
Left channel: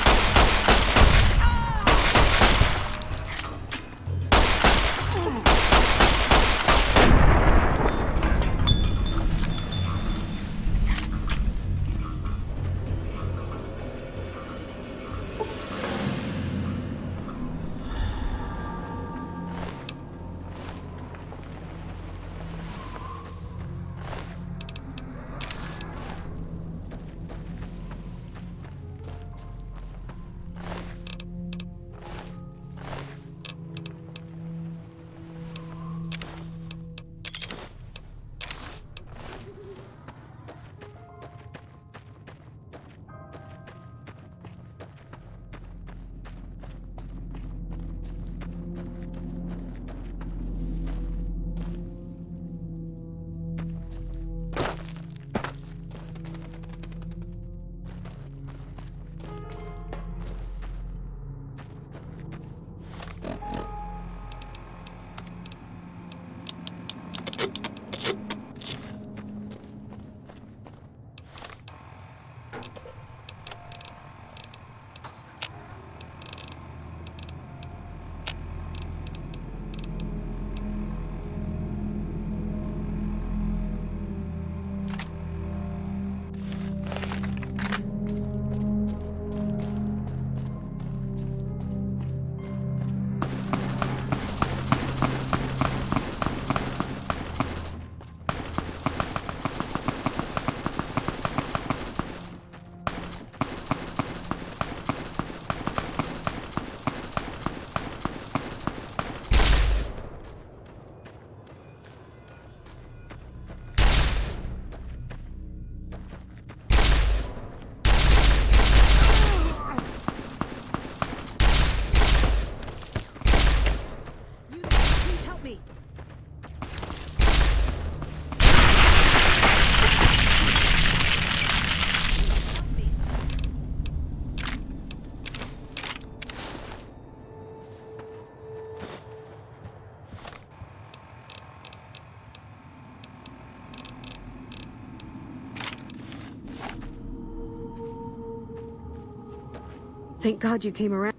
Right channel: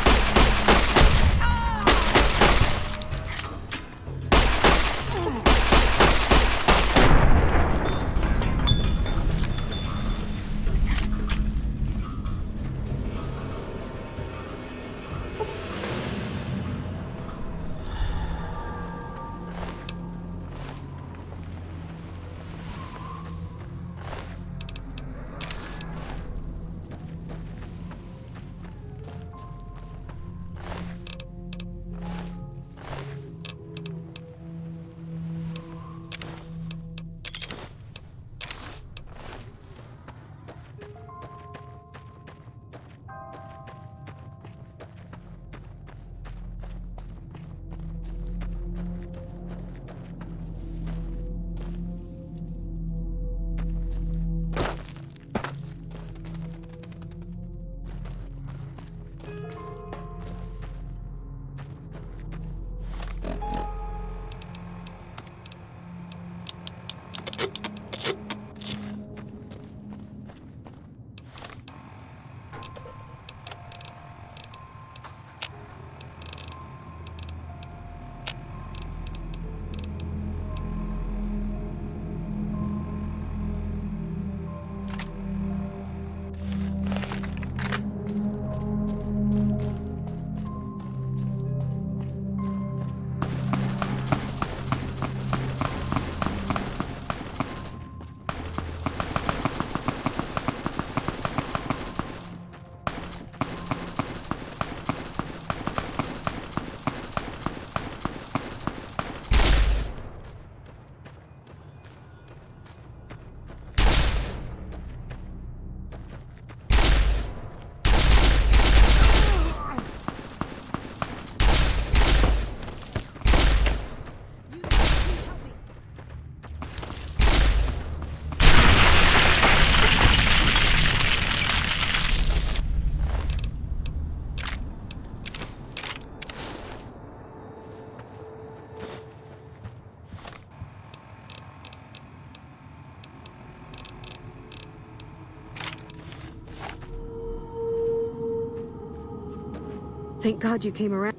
Thank God you came around.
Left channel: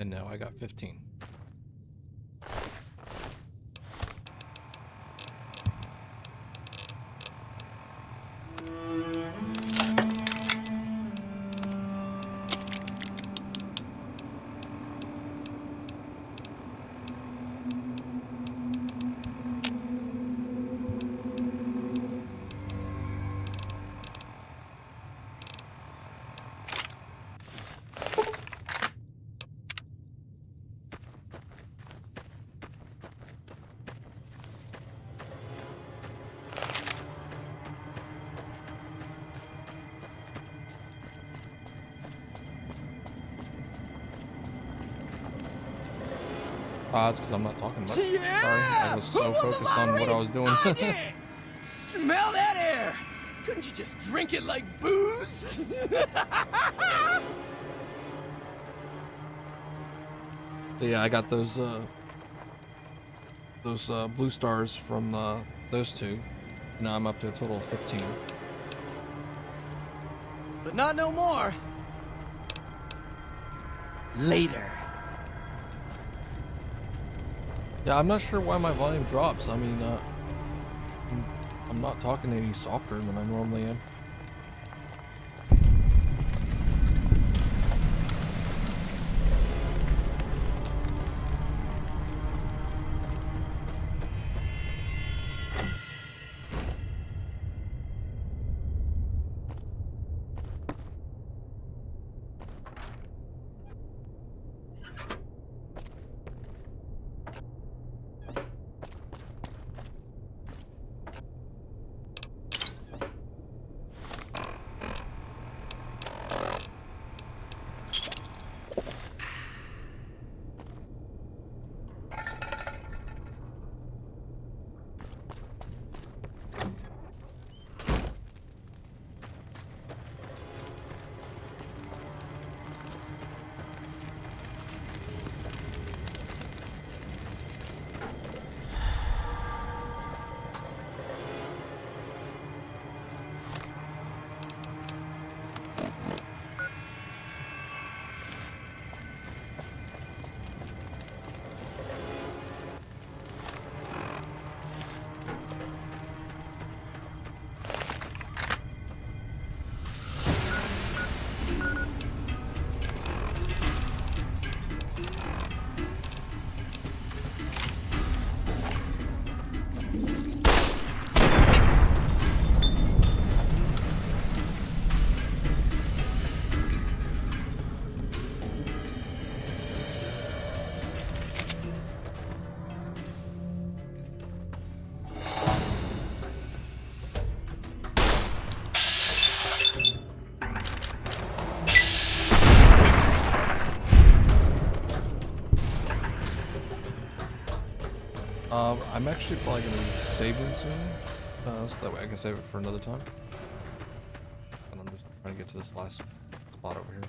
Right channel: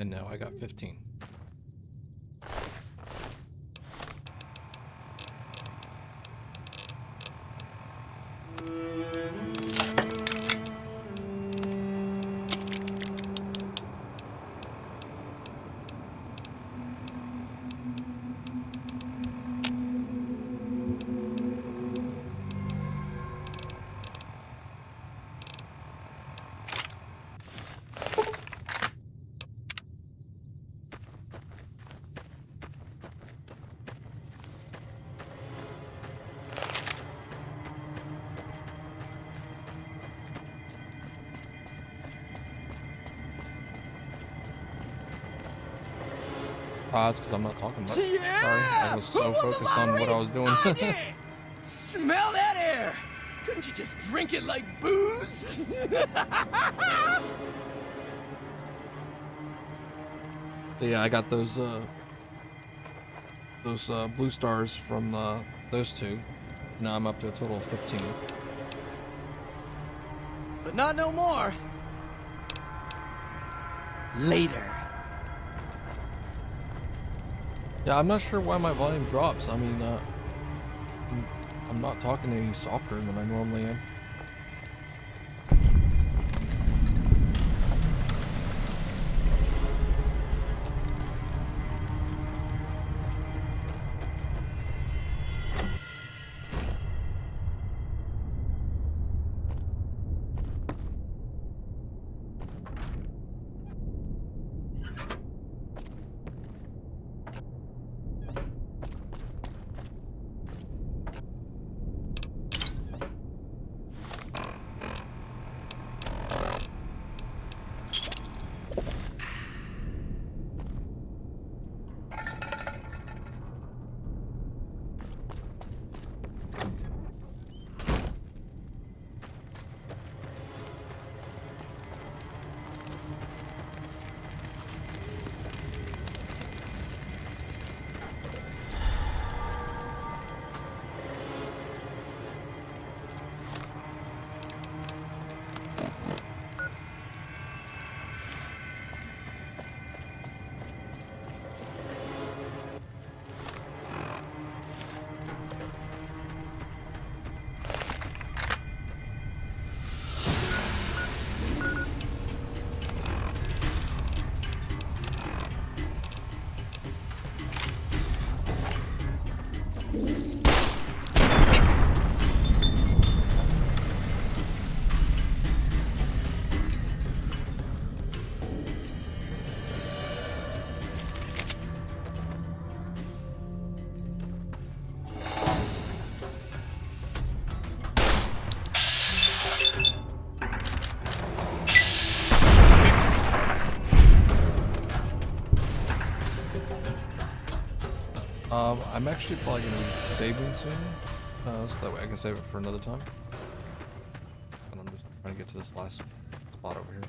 And now I got 15. It's because I'm not talking much. Yeah! Sorry, I was so focused on what I was doing. Smell that air! Couldn't you just drink it like booze? So yeah, I got those blue stars from those two. Now I'm up to a total of 15. But not no more. Later. Yeah, I'm not sure why my volume drops. I mean, I'm not talking any softer than I normally am. I'm actually probably going to be saving soon, so that way I can save it for another time. And I'm just trying to get to this last spot over here.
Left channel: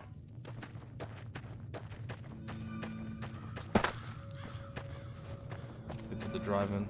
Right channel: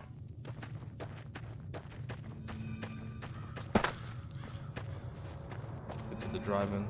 Get to the drive-in.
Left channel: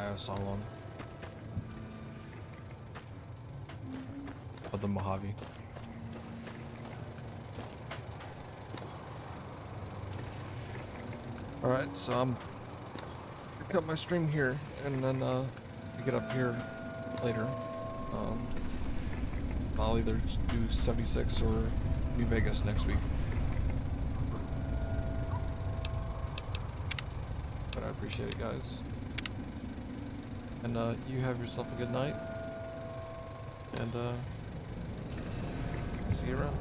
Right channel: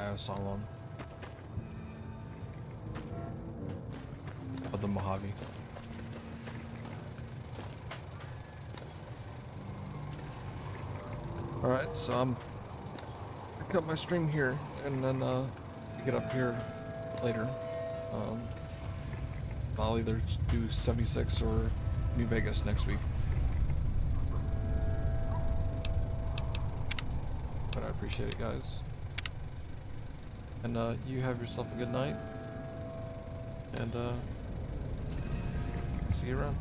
I saw one. Of the Mojave. Alright, so I'm gonna cut my stream here and then pick it up here later. I'll either do 76 or New Vegas next week. But I appreciate it, guys. And you have yourself a good night. And see you around.